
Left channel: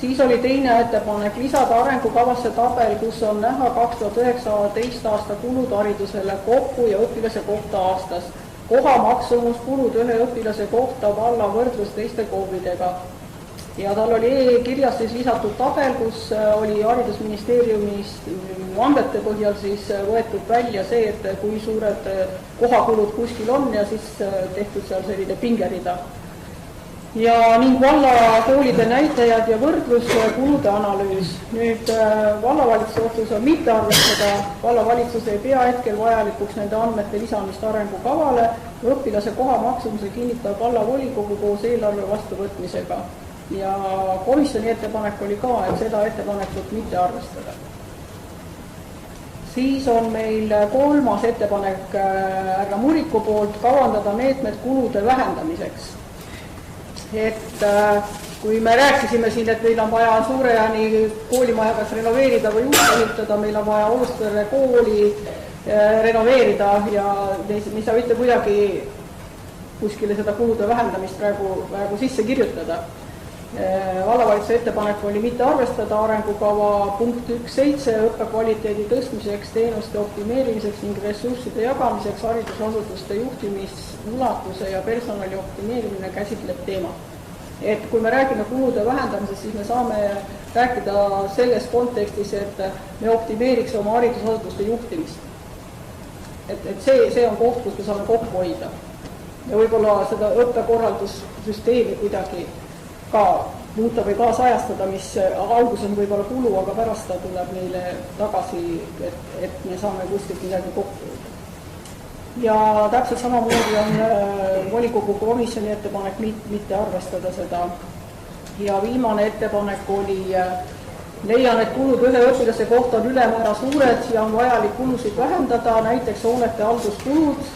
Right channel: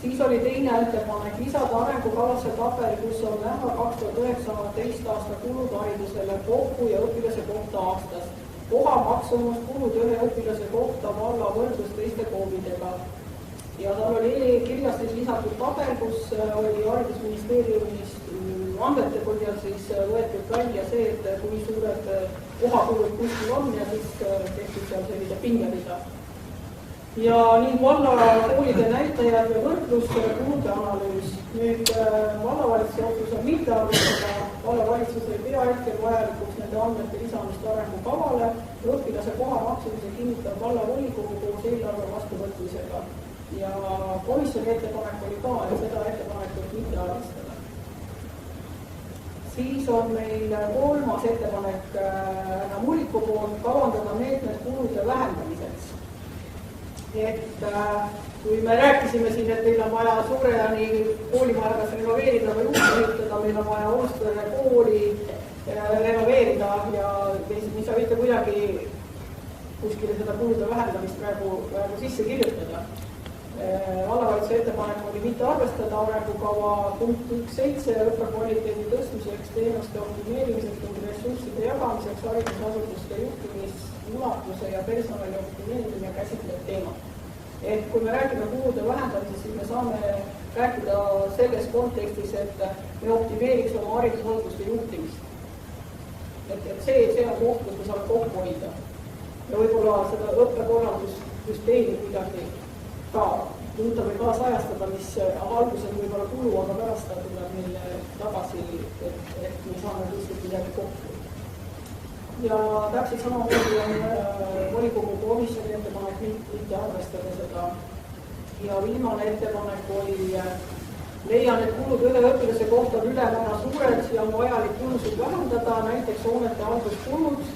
Siis oli teine ettepanek lisada arengukavasse tabel, kus on näha 2019 aasta kulud haridusele kokku ja õpilase kohta aastas. Koha maksumus kulud ühe õpilase kohta valla võrdlus teiste koolidega. Ja tal oli kirjas siis lisatud tabel, kus oli haridusministeeriumis andmete põhjal siis võetud välja see, et kui suured kohakulud kuskil on ja siis tehtud seal selline pingerida. Ja ning valla koolide näitajad ja võrdlus kulude analüüs. Nüüd vallavalitsuse otsus on mitte arvestada, vallavalitsus ei pea hetkel vajalikuks nende andmete lisamist arengukavale, õpilase koha maksumuse kinnitab vallavolikogu koos eelarve vastuvõtmisega. Ja komisjoni ettepanek oli ka, et seda ettepanekut mitte arvestada. Siis on meil kolmas ettepanek härra Muriku poolt kavandada meetmed kulude vähendamiseks. Et kui me rääkisime siin, et meil on vaja Suurejani koolimaja kas renoveerida või uus ehitada, meil on vaja Olustvere kooli renoveerida ja me ei saa mitte kuidagi kuskile seda kulude vähendamist praegu sisse kirjutada. Vallavalitsuse ettepanek oli mitte arvestada arengukava punkt 1.7 õppekvaliteedi tõstmiseks, teenuste optimeerimiseks ning ressursside jagamiseks haridusasutuste juhtimimulatuse ja personali optimeerimine käsitleb teemat. Et kui me räägime kulude vähendamisest, siis me saame rääkida selles kontekstis, et me optimeeriks oma haridusasutuste juhtimist. Et see on koht, kus me saame kokku hoida. Ja võib-olla seda õppekorraldussüsteemi kuidagi ka muuta või kaasajastada, mis alguses on võib-olla kulu, aga pärast ta tuleb meile tagasi, et me saame kuskilt midagi kokku. Ja täpselt samamoodi on volikogu komisjoni ettepanek mitte arvestada seda. Ja viimane ettepanek oli, leian, et kulud ühe õpilase kohta on ülemäära suured ja on vajalik kulusid vähendada, näiteks hoonete halduskulud,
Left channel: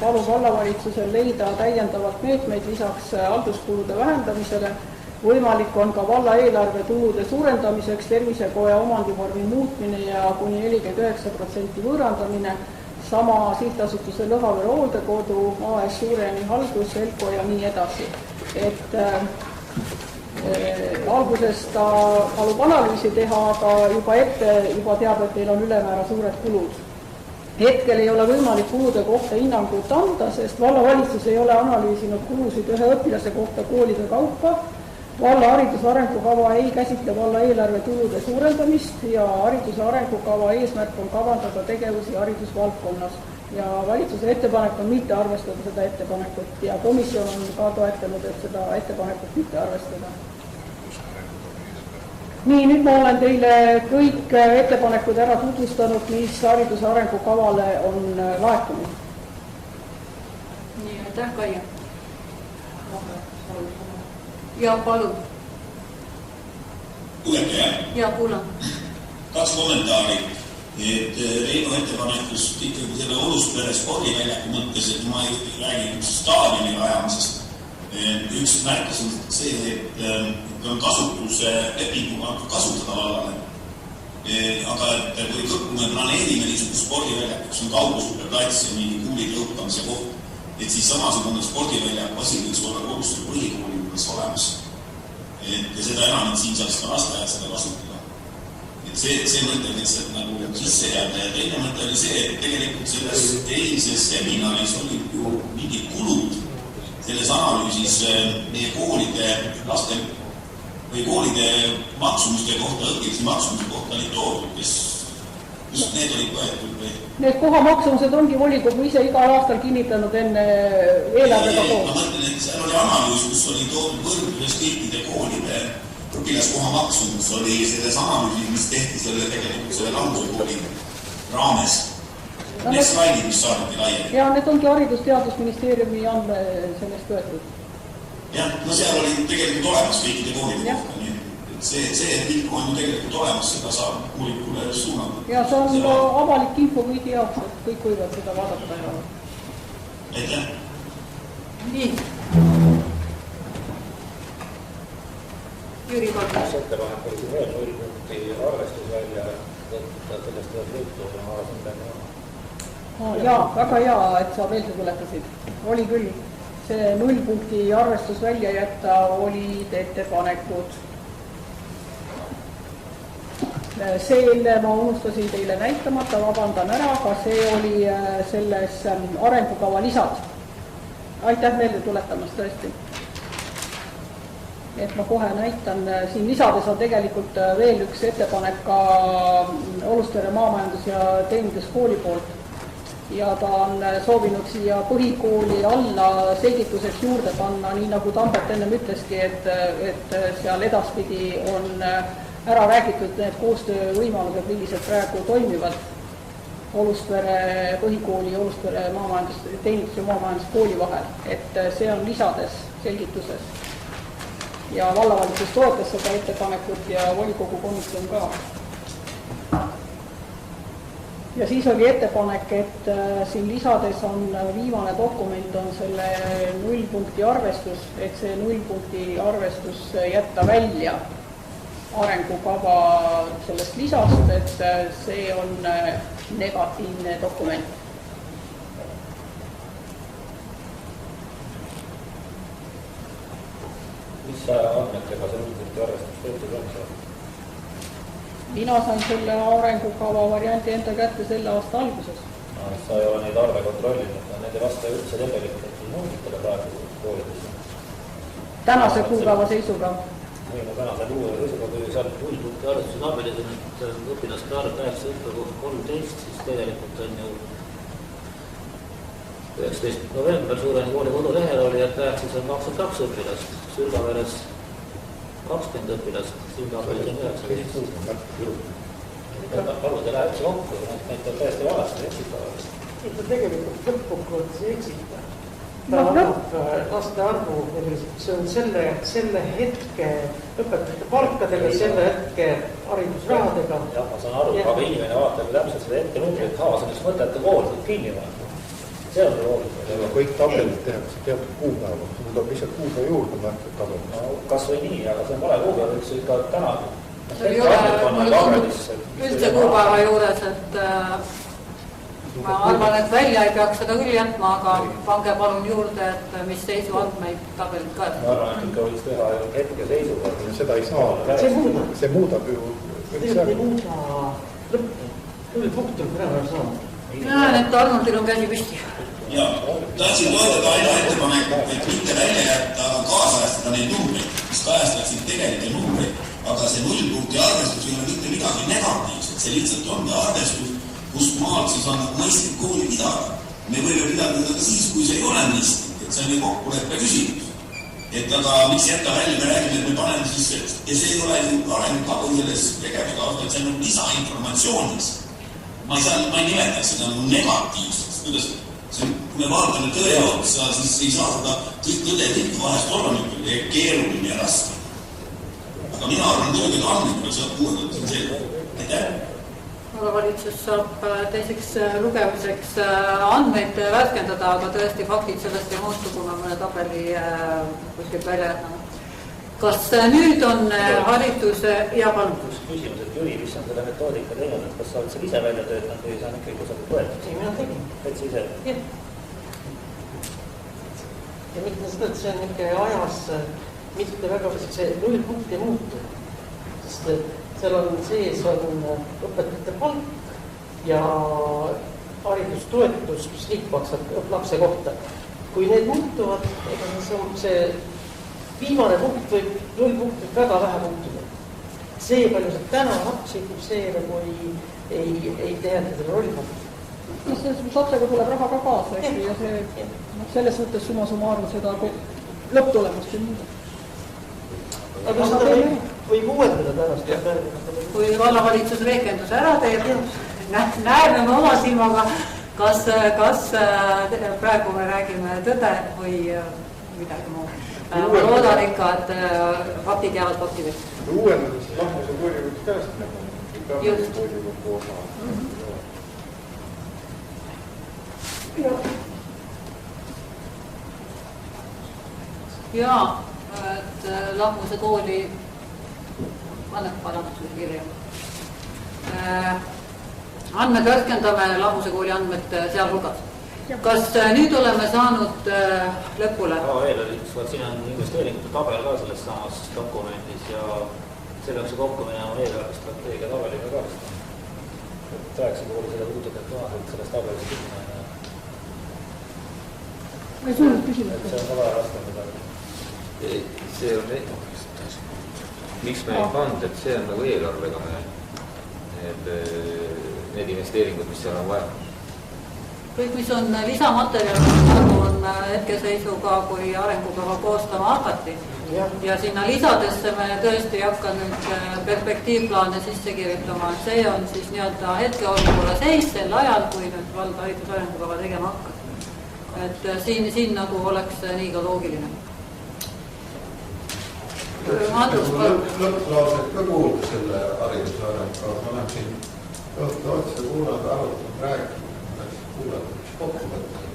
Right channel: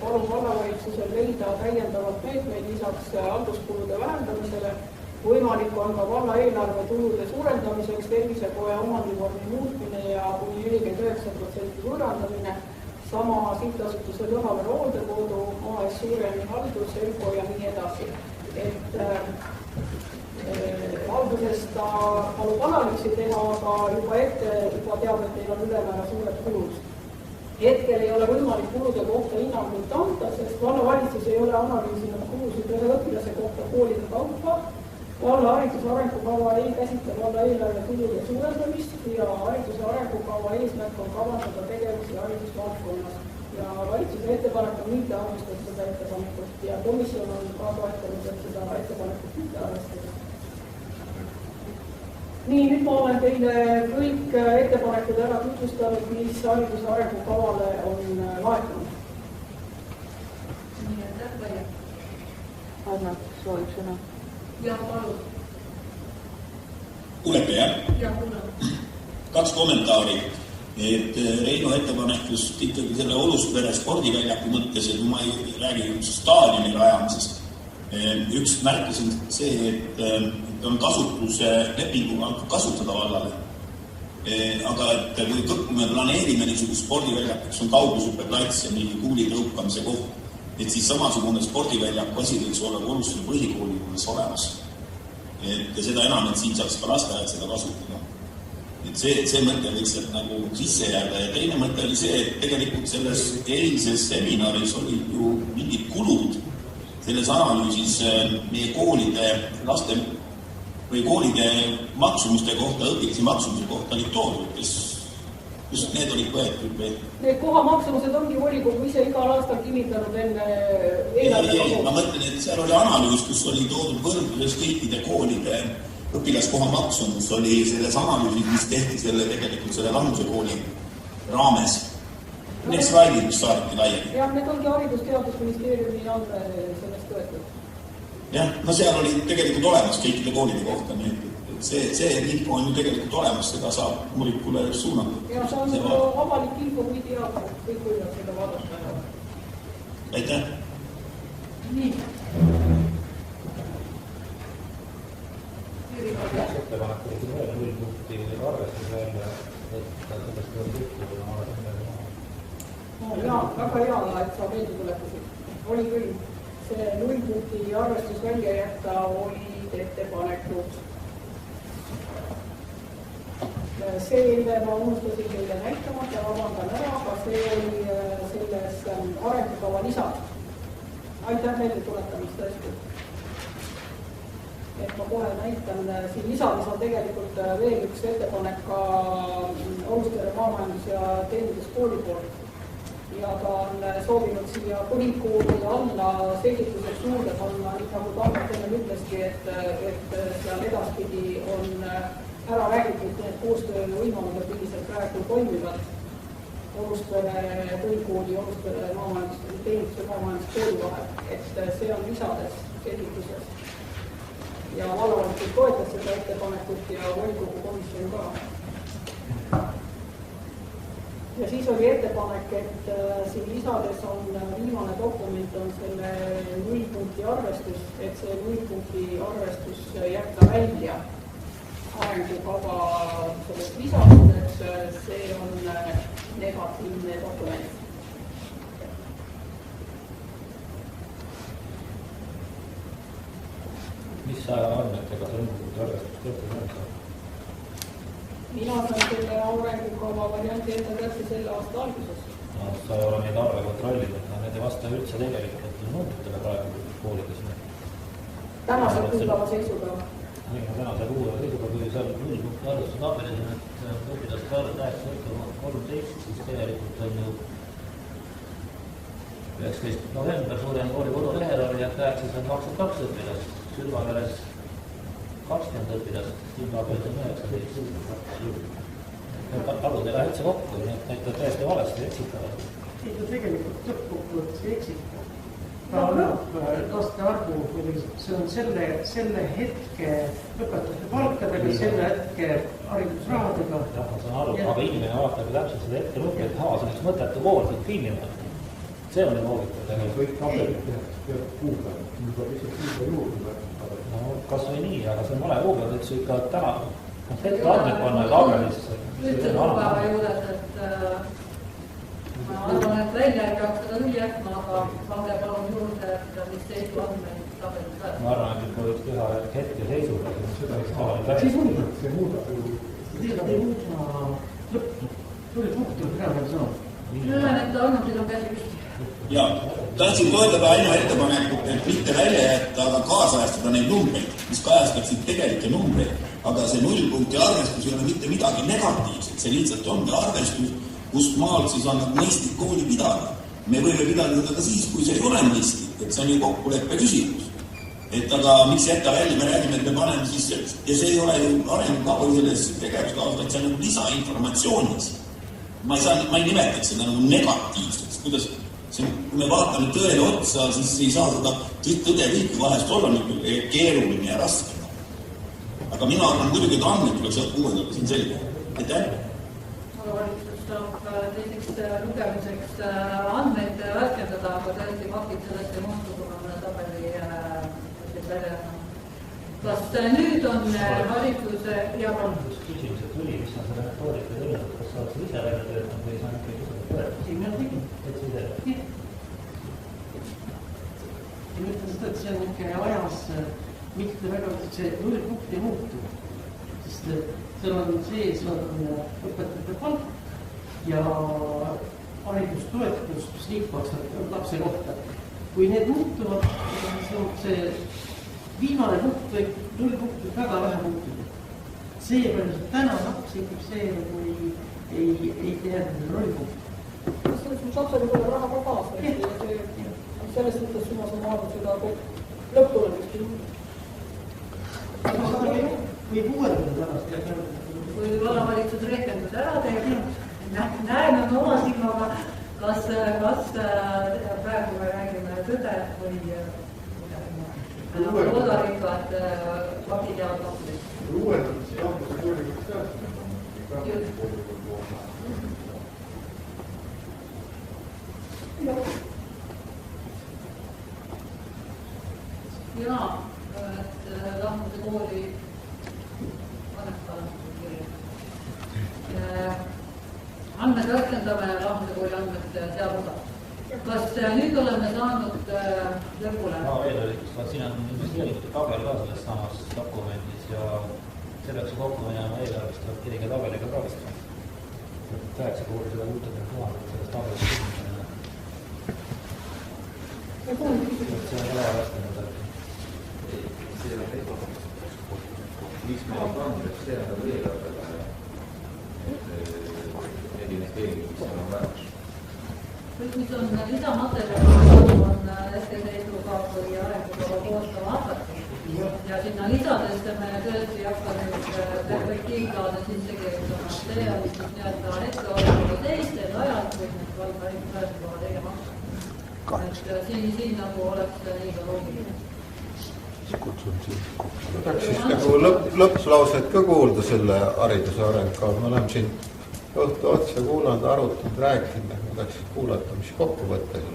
palub vallavalitsusel leida täiendavalt meetmeid lisaks halduskulude vähendamisele. Võimalik on ka valla eelarve tulude suurendamiseks tervisekoja omandivormi muutmine ja kuni 49% võõrandamine, sama sihtasutuse Lõhavere hooldekodu, AS Suurejani haldus, Elko ja nii edasi. Et alguses ta palub analüüsi teha, aga juba teab, et teil on ülemäära suured kulud. Hetkel ei ole võimalik kulude kohta hinnangut anda, sest vallavalitsus ei ole analüüsinud kulusid ühe õpilase kohta koolide kaupa. Valla hariduse arengukava ei käsitle valla eelarve tulude suurendamist ja hariduse arengukava eesmärk on kavandada tegevusi haridusvaldkonnas. Ja valitsuse ettepanek on mitte arvestada seda ettepanekut ja komisjon on ka toetanud, et seda ettepanekut mitte arvestada. Nii, nüüd ma olen teile kõik ettepanekud ära tutvustanud, mis hariduse arengukavale on laekunud. Nii, aitäh, Kaia. Anna, soovi sõna. Ja, palun. Kuulete, jah? Ja, kuulan. 2 kommentaari. Et Reino ettepanekust ikkagi selle Olustvere spordiväljaku mõttes, et ma ei räägi staadioni rajamisest. Üks märkas on see, et on kasutuse lepinguga kasutada vallale. Aga et kui me planeerime niisugust spordiväljakut, kus on kaugusõppeplats ja mingi kuulide õppamise koht, et siis samasugune spordiväljak võiks olla Olustvere põhikooli juures olemas. Ja seda enam, et siin saaks ka lasteaed seda kasutada. Et see mõte lihtsalt nagu sisse jääda ja teine mõte oli see, et tegelikult selles eilses seminaris oli ju mingid kulud selles analüüsis meie koolide laste või koolide maksumuste kohta, õpilase maksumuste kohta oli toodud, kes kus need olid võetud või? Need kohamaksumused ongi volikogu ise igal aastal kinnitanud enne eelarvega koos. Ma mõtlen, et seal oli analüüs, kus oli toodud võrdluses kõikide koolide õpilaskoha maksumus oli selles analüüsis, mis tehti selle langsuskooli raames. Need slaidid, mis saadeti laiali. Ja need ongi Haridus-Teadusministeeriumi andme sellest võetud. Jah, no seal oli tegelikult olemas kõikide koolide kohta, nii et see info on ju tegelikult olemas, seda saab uuringule suunata. Ja see on avalik info kõigi jaoks, et kõik võivad seda vaadata ja... Aitäh! Nii. Jüri Kalkas. Ettepanek oli siin veel 0 punkti arvestus välja, võtta sellest on tehtud ja ma olen midagi jah. Jaa, väga hea, et sa meelde tuletasid. Oli küll. See 0 punkti arvestus välja jätta olid ettepanekud. See ma unustasin teile näitamata, vabandan ära, aga see oli selles arengukava lisad. Aitäh meelde tuletamast tõesti. Et ma kohe näitan, siin lisades on tegelikult veel üks ettepanek ka Olustvere maamajandus- ja teeninduskooli poolt. Ja ta on soovinud siia põhikooli alla selgituseks juurde panna, nii nagu Tambet ennem ütleski, et seal edaspidi on ära räägitud need koostöövõimalused, millised praegu toimivad Olustvere põhikooli ja Olustvere teenindus- ja maamajanduskooli vahel. Et see on lisades selgituses. Ja vallavalitsus toetas seda ettepanekut ja volikogu komisjon ka. Ja siis oli ettepanek, et siin lisades on viimane dokument on selle 0 punkti arvestus, et see 0 punkti arvestus jätta välja arengukava sellest lisast, et see on negatiivne dokument. Mis andmetega see 0 punkti arvestus tehtud on? Mina sain selle arengukava varianti enda kätte selle aasta alguses. Sa ei ole neid arve kontrollinud, need ei vasta üldse tegelikult numbritele praegu koolides. Tänase kuupäeva seisuga. Ei, no tänase kuupäeva seisuga, kui seal 0 punkti arvestus tabelid, et õpilaste arv 8 õppekohta 13, siis tegelikult on ju 19. november Suureni kooli kodulehel oli, et Pääksis on 22 õpilast, Sülgaveres 20 õpilast, Sülgaveres on 19. Arvud ei lähe üldse kokku, need on täiesti valesti eksitavad. Ikka tegelikult lõppkokkuvõttes ei eksita. Ta annab laste arvu, see on selle hetke õpetajate palkadega, selle hetke haridusrahadega. Jah, ma saan aru, aga inimene vaatab täpselt seda ette numbrit, see on üks mõtete kool, see on kinni vaata. See on ju loogika. Kõik tabelid tehakse teatud kuupäeva, mul tuleb lihtsalt kuupäeva juurde märkida tabelid. No kas või nii, aga see on vale kuupäev, et see ikka täna. Üldse kuupäeva juures, et ma arvan, et välja ei peaks seda küll jätma, aga pange palun juurde, et mis seisu andmeid tabelid ka. Ma arvan, et ikka võiks teha hetke seisuga. Seda ei saa, see muudab ju. Tegelikult ei muuda lõppu, tuli punktul ära saada. Näen, et Arnoldil on käsi püsti. Ja, tahtsin toetada aina ettepanekut, et mitte välja jätta, aga kaasajastada neid numbreid, mis kajastaksid tegelikke numbreid, aga see 0 punkti arvestus ei ole mitte midagi negatiivset, see lihtsalt ongi arvestus, kus maal siis on mõistlik kooli pidada. Me võime pidada seda ka siis, kui see ei ole mõistlik, et see on ju kokkuleppe küsimus. Et aga miks jätta välja, me räägime, et me paneme siis, ja see ei ole ju arengukava selles tegevuskavas, vaid see on lisainformatsioonis. Ma ei nimetaks seda negatiivseks, kuidas kui me vaatame tõe otsa, siis ei saa seda tõde tihti vahest olla keeruline ja raske. Aga mina arvan, muidugi, et andmeid saab kuuendada siin selge. Aitäh! Valitsus saab teiseks lugemiseks andmeid värskendada, aga tõesti faktid sellest ei muutu, kui me mõne tabeli kuskilt välja jätame. Kas nüüd on hariduse ja palun? Küsimus, et Jüri, mis on selle metoodika teinud, et kas sa oled seal ise välja töötanud või see on ikkagi kusagil võetud? Ei, mina tegin. Et sa ise? Jah. Ja mitte seda, et see on ikka ajas mitte väga, see 0 punkti ei muutu. Sest seal on sees on õpetajate palk ja haridustoetus, mis riik maksab lapse kohta. Kui need muutuvad, see viimane punkt või 0 punkt võib väga vähe muutuda. See, palju see täna lapsi, see nagu ei teheta selle rolli. Selles mõttes otsaga tuleb raha ka kaasa, eks ju, ja see, selles mõttes summa summarum seda lõpptulemust ei muuda. Aga seda võib uuendada pärast. Kui vallavalitsus rehkenduse ära teeb, näeme me oma silmaga, kas praegu me räägime tõde või midagi muud. Ma loodan ikka, et faktid jäävad faktideks. Uuendades lahmuse koolikud käest näha. Just. Jaa, et lahmuse kooli annab parandusele kirja. Andmed värskendame lahmuse kooli andmed sealhulgas. Kas nüüd oleme saanud lõpule? Siin on investeeringute tabel ka selles samas dokumendis ja selleks kokku minema eelarvestrateegia tabeliga ka vist on. 9 kooli 160 000, et selles tabelis ei suunud küsida. See on väga raske midagi. See on miks me ei pannud, et see on nagu eelarvega need investeeringud, mis seal on vaja. Kõik, mis on lisamaterjal, on hetkeseisuga, kui arengukava koostama hakati. Ja sinna lisadesse me tõesti ei hakka nüüd perspektiivplaane sisse kirjutama. See on siis nii-öelda hetkeolukorra seis sel ajal, kui nüüd valda haridusarengukava tegema hakkab. Et siin nagu oleks nii ka loogiline. Lõpplauset ka kuulda selle hariduse arengukava. Me oleme siin õhtu otsa kuulanud, arutanud, rääkinud. Läks kuulata, mis kokkuvõttel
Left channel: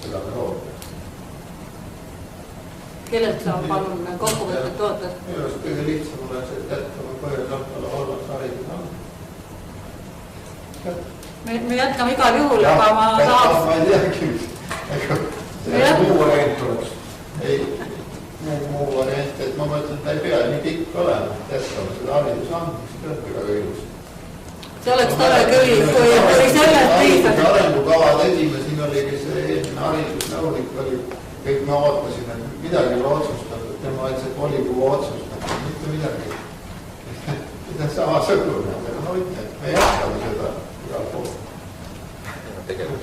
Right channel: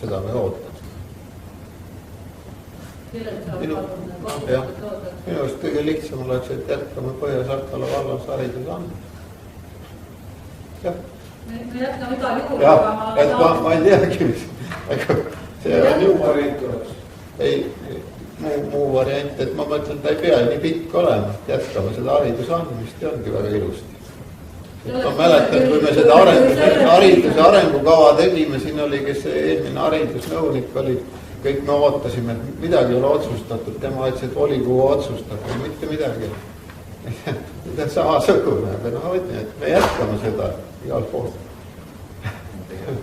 seda me ootaks. Kellelt saab palun kokkuvõtted ootad? Minu arust kõige lihtsam oleks, et jätkame Põhja-Sartala vallas hariduse andmed. Me jätkame igal juhul, aga ma tahaks... Ma ei teagi, see muu variant oleks. Ei, muu variant, et ma mõtlen, ta ei pea nii pikk olema, et jätkame seda hariduse andmist ja ongi väga ilusti. See oleks tõle küll, hariduse arengukava tegime, siin oli, kes eelmine haridusnõunik oli, kõik me ootasime, et midagi ei ole otsustatud, tema ütles, et volikogu otsustatud, mitte midagi. Mida samasugune, aga me jätkame seda igal pool.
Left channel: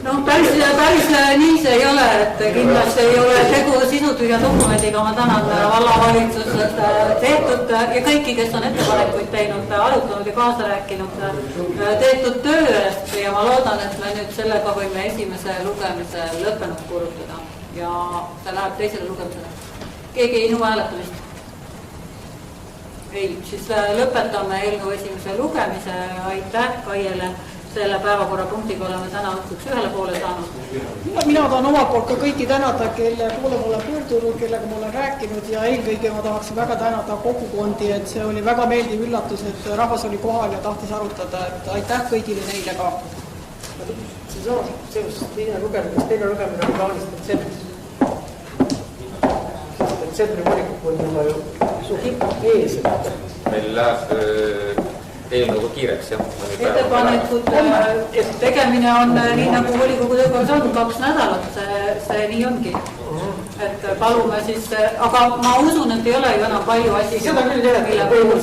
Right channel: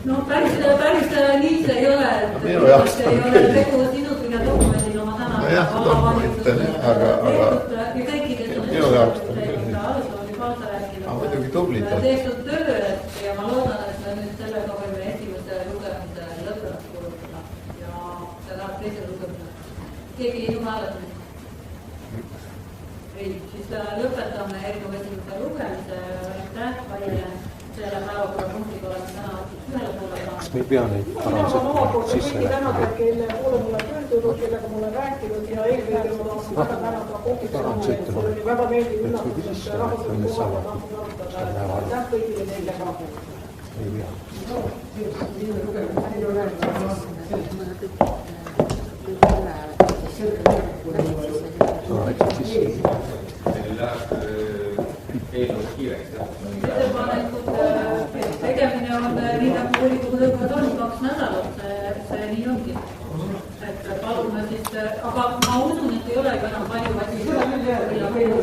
No päris nii see ei ole, et kindlasti ei ole tegu sisutühja dokumendiga, ma tänan vallavalitsuses tehtud ja kõiki, kes on ettepanekuid teinud, arutanud ja kaasa rääkinud tehtud töö eest ja ma loodan, et me nüüd sellega võime esimese lugemise lõppenud kuulutada ja see läheb teisele lugemisele. Keegi ei nõua hääletamist? Ei, siis lõpetame eelnõu esimese lugemise, aitäh Kaiele. Selle päevakorrapunktiga oleme täna õhtuks ühele poole saanud. Mina saan omalt poolt ka kõiki tänada, kelle poole mulle pöördunud, kellega mul on rääkinud ja eelkõige ma tahaksin väga tänada kogukondi, et see oli väga meeldiv üllatus, et rahvas oli kohal ja tahtis arutada, et aitäh kõigile neile ka. Siis on sellist teine lugemine on plaanis detsembri volikogu oli juba ju ees. Meil läheb eelnõuga kiireks, jah. Ettepanekute tegemine on nii nagu volikogu töökorras on 2 nädalat, see nii ongi. Et palume siis, aga ma usun, et ei ole ju enam palju asju. Seda küll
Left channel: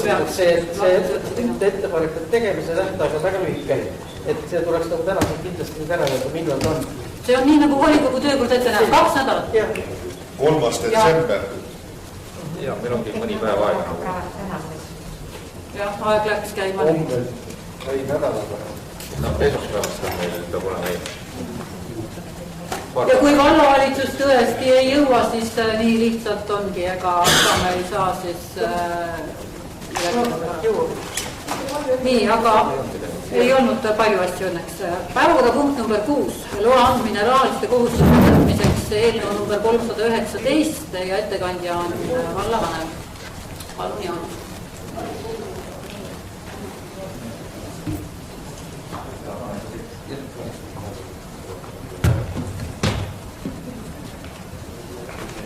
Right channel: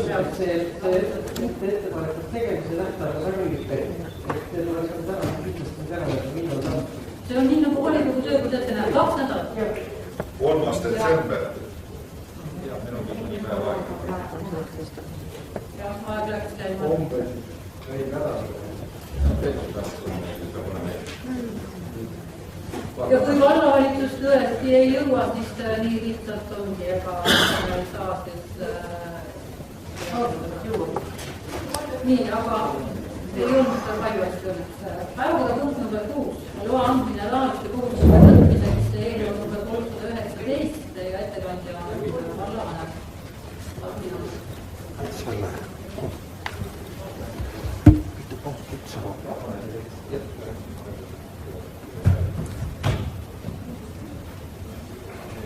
jah, see ettepanekute tegemise tähtaeg on väga lühike, et see tuleks nagu täna kindlasti nüüd ära võtta, millal ta on. See on nii nagu volikogu töökord ette näeb, 2 nädalat. 3. detsember. Ja, meil ongi mõni päev aega. Jah, aeg läks käima. Või nädalaga. No, esmaspäevast on meil peab olema meil. Ja kui vallavalitsus tõesti ei jõua, siis nii lihtsalt ongi, ega me ei saa siis nii, aga ei olnud palju asju õnneks. Päevakorrapunkt number 6, loa andmine rahaliste kohustuste võtmiseks, eelnõu number 319 ja ettekandja on vallavanem Marni Ants.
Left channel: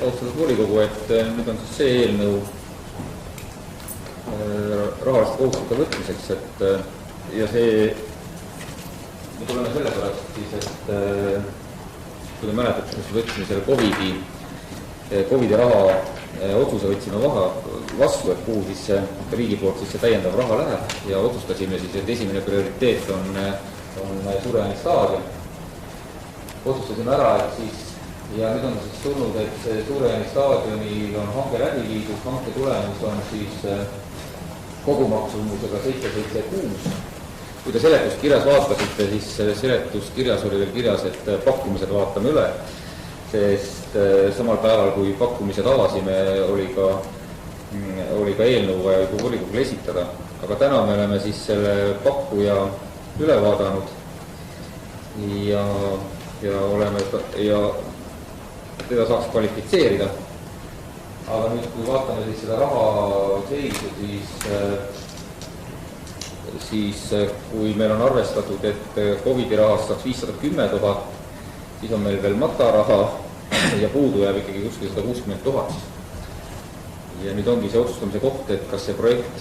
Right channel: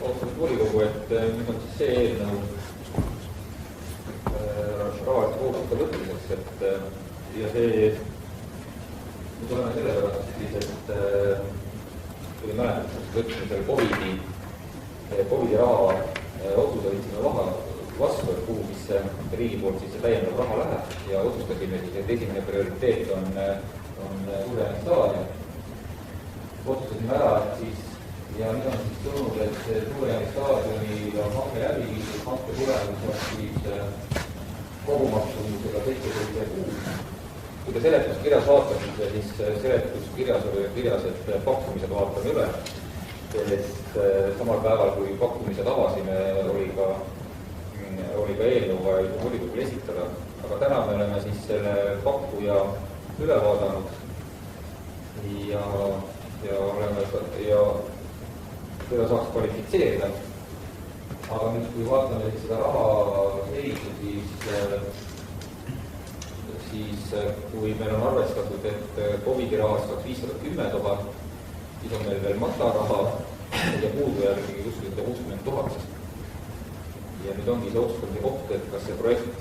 Austatud volikogu, et nüüd on siis see eelnõu rahaliste kohustuste võtmiseks, et ja see, me tuleme selle pärast siis, et kui te mäletate, siis võtsime selle COVID-i raha otsuse võtsime vastu, et kuhu siis riigi poolt siis see täiendav raha läheb ja otsustasime siis, et esimene prioriteet on Suure-Jaani staadion. Otsustasime ära, et siis ja nüüd on siis tulnud, et Suure-Jaani staadionil on hanke läbi viidud, hanke tulemus on siis kogumaksumusega 776. Kui te seletuskirjas vaatasite, siis seletuskirjas oli veel kirjas, et pakkumised vaatame üle, sest samal päeval, kui pakkumised avasime, oli ka eelnõu volikogule esitada. Aga täna me oleme siis selle pakkuja üle vaadanud ja teda saaks kvalifitseerida. Aga nüüd, kui vaatame siis seda raha seisu, siis kui meil on arvestatud, et COVID-i rahast saaks 510 000, siis on meil veel mataraha ja puudu jääb ikkagi kuskil 160 000. Ja nüüd ongi see otsustamise koht, et kas see projekt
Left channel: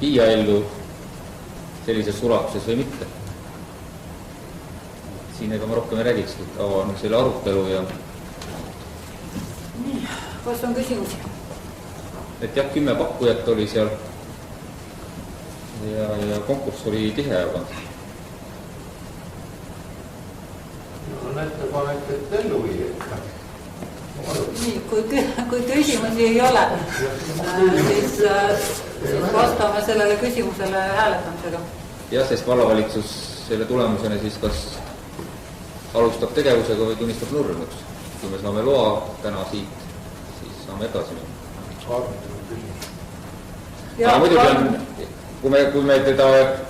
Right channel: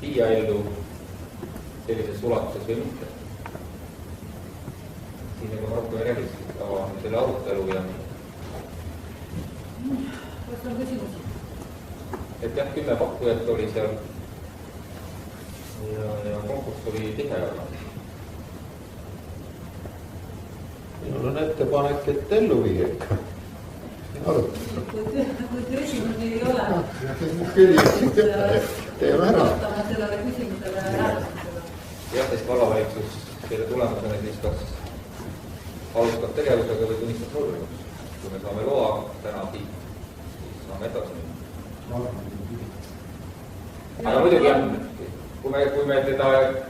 viia ellu sellises ulatuses või mitte. Siin ega ma rohkem ei räägikski, avan selle arutelu ja... Nii, kas on küsimusi? Et jah, 10 pakkujat oli seal ja konkurss oli tihe, aga... Mul on ettepanek, et ellu viia. Nii, kui küsimusi ei ole, siis vastame sellele küsimusele hääletamisega. Jah, sest vallavalitsus selle tulemusena siis kas alustab tegevusega või tunnistab nurnuks. Kui me saame loa täna siit, siis saame edasi minna. Aga muidugi on, kui me teda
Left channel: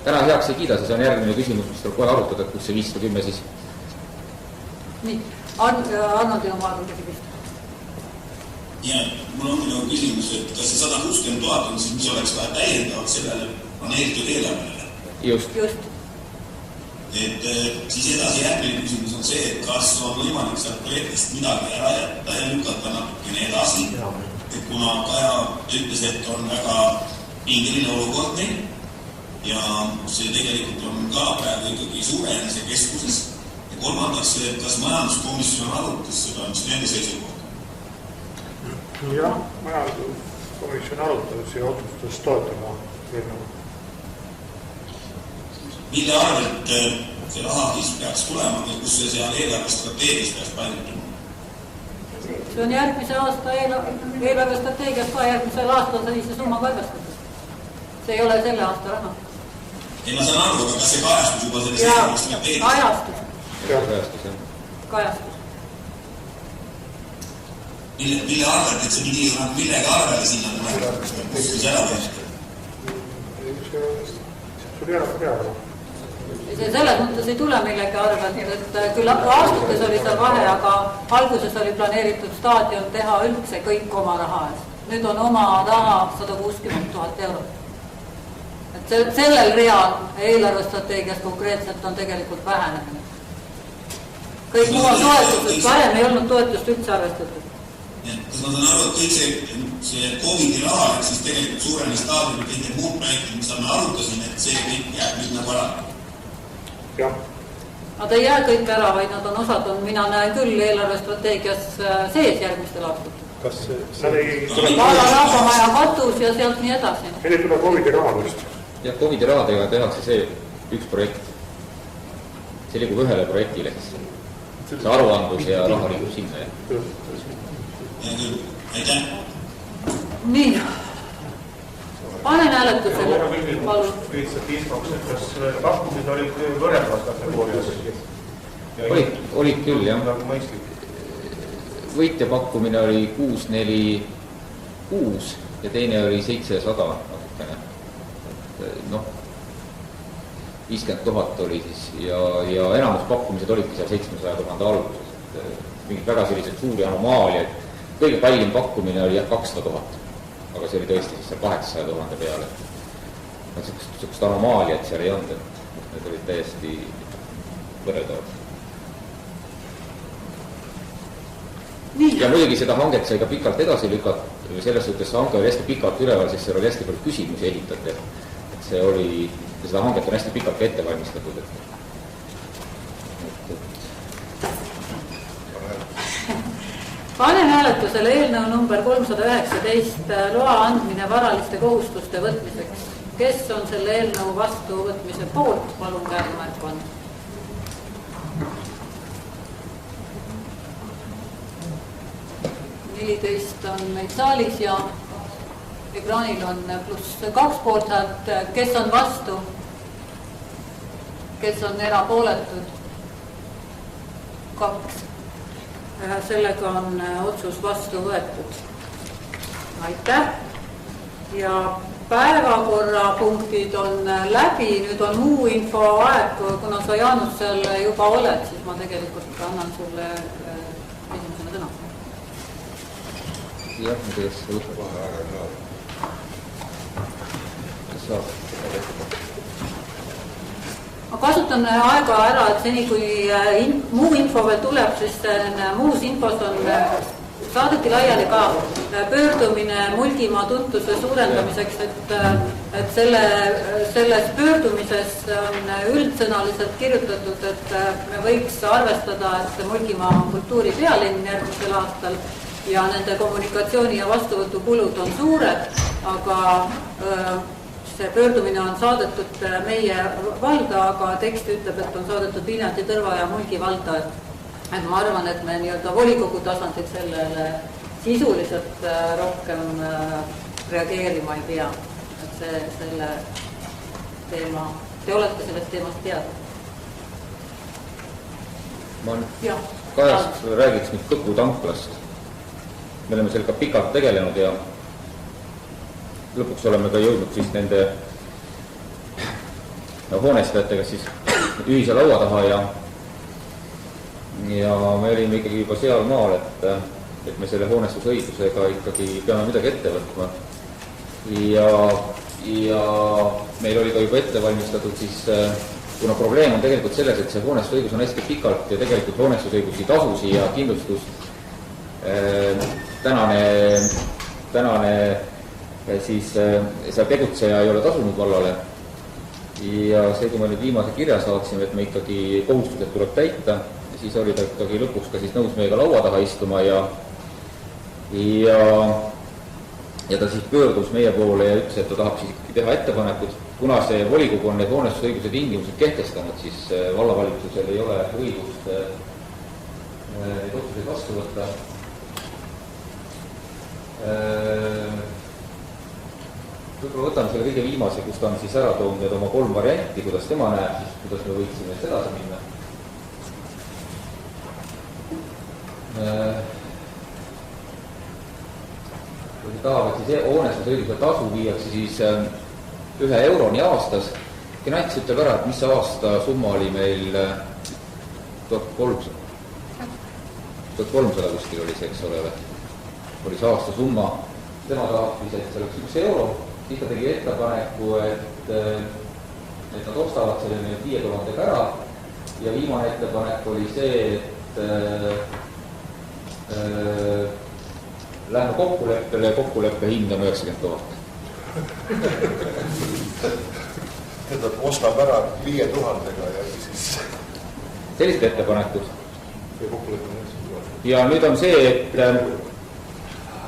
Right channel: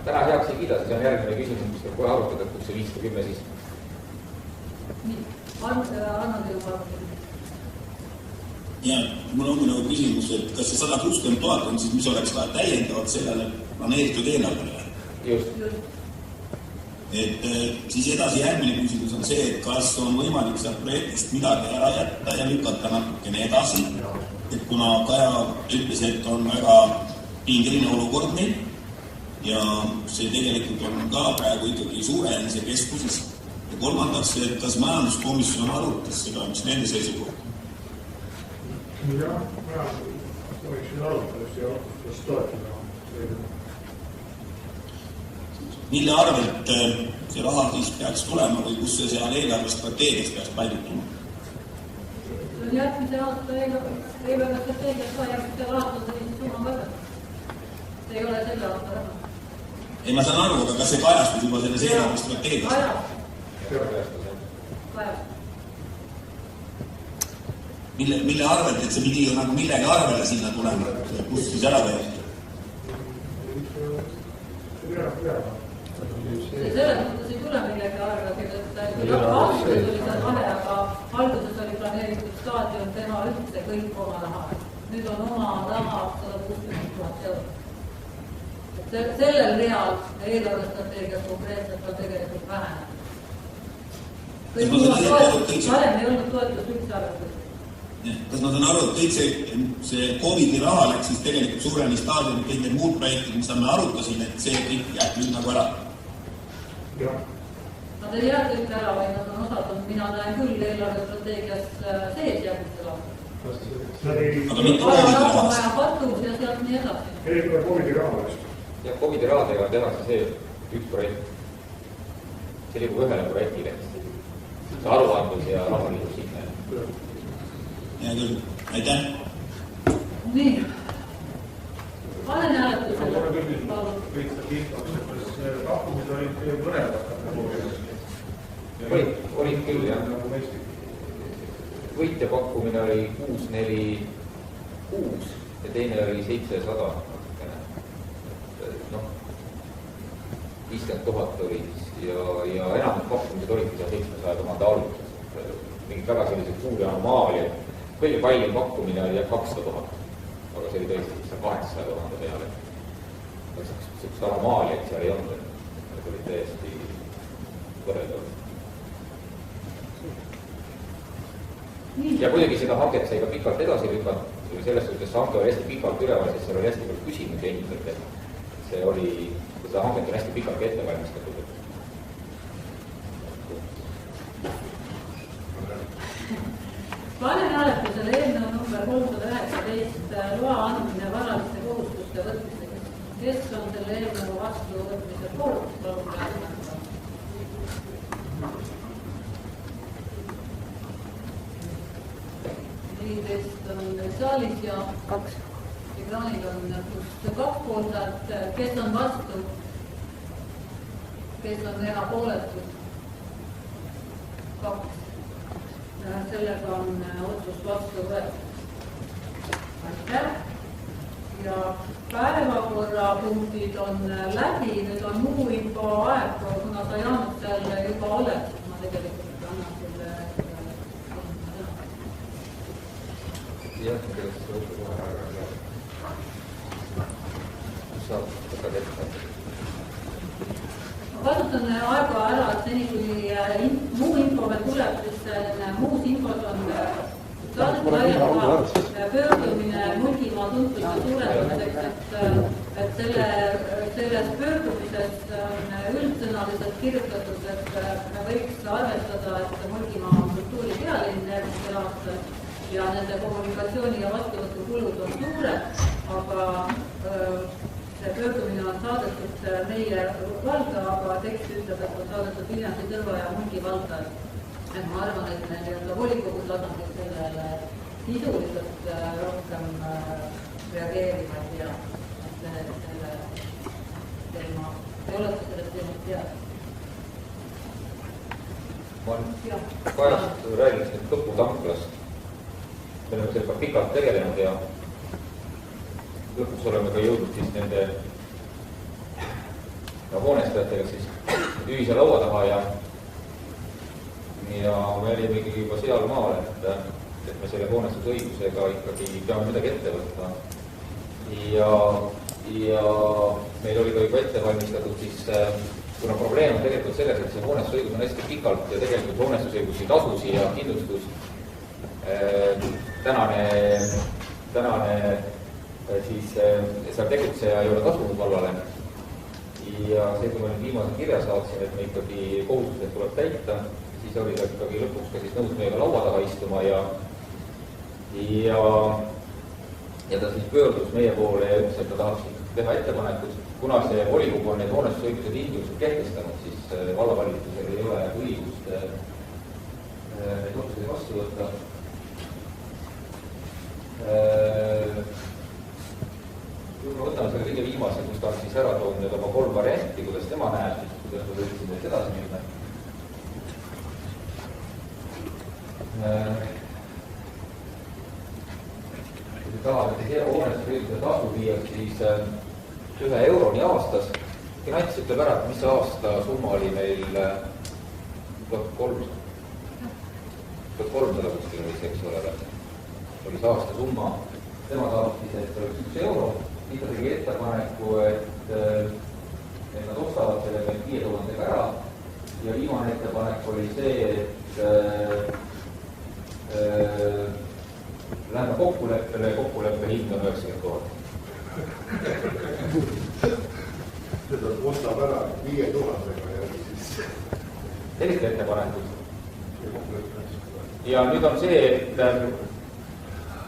täna heaks ei kiida, siis on järgmine küsimus, mis tuleb kohe arutada, kus see 510 siis. Nii, Arnold ja oma küsimus. Ja mul on nagu küsimus, et kas see 160 000 on siis, mis oleks ka täiendavalt sellele planeeritud eelarvele? Just. Et siis edasi järgmine küsimus on see, et kas on võimalik sealt projektist midagi ära jätta ja lükata natukene edasi. Et kuna Kaja ütles, et on väga pingeline olukord meil ja see tegelikult on ka praegu ikkagi Suure-Jaanise keskuses. Ja kolmandaks, et kas majanduskomisjon arutas seda, mis nende seisukohta? Jah, majanduskomisjon arutas ja otsustas toetada eelnõu. Mille arvelt see rahakis peaks tulema või kus see seal eelarvestrateegias peaks paigutuma? See on järgmise aasta eelarvestrateegias ka järgmisel aastal sellise summa arvestatud. See ei ole selle aasta raha. Ei, ma saan aru, aga kas see kajastus juba selles eelarvestrateegias? Kajastus. Mille arvelt, et see pidi ju nagu millegi arvele sinna tuleb, kus siis ära teeb? See selles mõttes ei tule millegi arvelt, et küll aastates oli seal vahe, aga alguses oli planeeritud staadion teha üldse kõik oma raha eest. Nüüd on oma raha 160 000 eurot. Et sellel real eelarvestrateegias konkreetselt on tegelikult vähenemine. Kõik muu on toetused, varem ei olnud toetust üldse arvestatud. Kas ma saan aru, et kõik see COVID-i raha, et siis tegelikult Suure-Jaani staadionil kõik need muud projektid, mis me arutasime, et see kõik jääb nüüd nagu ära? Jah. Nad ei jää kõik ära, vaid nad on osad, mina näen küll eelarvestrateegias sees järgmistel aastatel. Kas see oli... Rahvamaja katus ja sealt nii edasi. Meil ei tule COVID-i rahadest. Jah, COVID-i rahadega tehakse see üks projekt. See liigub ühele projektile. See aruandlus ja raha liigub sinna. Aitäh. Nii. Panen hääletusele. Kas pakkumised olid võrreldavas kategoorias? Olid küll, jah. Võitja pakkumine oli 646 ja teine oli 700 natukene. Noh, 50 000 oli siis ja enamus pakkumised olidki seal 700 000 alguses. Mingid väga sellised suuri anomaaliad. Kõige kallim pakkumine oli 200 000, aga see oli tõesti siis 800 000 peale. Sellist anomaaliat seal ei olnud, et need olid täiesti võrreldavad. Ja muidugi seda hanget sai ka pikalt edasi lükata, selles suhtes see hanke oli hästi pikalt üleval, sest seal oli hästi palju küsimusi ehitatud, et see oli, seda hanget on hästi pikalt ka ette valmistatud. Panen hääletusele hääletusele eelnõu number 319 loa andmine varaliste kohustuste võtmiseks. Kes on selle eelnõu vastuvõtmise poolt? Palun käega märku anda. 14 on meil saalis ja 2 ekraanil on pluss 2 poolthäält. Kes on vastu? Kes on erapooletud? 2. Sellega on otsus vastu võetud. Aitäh. Ja päevakorrapunktid on läbi, nüüd on muu info aeg, kuna sa Jaanus seal juba oled, siis ma tegelikult annan sulle esimesena sõna. Jah, ma teeks võtta kohe aega. Kas saab? Ma kasutan aega ära, et seni kui muu info veel tuleb, sest muus infos on saadeti laiali ka pöördumine Mulgimaa tuntuse suurendamiseks, et selles pöördumises on üldsõnaliselt kirjutatud, et me võiks arvestada, et Mulgimaa on kultuuripealinn järgmisel aastal ja nende kommunikatsiooni ja vastuvõtukulud on suured, aga see pöördumine on saadetud meie valda, aga tekst ütleb, et on saadetud Viljandi, Tõrva ja Mulgi valda. Et ma arvan, et me nii-öelda volikogu tasandil sellele sisuliselt rohkem reageerima ei pea. Et selle teema, te olete sellest teemast teada. Ma Kajast räägiks nüüd Kõpu tanklast. Me oleme sellega pikalt tegelenud ja lõpuks oleme ka jõudnud siis nende hoonestajatega siis ühise laua taha ja me olime ikkagi juba seal maal, et me selle hoonestusõigusega ikkagi peame midagi ette võtma. Ja meil oli ka juba ette valmistatud siis, kuna probleem on tegelikult selles, et see hoonestusõigus on hästi pikalt ja tegelikult hoonestusõigusi tasusi ja kindlustus tänane siis seal tegutseja ei ole tasunud vallale ja see, kui me nüüd viimase kirja saatsime, et me ikkagi kohustused tuleb täita, siis oli ta ikkagi lõpuks ka siis nõus meiega laua taha istuma ja ta siis pöördus meie poole ja ütles, et ta tahab siis ikkagi teha ettepanekud. Kuna see volikogu on need hoonestusõiguse tingimused kehtestanud, siis vallavalitsusel ei ole õigust neid otsuseid vastu võtta. Võib-olla võtame selle kõige viimase, kus ta on siis ära toonud need oma 3 varianti, kuidas tema näeb, kuidas me võiksime nüüd edasi minna. Kui tahavad, siis hoonestusõiguse tasu viiakse siis 1 euroni aastas. Finants ütleb ära, et mis aasta summa oli meil 1300 kuskil oli see, eks ole, oli see aasta summa. Tema tahab siis, et see oleks 1 euro. Siis ta tegi ettepaneku, et nad ostavad selle nüüd 5000 ära ja viimane ettepanek oli see, et lähme kokkuleppe hind on 90 000. Tähendab, ostab ära 5000-ega ja siis... Sellist ettepanekud. Ja nüüd on see, et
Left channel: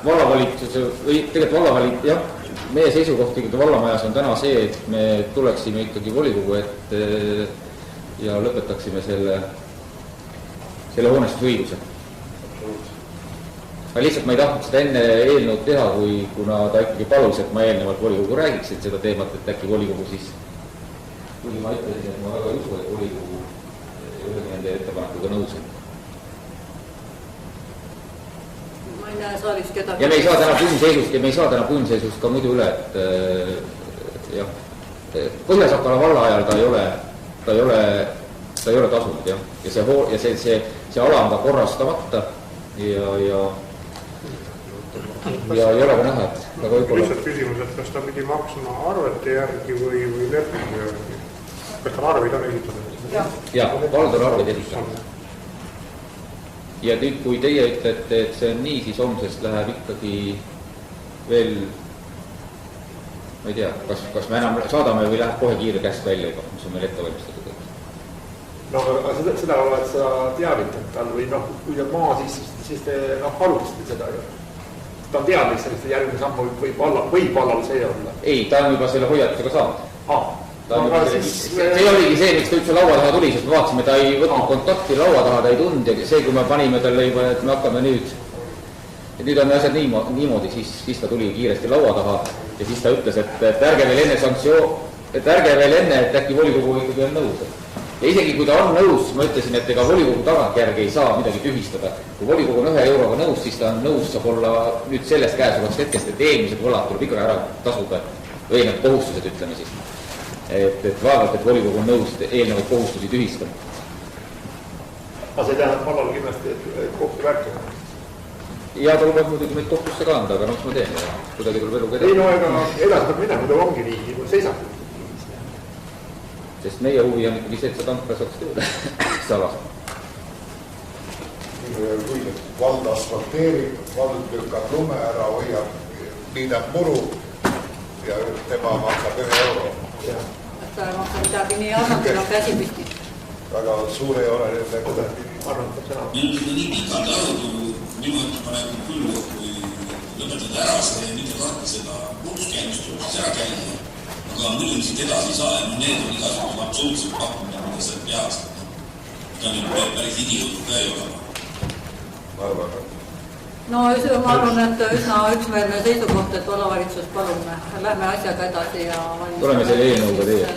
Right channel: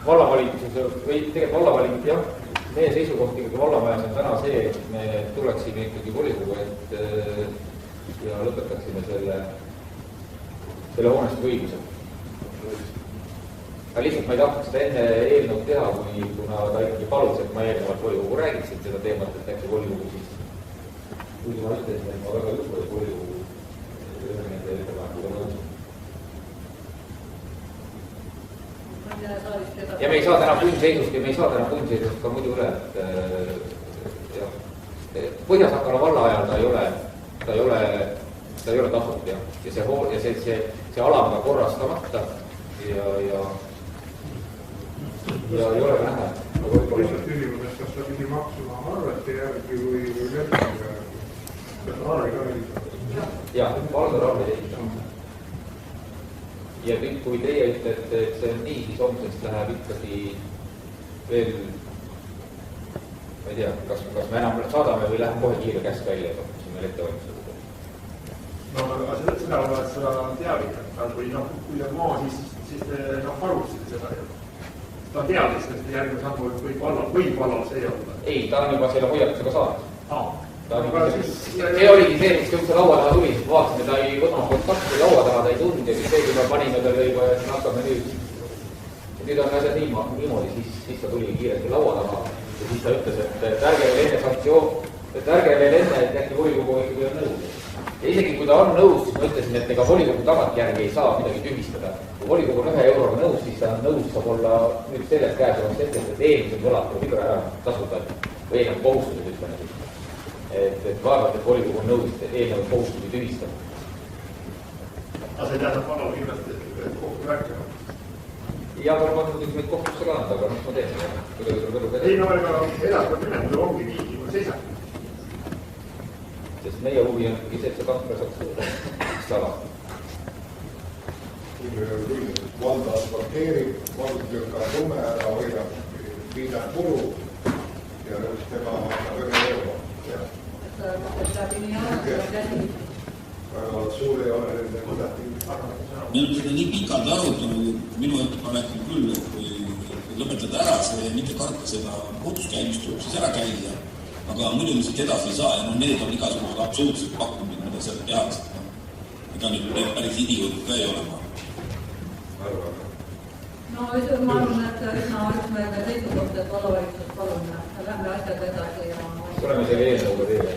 vallavalitsus või tegelikult vallavalitsus, jah, meie seisukohtiga vallamajas on täna see, et me tuleksime ikkagi volikogu ette ja lõpetaksime selle hoonestusõiguse. Aga lihtsalt ma ei tahtnud seda enne eelnõud teha, kuna ta ikkagi palus, et ma eelnevalt volikogu räägiksin seda teemat, et äkki volikogu siis, kui ma ütlesin, et ma väga ei usu, et volikogu nende ettepanekuga nõus on. Ma ei näe saalis kedagi. Ja me ei saa täna punnseisust ka muidu üle, et jah, Põhja-Sakala valla ajal ta ei ole tasunud, jah, ja see ala on ka korrastamata ja ei ole ka näha, et lihtsalt küsimus, et kas ta pidi maksma arvete järgi või lepingu järgi? Kas tal arvid on esitatud? Jah, vald on arvid esitatud. Ja nüüd, kui teie ütlete, et see on nii, siis homsest läheb ikkagi veel, ma ei tea, kas me enam saadame või läheb kohe kiire käsk välja juba, mis on meil ette valmistatud? No seda oled sa teavitanud tal või kui on maa, siis te alustasite seda ju. Ta teab lihtsalt, et järgmine samm võib vallal see olla. Ei, ta on juba selle hoiatusega saanud. See oligi see, miks ta üldse laua taha tuli, sest me vaatasime, ta ei võtnud kontakti laua taha, ta ei tundnud ja see, kui me panime talle juba, et me hakkame nüüd on asjad niimoodi, siis ta tuli kiiresti laua taha ja siis ta ütles, et ärge veel enne, et äkki volikogu ikkagi on nõus. Ja isegi kui ta on nõus, siis ma ütlesin, et ega volikogu tagantjärgi ei saa midagi tühistada. Kui volikogu on 1 euroga nõus, siis ta on nõus, saab olla nüüd sellest käesolevast hetkest, et eelmised võlad tuleb ikka ära tasuda või need kohustused, ütleme siis. Et vaevalt, et volikogu on nõus eelnevaid kohustusi tühistama. Aga see tähendab vallal kindlasti, et kohtu rääkida. Ja ta lubab muidugi meid kohtusse ka anda, aga ma teen. Kuidagi tuleb eluga teha. Ei no, ega edastab minema, ta ongi nii, kui seisab. Sest meie huvi on ikkagi see, et see tankla saaks tõuda. Salas. Vald asfalteerib, vald lükkab lume ära, hoiab, liidab muru ja tema maksab 1 euro. Ta midagi nii annab käsi püsti. Väga suur ei ole nüüd nagu nii pikalt arutu, minu ettepanek küll, et kui lõpetada ära, see mitte karta seda muuduskäimist, tuleb siis ära käia. Aga muidugi siit edasi ei saa ja need on igasugused absoluutselt pakkumine, mida seal tehakse. Ta nüüd päris idioot ka ei ole. No ma arvan, et üsna üksmeelne seisukoht, et vallavalitsus palume. Lähme asjaga edasi ja tuleme selle eelnõuga teie.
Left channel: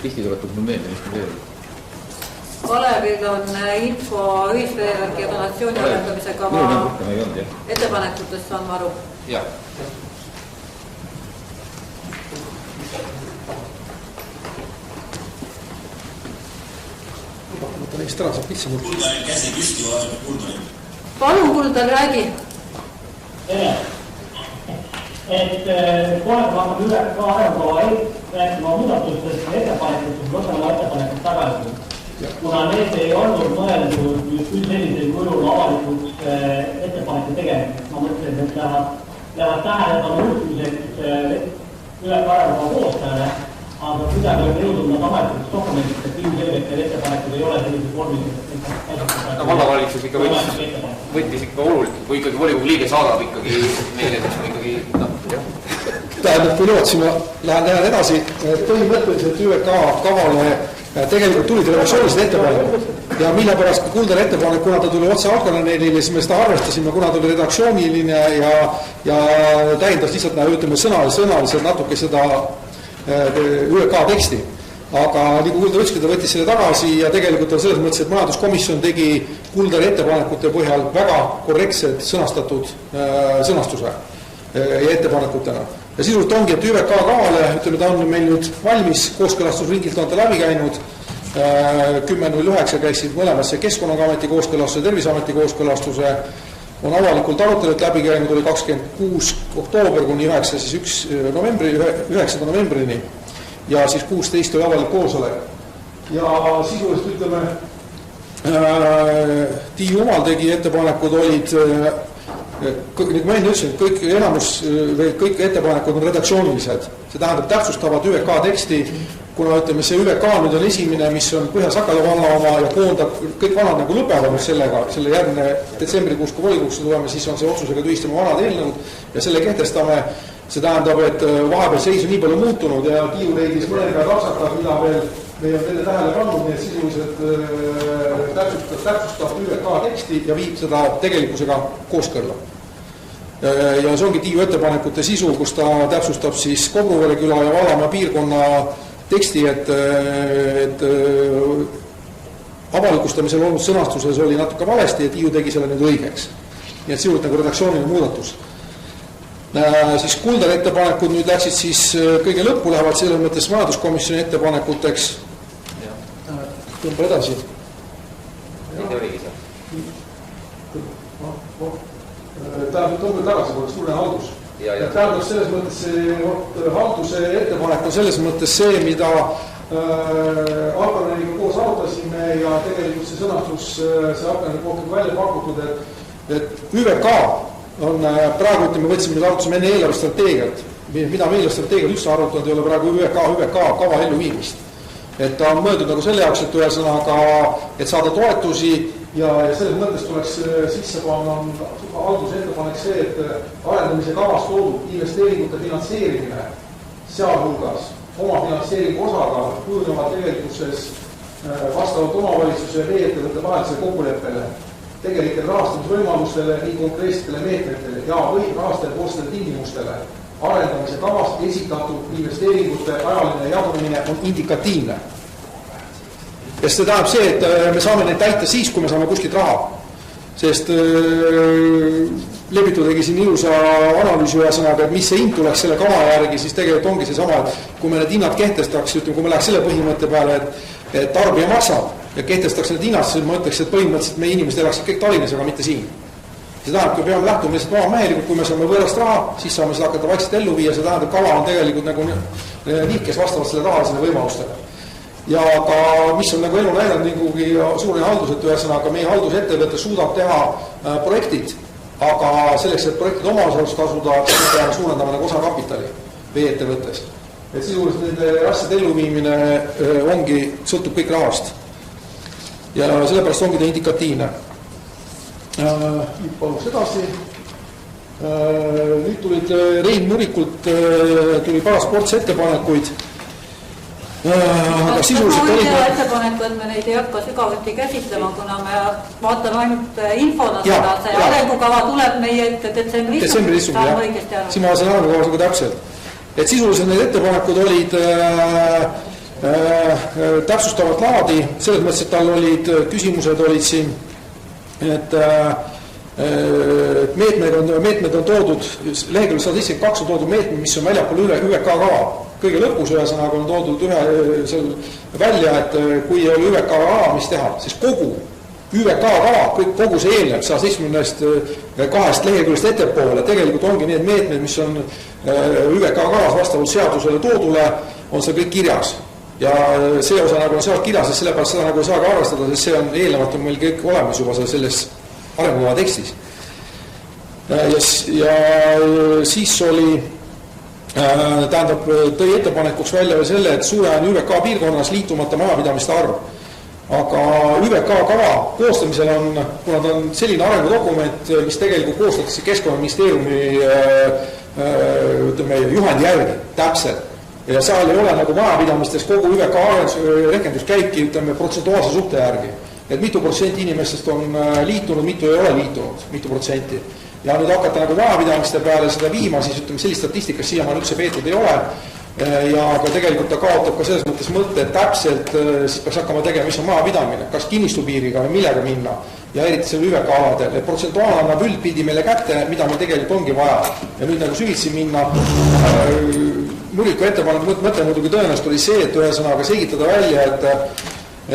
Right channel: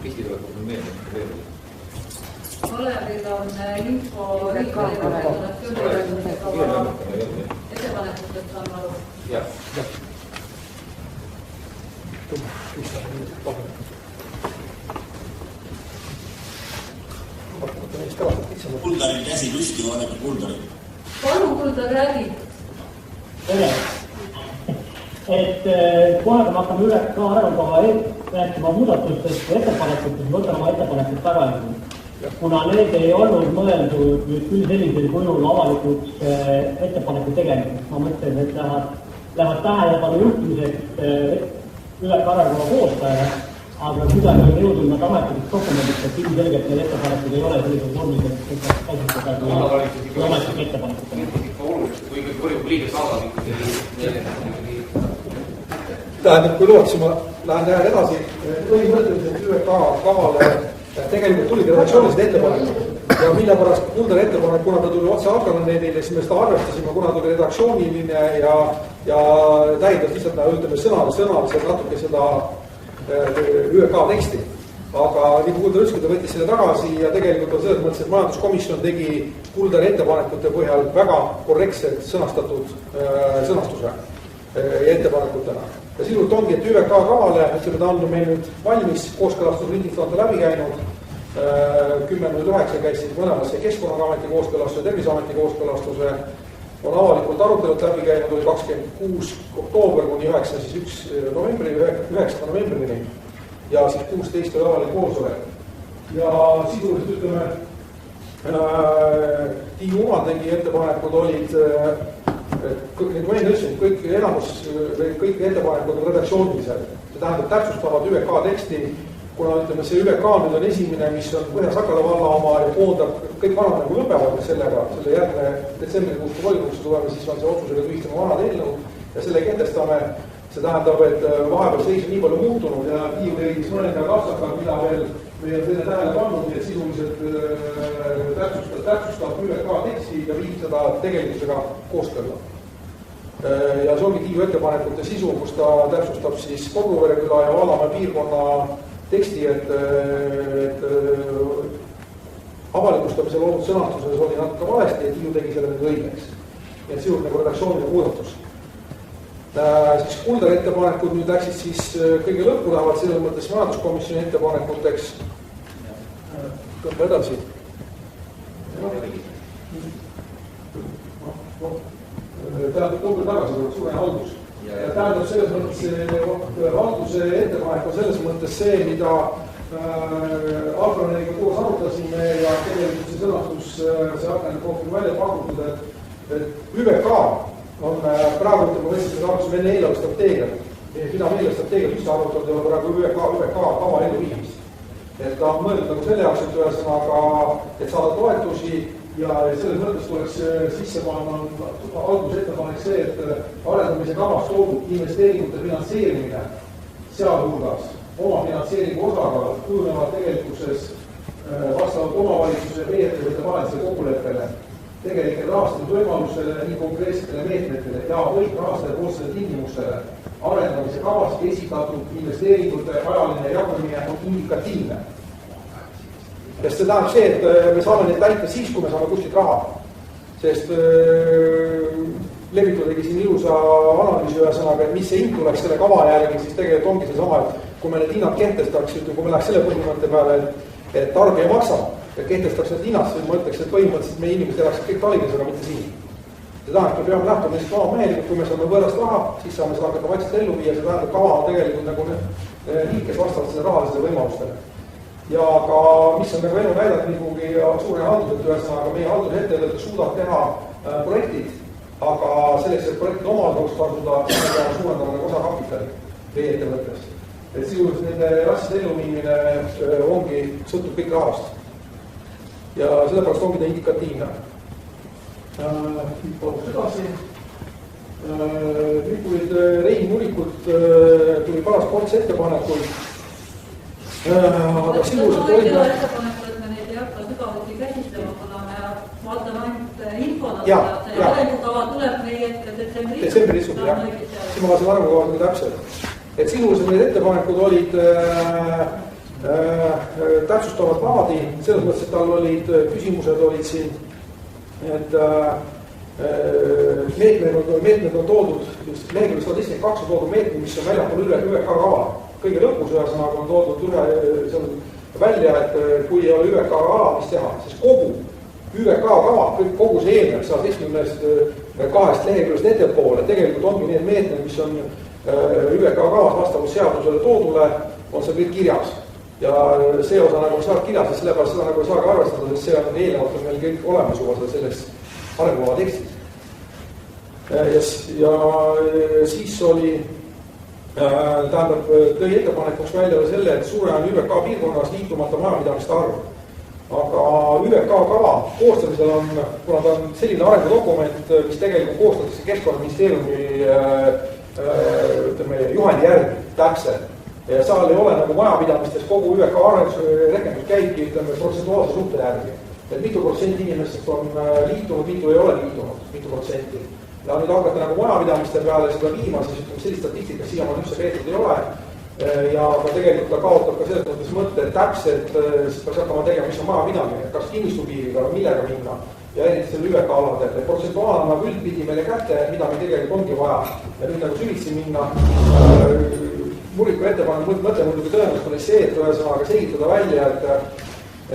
Pisti tuletab mul meelde, mis me teeme. Kalevil on info ühisveegeneratsiooni arveldamise kava ettepanekutest saan ma aru. Jah. Kuldari käsi püsti vaadata Kuldari. Palun Kuldar, räägi. Et kohe me hakkame üle ka arengukava rääkima muudatustest ja ettepanekutest, võtame ettepanekud tagasi. Kuna need ei olnud mõeldud küll sellisel kujul avalikuks ettepaneku tegemiseks. Ma mõtlen, et lähevad tähelepanu juhtimiseks üle ka arengukava koostajale, aga kuidagi on jõudnud nad avalikuks dokumendist, et ilmselgelt need ettepanekud ei ole sellised vormilised. Vallavalitsus ikka võttis ikka oluliselt, kui ikkagi volikogu liige saadab ikkagi meile, mis me ikkagi tähendab, kui lootsime, lähen edasi, põhimõtteliselt ÜVK kavale tegelikult tulid redaktsioonilised ettepanekud ja mille pärast ka Kuldari ettepanek, kuna ta tuli otse alganeelile, siis me seda arvestasime, kuna tuli redaktsiooniline ja täiendas lihtsalt, ütleme, sõnaliselt natuke seda ÜVK teksti. Aga nii kui Kuldar ütleski, ta võttis selle tagasi ja tegelikult on selles mõttes, et majanduskomisjon tegi Kuldari ettepanekute põhjal väga korrektselt sõnastatud sõnastuse ja ettepanekutena. Ja sisuliselt ongi, et ÜVK kavale, ütleme, ta on meil nüüd valmis, kooskõlastusringilt on ta läbi käinud, 10.09 käisid mõlemasse Keskkonnaameti kooskõlastuse, Terviseameti kooskõlastuse, on avalikult arutelud läbi käinud, oli 26. oktoober kuni 9. novembrini ja siis 16 oli avalik koosolek. Ja sisuliselt ütleme, Tiiu Umal tegi ettepanekud olid nagu ma enne ütlesin, kõik ettepanekud on redaktsioonilised. See tähendab täpsustavad ÜVK teksti, kuna ütleme, see ÜVK nüüd on esimene, mis on Põhja-Sakala valla oma ja koondab, kõik vanad nagu lõpevad sellega, selle järgne detsembrikuus, kui volikogusse tuleme, siis on see otsusega tühistame vanad eelnõud ja selle kehtestame. See tähendab, et vahepeal seis on nii palju muutunud ja Tiiu leidis mõnega rapsakad, mida veel on teile tähele pannud, nii et sisuliselt täpsustab ÜVK teksti ja viib seda tegelikkusega kooskõlla. Ja see ongi Tiiu ettepanekute sisu, kus ta täpsustab siis Koguvere küla ja Valamäe piirkonna teksti, et avalikustamisel olnud sõnastuses oli natuke valesti ja Tiiu tegi selle nüüd õigeks. Nii et sisuliselt nagu redaktsiooniline muudatus. Siis Kuldari ettepanekud nüüd läksid siis kõige lõppu, lähevad selles mõttes majanduskomisjoni ettepanekuteks. Tõmba edasi. Tähendab, tõmba tagasi, kui oleks suurene haldus. Tähendab, selles mõttes see halduse ettepanek on selles mõttes see, mida Alkaneniga koos arutasime ja tegelikult see sõnastus, see Alkaneni kohta välja pakutud, et ÜVK on praegu, ütleme, võtsime nüüd arutusime enne eelarvestrateegiat, mida me eelarvestrateegiat üldse arutanud ei ole praegu ÜVK kava ellu viimist. et ta on mõeldud nagu selle jaoks, et ühesõnaga, et saada toetusi ja selles mõttes tuleks sisse panna halduse ettepanek see, et arendamise kavas toodud investeeringute finantseerimine, sealhulgas omafinantseeringu osakaal kujunevad tegelikkuses vastavalt omavalitsuse ja ettevõtte vahelisele kokkuleppele, tegelikele rahastamisvõimalustele, nii konkreetsetele meetmetele ja või rahastajapoolsetele tingimustele. Arendamise kavas esitatud investeeringute ajaline jagunemine on indikatiivne. Ja see tähendab see, et me saame neid täita siis, kui me saame kuskilt raha. Sest Levitu tegi siin ilusa analüüsi ühesõnaga, et mis see hind tuleks selle kava järgi, siis tegelikult ongi see sama, et kui me need hinnad kehtestaks, kui me läheks selle põhimõtte peale, et tarbija maksab ja kehtestaks need hinnad, siis ma ütleks, et põhimõtteliselt meie inimesed elaksid kõik Tallinnas, aga mitte siin. See tähendab, kui peame lähtuma lihtsalt maamehelikult, kui me saame võõrast raha, siis saame seda hakata vaikselt ellu viia, see tähendab, kava on tegelikult nagu liikes vastavalt selle rahalisele võimalustele. Ja ka, mis on nagu elu näidanud niikugi suure haldus, et ühesõnaga meie haldusettevõte suudab teha projektid, aga selleks, et projektid omaosalust tasuda, peame suurendama nagu osakapitali vee-ettevõttes. Et sisuliselt nende asjade elluviimine ongi, sõltub kõik rahast. Ja sellepärast ongi ta indikatiivne. Paluks edasi. Nüüd tulid Rein Murikult tuli paar sportsettepanekuid. Aga sisuliselt oli ettepaneku, et me neid ei hakka sügavuti käsitlema, kuna me vaatame ainult infona seda, see arengukava tuleb meie ette detsembri istungil, saame õigesti aru. Siin ma olen arengukavas nagu täpselt. Et sisuliselt need ettepanekud olid täpsustavat laadi, selles mõttes, et tal olid küsimused olid siin, et meetmed on toodud, lehekülg 172 on toodud meetmed, mis on väljapool ÜVK kava. Kõige lõpus ühesõnaga on toodud seal välja, et kui ei ole ÜVK kava, mis teha, siis kogu ÜVK kava, kogu see eelnev 172 leheküljest ettepoole, tegelikult ongi need meetmed, mis on ÜVK kavas vastavalt seadusele toodule, on see kõik kirjas. Ja see osa nagu on seal kirjas, sest sellepärast seda nagu ei saagi arvestada, sest see on eelnevalt on meil kõik olemas juba selles arengukava tekstis. Ja siis oli tähendab, tõi ettepanekuks välja või selle, et suure on ÜVK piirkonnas liitumata majapidamiste arv. Aga ÜVK kava koostamisel on, kuna ta on selline arengudokument, mis tegelikult koostatakse Keskkonnaministeeriumi juhendi järgi täpselt. Ja seal ei ole nagu majapidamistes kogu ÜVK rehkenduskäiki protsentuaalse suhte järgi. Et mitu protsenti inimestest on liitunud, mitu ei ole liitunud, mitu protsenti. Ja nüüd hakata nagu majapidamiste peale seda viima, siis sellist statistikas siiamaani üldse peetud ei ole. Ja ka tegelikult ta kaotab ka selles mõttes mõtte, et täpselt siis peaks hakkama tegema, mis on majapidamine, kas kinnistupiiriga või millega minna. Ja eriti selle ÜVK aladel, et protsentuaal annab üldpildi meile kätte, mida meil tegelikult ongi vaja. Ja nüüd nagu süvitsi minna, Muriku ettepanek mõte muidugi tõenäoliselt oli see, et ühesõnaga selgitada välja,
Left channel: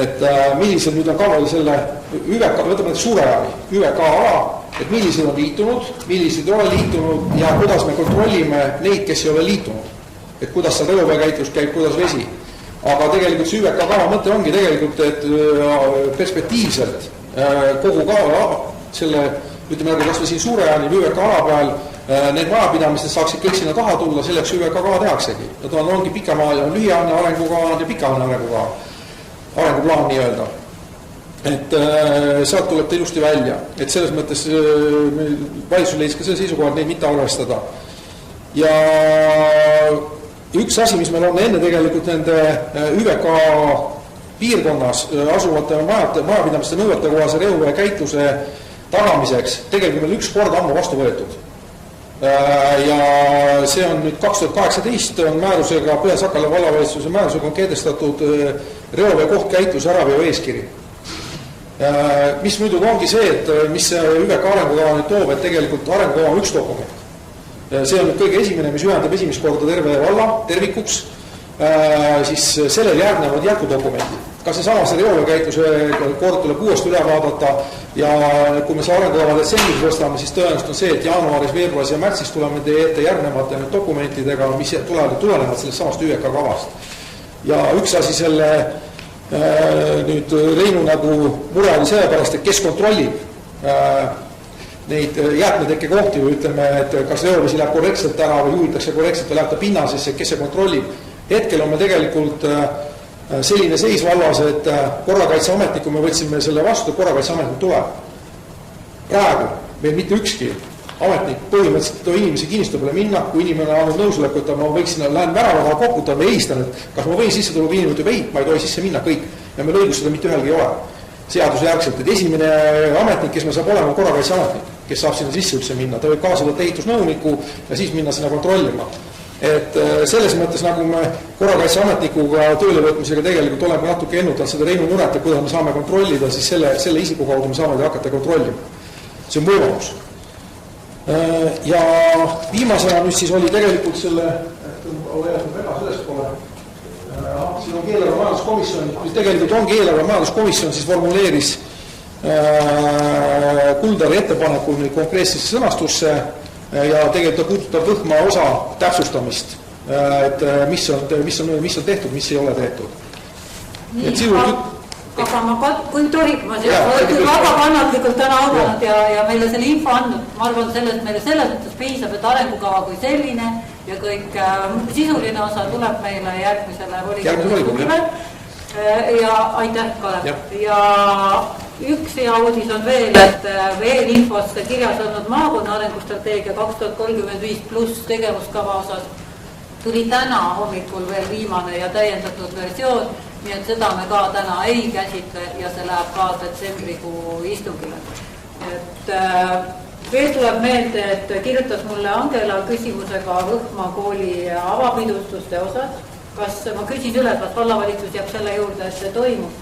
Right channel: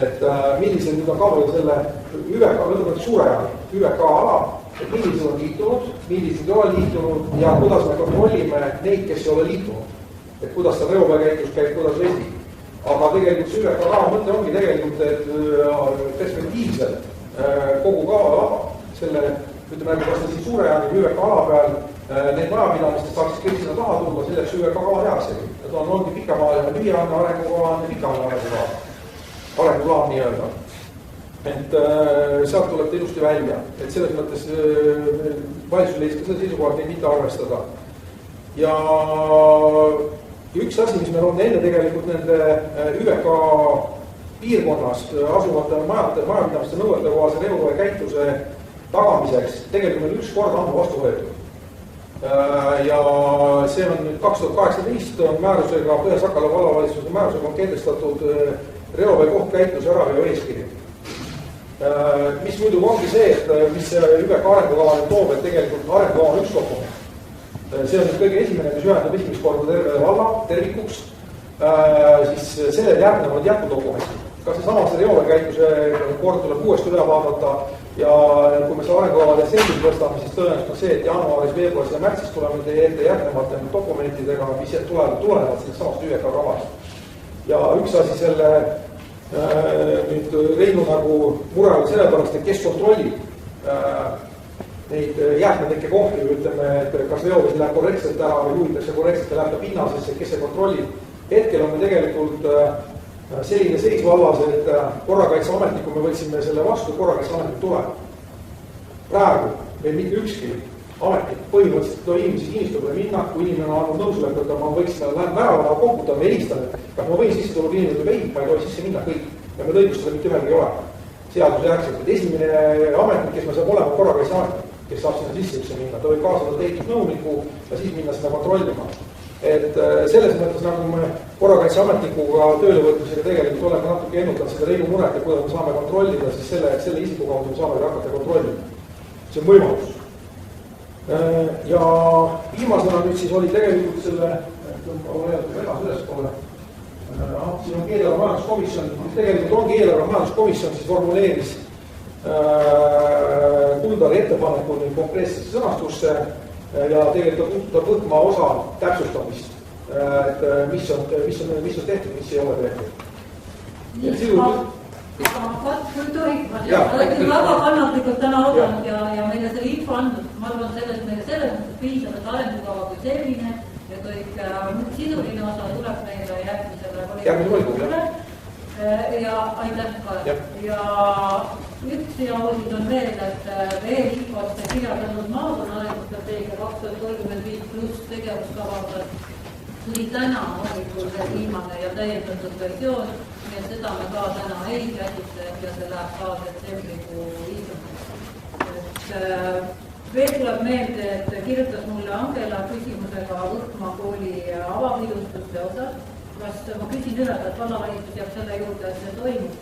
et millised nüüd on kavale selle ÜVK, võtame nüüd suurajani, ÜVK ala, et millised on liitunud, millised ei ole liitunud ja kuidas me kontrollime neid, kes ei ole liitunud. Et kuidas see reoveekäitlus käib, kuidas vesi. Aga tegelikult see ÜVK kava mõte ongi tegelikult, et perspektiivselt kogu kava selle, ütleme nagu kas või siin suurejani või ÜVK ala peal, need majapidamised saaksid kõik sinna taha tulla, selleks ÜVK kava tehaksegi. Nad ongi pikemaajaline, lühiajaline arengukava ja pikaajaline arengukava. Arenguplaan nii öelda. Et sealt tuleb ta ilusti välja. Et selles mõttes valitsus leidis ka selle seisukoha, et neid mitte arvestada. Ja üks asi, mis meil on enne tegelikult nende ÜVK piirkonnas asuvate majapidamiste nõuete kohase reovee käitluse tagamiseks tegelikult meil üks kord ammu vastu võetud. Ja see on nüüd 2018 on määrusega, Põhja-Sakala vallavalitsuse määrusega on kehtestatud reovee kohtkäitluse äraveo eeskiri. Mis muidugi ongi see, et mis ÜVK arengukava toob, et tegelikult arengukava on üks dokument. See on nüüd kõige esimene, mis ühendab esimest korda terve valla tervikuks, siis sellel järgnevad jätkudokumendid. Ka seesama see reoveekäitluse kord tuleb uuesti üle vaadata ja kui me see arengukava detsembris võstame, siis tõenäoliselt on see, et jaanuaris, veebruaris ja märtsis tuleme teie ette järgnevate dokumentidega, mis tulevad sellest samast ÜVK kavast. Ja üks asi selle nüüd Reinu nagu mure oli sellepärast, et kes kontrollib neid jäätmetekke kohti või ütleme, et kas reovesi läheb korrektselt ära või juhitakse korrektselt või läheb ta pinnasesse, kes see kontrollib. Hetkel on me tegelikult selline seis vallas, et korrakaitseametniku me võtsime selle vastu, korrakaitseametnik tuleb. Praegu meil mitte ükski ametnik põhimõtteliselt inimesi kinnistu peale minna, kui inimene on andnud nõusoleku, et ma võiksin, lähen värava taha koputada, ma helistan, et kas ma võin sisse tulla, või inimene ütleb ei, ma ei tohi sisse minna, kõik. Ja meil õigus seda mitte ühelgi ei ole. Seaduse järgselt, et esimene ametnik, kes me saab olema korrakaitseametnik, kes saab sinna sisse üldse minna, ta võib kaasa võtta ehitusnõuniku ja siis minna sinna kontrollima. Et selles mõttes, nagu me korrakaitseametnikuga tööle võtmisega tegelikult oleme natuke ennutanud seda Reinu muret, et kuidas me saame kontrollida, siis selle isiku kaudu me saame hakata kontrollima. See on võimalus. Ja viimasena nüüd siis oli tegelikult selle, selles pole, siin on eelarve majanduskomisjon, tegelikult ongi eelarve majanduskomisjon siis formuleeris Kuldari ettepanekul konkreetsesse sõnastusse ja tegelikult puudutab võhma osa täpsustamist, et mis on tehtud, mis ei ole tehtud. Aga ma kui tohib, ma küll väga kannatlikult täna audanud ja meile selle info andnud, ma arvan, sellest meile selles mõttes piisab, et arengukava kui selline ja kõik sisuline osa tuleb meile järgmisele volikogule. Ja aitäh, Kalev. Ja üks hea uudis on veel, et veel infos kirjas olnud maakonna arengustrateegia 2035 pluss tegevuskava osas tuli täna hommikul veel viimane ja täiendatud versioon, nii et seda me ka täna ei käsitle ja see läheb ka detsembrikuu istungile. Et veel tuleb meelde, et kirjutas mulle Angela küsimusega Võhma kooli avapidustuste osas. Kas ma küsin üle, kas vallavalitsus jääb selle juurde, et see toimub?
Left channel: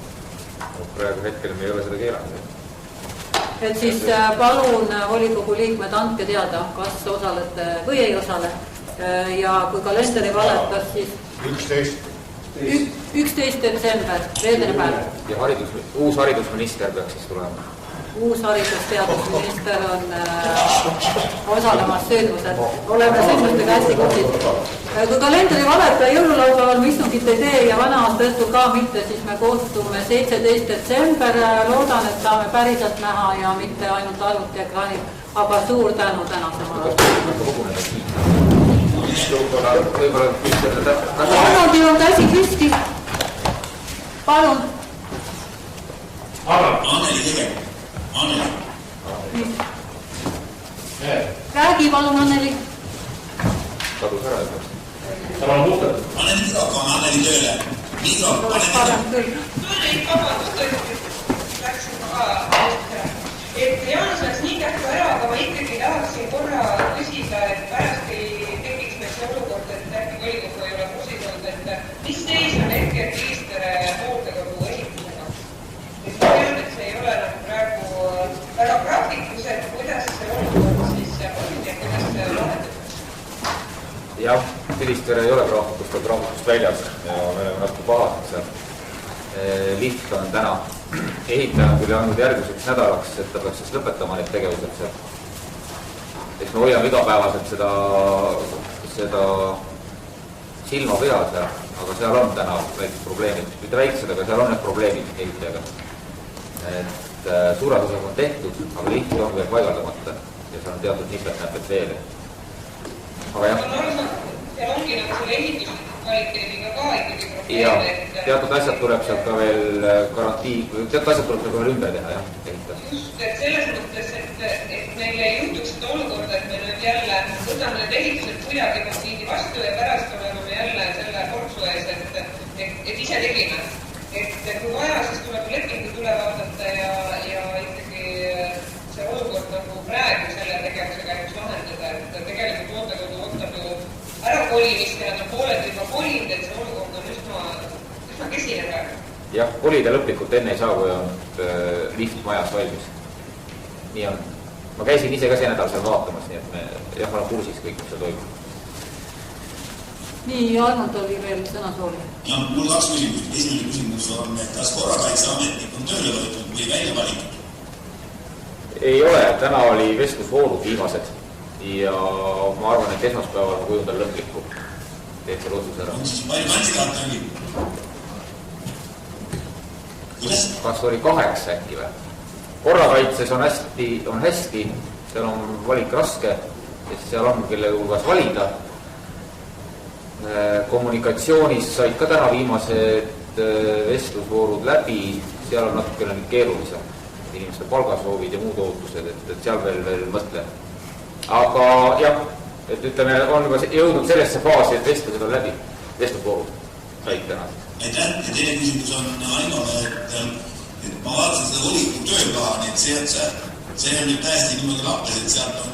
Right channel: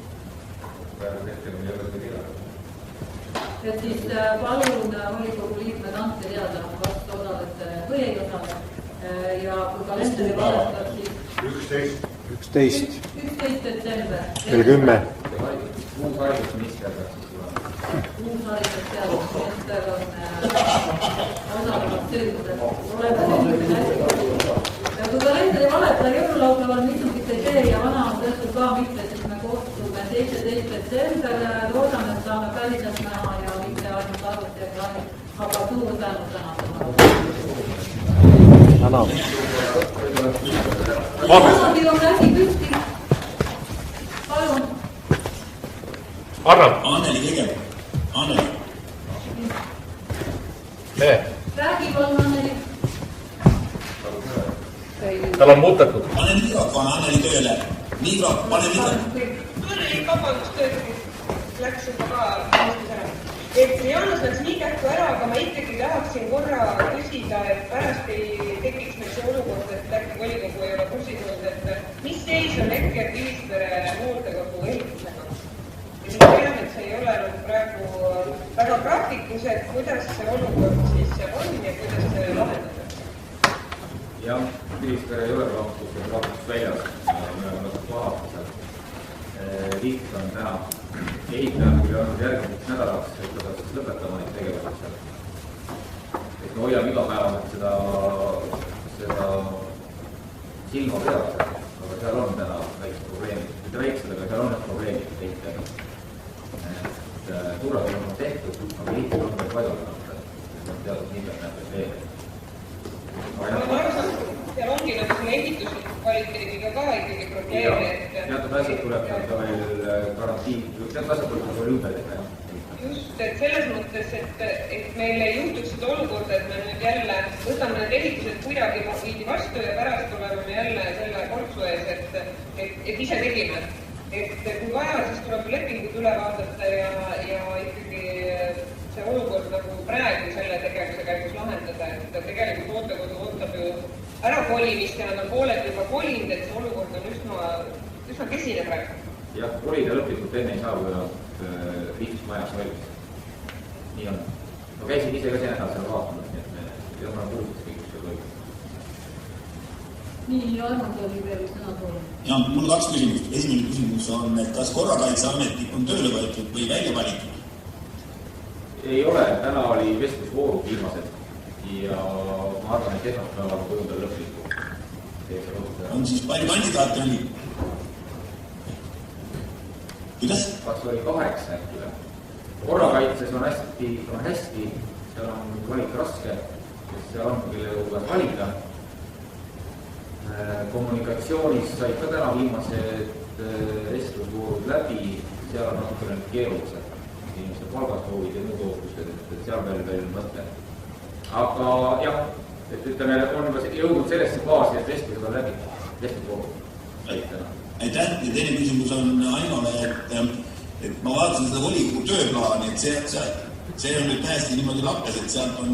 Praegu hetkel me ei ole seda keelanud. Et siis palun volikogu liikmed andke teada, kas osalete või ei osale. Ja kui kalenderi valetas, siis 11 detsember, reedepäev. Ja uus haridusminister peaks siis tulema. Uus haridusteadusminister on osalemas sündmused. Oleme sündmustega hästi kursis. Kui kalenderi valeta jõululaupäeval me istungit ei tee ja vana aasta õhtul ka mitte, siis me kohtume 17 detsember. Loodan, et saame päriselt näha ja mitte ainult arvutiekraanil. Aga suur tänu tänasema. Teil on käsi püsti. Palun. Anneli. Räägi palun, Anneli. Tal on muutetud. Pane Anneli tööle. Vabandust, läks juba ka. Et Jaanus läks nii kähku ära, aga ma ikkagi tahaksin korra küsida, et pärast ei tekiks meil see olukord, et äkki volikogu ei ole kursis olnud, et mis seis on hetkel Kilistere hooldekodu ehitusega. Ja ma tean, et see ei ole praegu väga praktikus, et kuidas see olukord siis on ja kuidas see lahendatakse. Jah, Kilistere ei ole graafikust väljas ja me oleme natuke pahad seal. Liht on täna ehitaja tuli andnud järgmiseks nädalaks, et ta peaks siis lõpetama neid tegevused seal. Eks me hoiame igapäevaselt seda silma peal seal, aga seal on täna väiksed probleemid. Mitte väiksed, aga seal on need probleemid ehitajaga. Et suured osad on tehtud, aga liht on veel paigaldamata ja seal on teatud nipet-näpet veel. Aga jah. Seal ongi nagu selle ehitusliku kvaliteediga ka ikkagi probleem. Ja teatud asjad tuleb sealt ka veel teatud asjad tuleb veel ümber teha, jah. Just, et selles mõttes, et meil ei juhtuks seda olukorda, et me nüüd jälle võtame need ehitused kuidagi maksiini vastu ja pärast oleme me jälle selle portsu ees, et ise tegime. Et kui vaja, siis tuleb lepingud üle vaadata ja ikkagi see olukord nagu praegu selle tegevuse käigus lahendada, et tegelikult hooldekodu ootab ju ärakolimist ja nad on pooled juba kolinud, et see olukord on üsna kesine praegu. Jah, kolida lõplikult enne ei saa, kui on lift majas valmis. Nii on. Ma käisin ise ka see nädal seal vaatamas, nii et ma olen kursis kõik, mis seal toimub. Nii, Arnold oli veel sõnasooli. Ja, mul 2 küsimust. Esimene küsimus on, et kas korrakaitseametnik on tööle võetud või välja valitud? Ei ole, täna oli vestlusvoolud viimased ja ma arvan, et esmaspäeval on kujundal lõplikku. Teed selle otsuse ära. On siis palju kandidaate oli? Kas oli 8 äkki või? Korrakaitses on hästi, seal on valik raske, kes seal on, kelle hulgas valida. Kommunikatsioonis said ka täna viimased vestlusvoorud läbi, seal on natukene keerulisem. Inimeste palgasoovid ja muud ootused, et seal veel mõtle. Aga jah, et ütleme, on jõudnud sellesse faasi, et vestlused on läbi, vestlusvoorud. Täna. Aitäh, ja teine küsimus on Aimale, et ma vaatasin seda volikogu tööplaani, et see on nüüd täiesti niimoodi lappes, et sealt on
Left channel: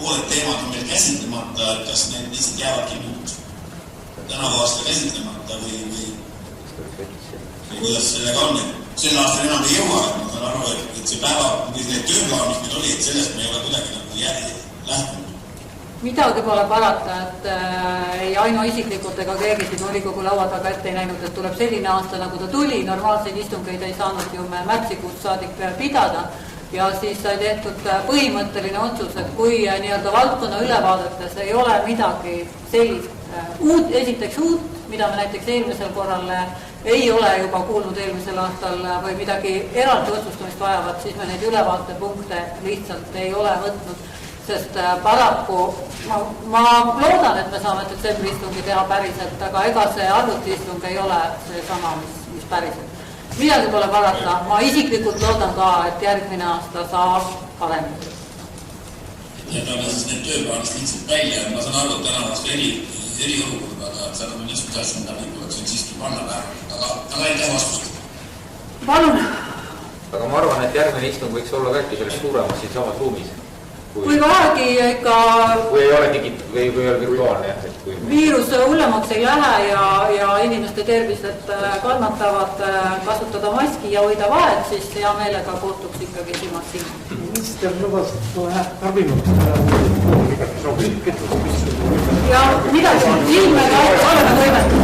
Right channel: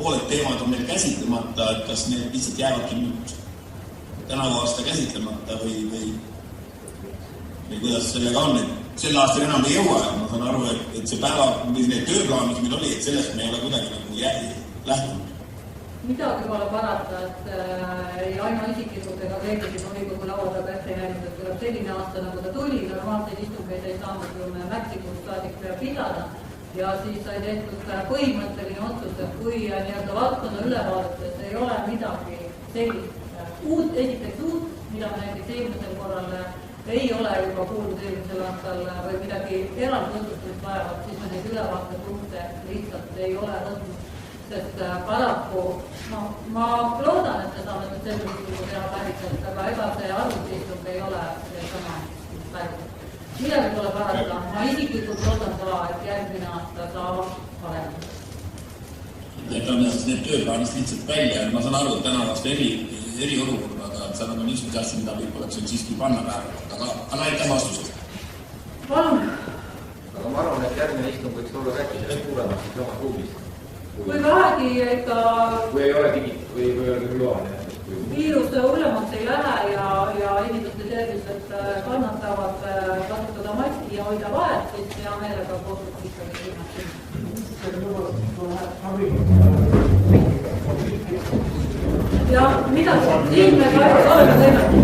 pooled teemad on meil käsitlemata, et kas need lihtsalt jäävadki nüüd tänavu aasta käsitlemata või kuidas sellega on, et sel aastal enam ei jõua, et ma saan aru, et see päeva, mis need tööplaan, mis meil oli, et sellest me ei ole kuidagi nagu lähtunud. Midagi pole parata, et ei Aino isiklikult ega keegi siin volikogu laua taga ette ei näinud, et tuleb selline aasta, nagu ta tuli, normaalseid istungeid ei saanud ju me märtsikuust saadik pidada ja siis sai tehtud põhimõtteline otsus, et kui nii-öelda valdkonna ülevaadetes ei ole midagi sellist esiteks uut, mida me näiteks eelmisel korral ei ole juba kuulnud eelmisel aastal või midagi eraldi otsustamist vajavat, siis me neid ülevaatepunkte lihtsalt ei ole võtnud. Sest paraku ma loodan, et me saame detsembri istungi teha päriselt, aga ega see arvutiistung ei ole see sama, mis päriselt. Midagi pole parata, ma isiklikult loodan ka, et järgmine aasta saab paremini. Jätame siis need tööplaanist lihtsalt välja, et ma saan aru, et täna vastu eriolukord, aga sa nagu lihtsalt asjad, mida meil tuleks siiski panna päeva. Aga aitäh vastused. Palun. Aga ma arvan, et järgmine istung võiks olla ka selles suuremas siin samas ruumis. Kui vähegi ikka kui ei ole virtuaalne, viirus hullemaks ei lähe ja inimeste tervised kannatavad kasutada maski ja hoida vahet, siis hea meelega kohtuks ikkagi silmast silma. Minister lubasid kohe abinud. Ja midagi silmega oleme võimetud.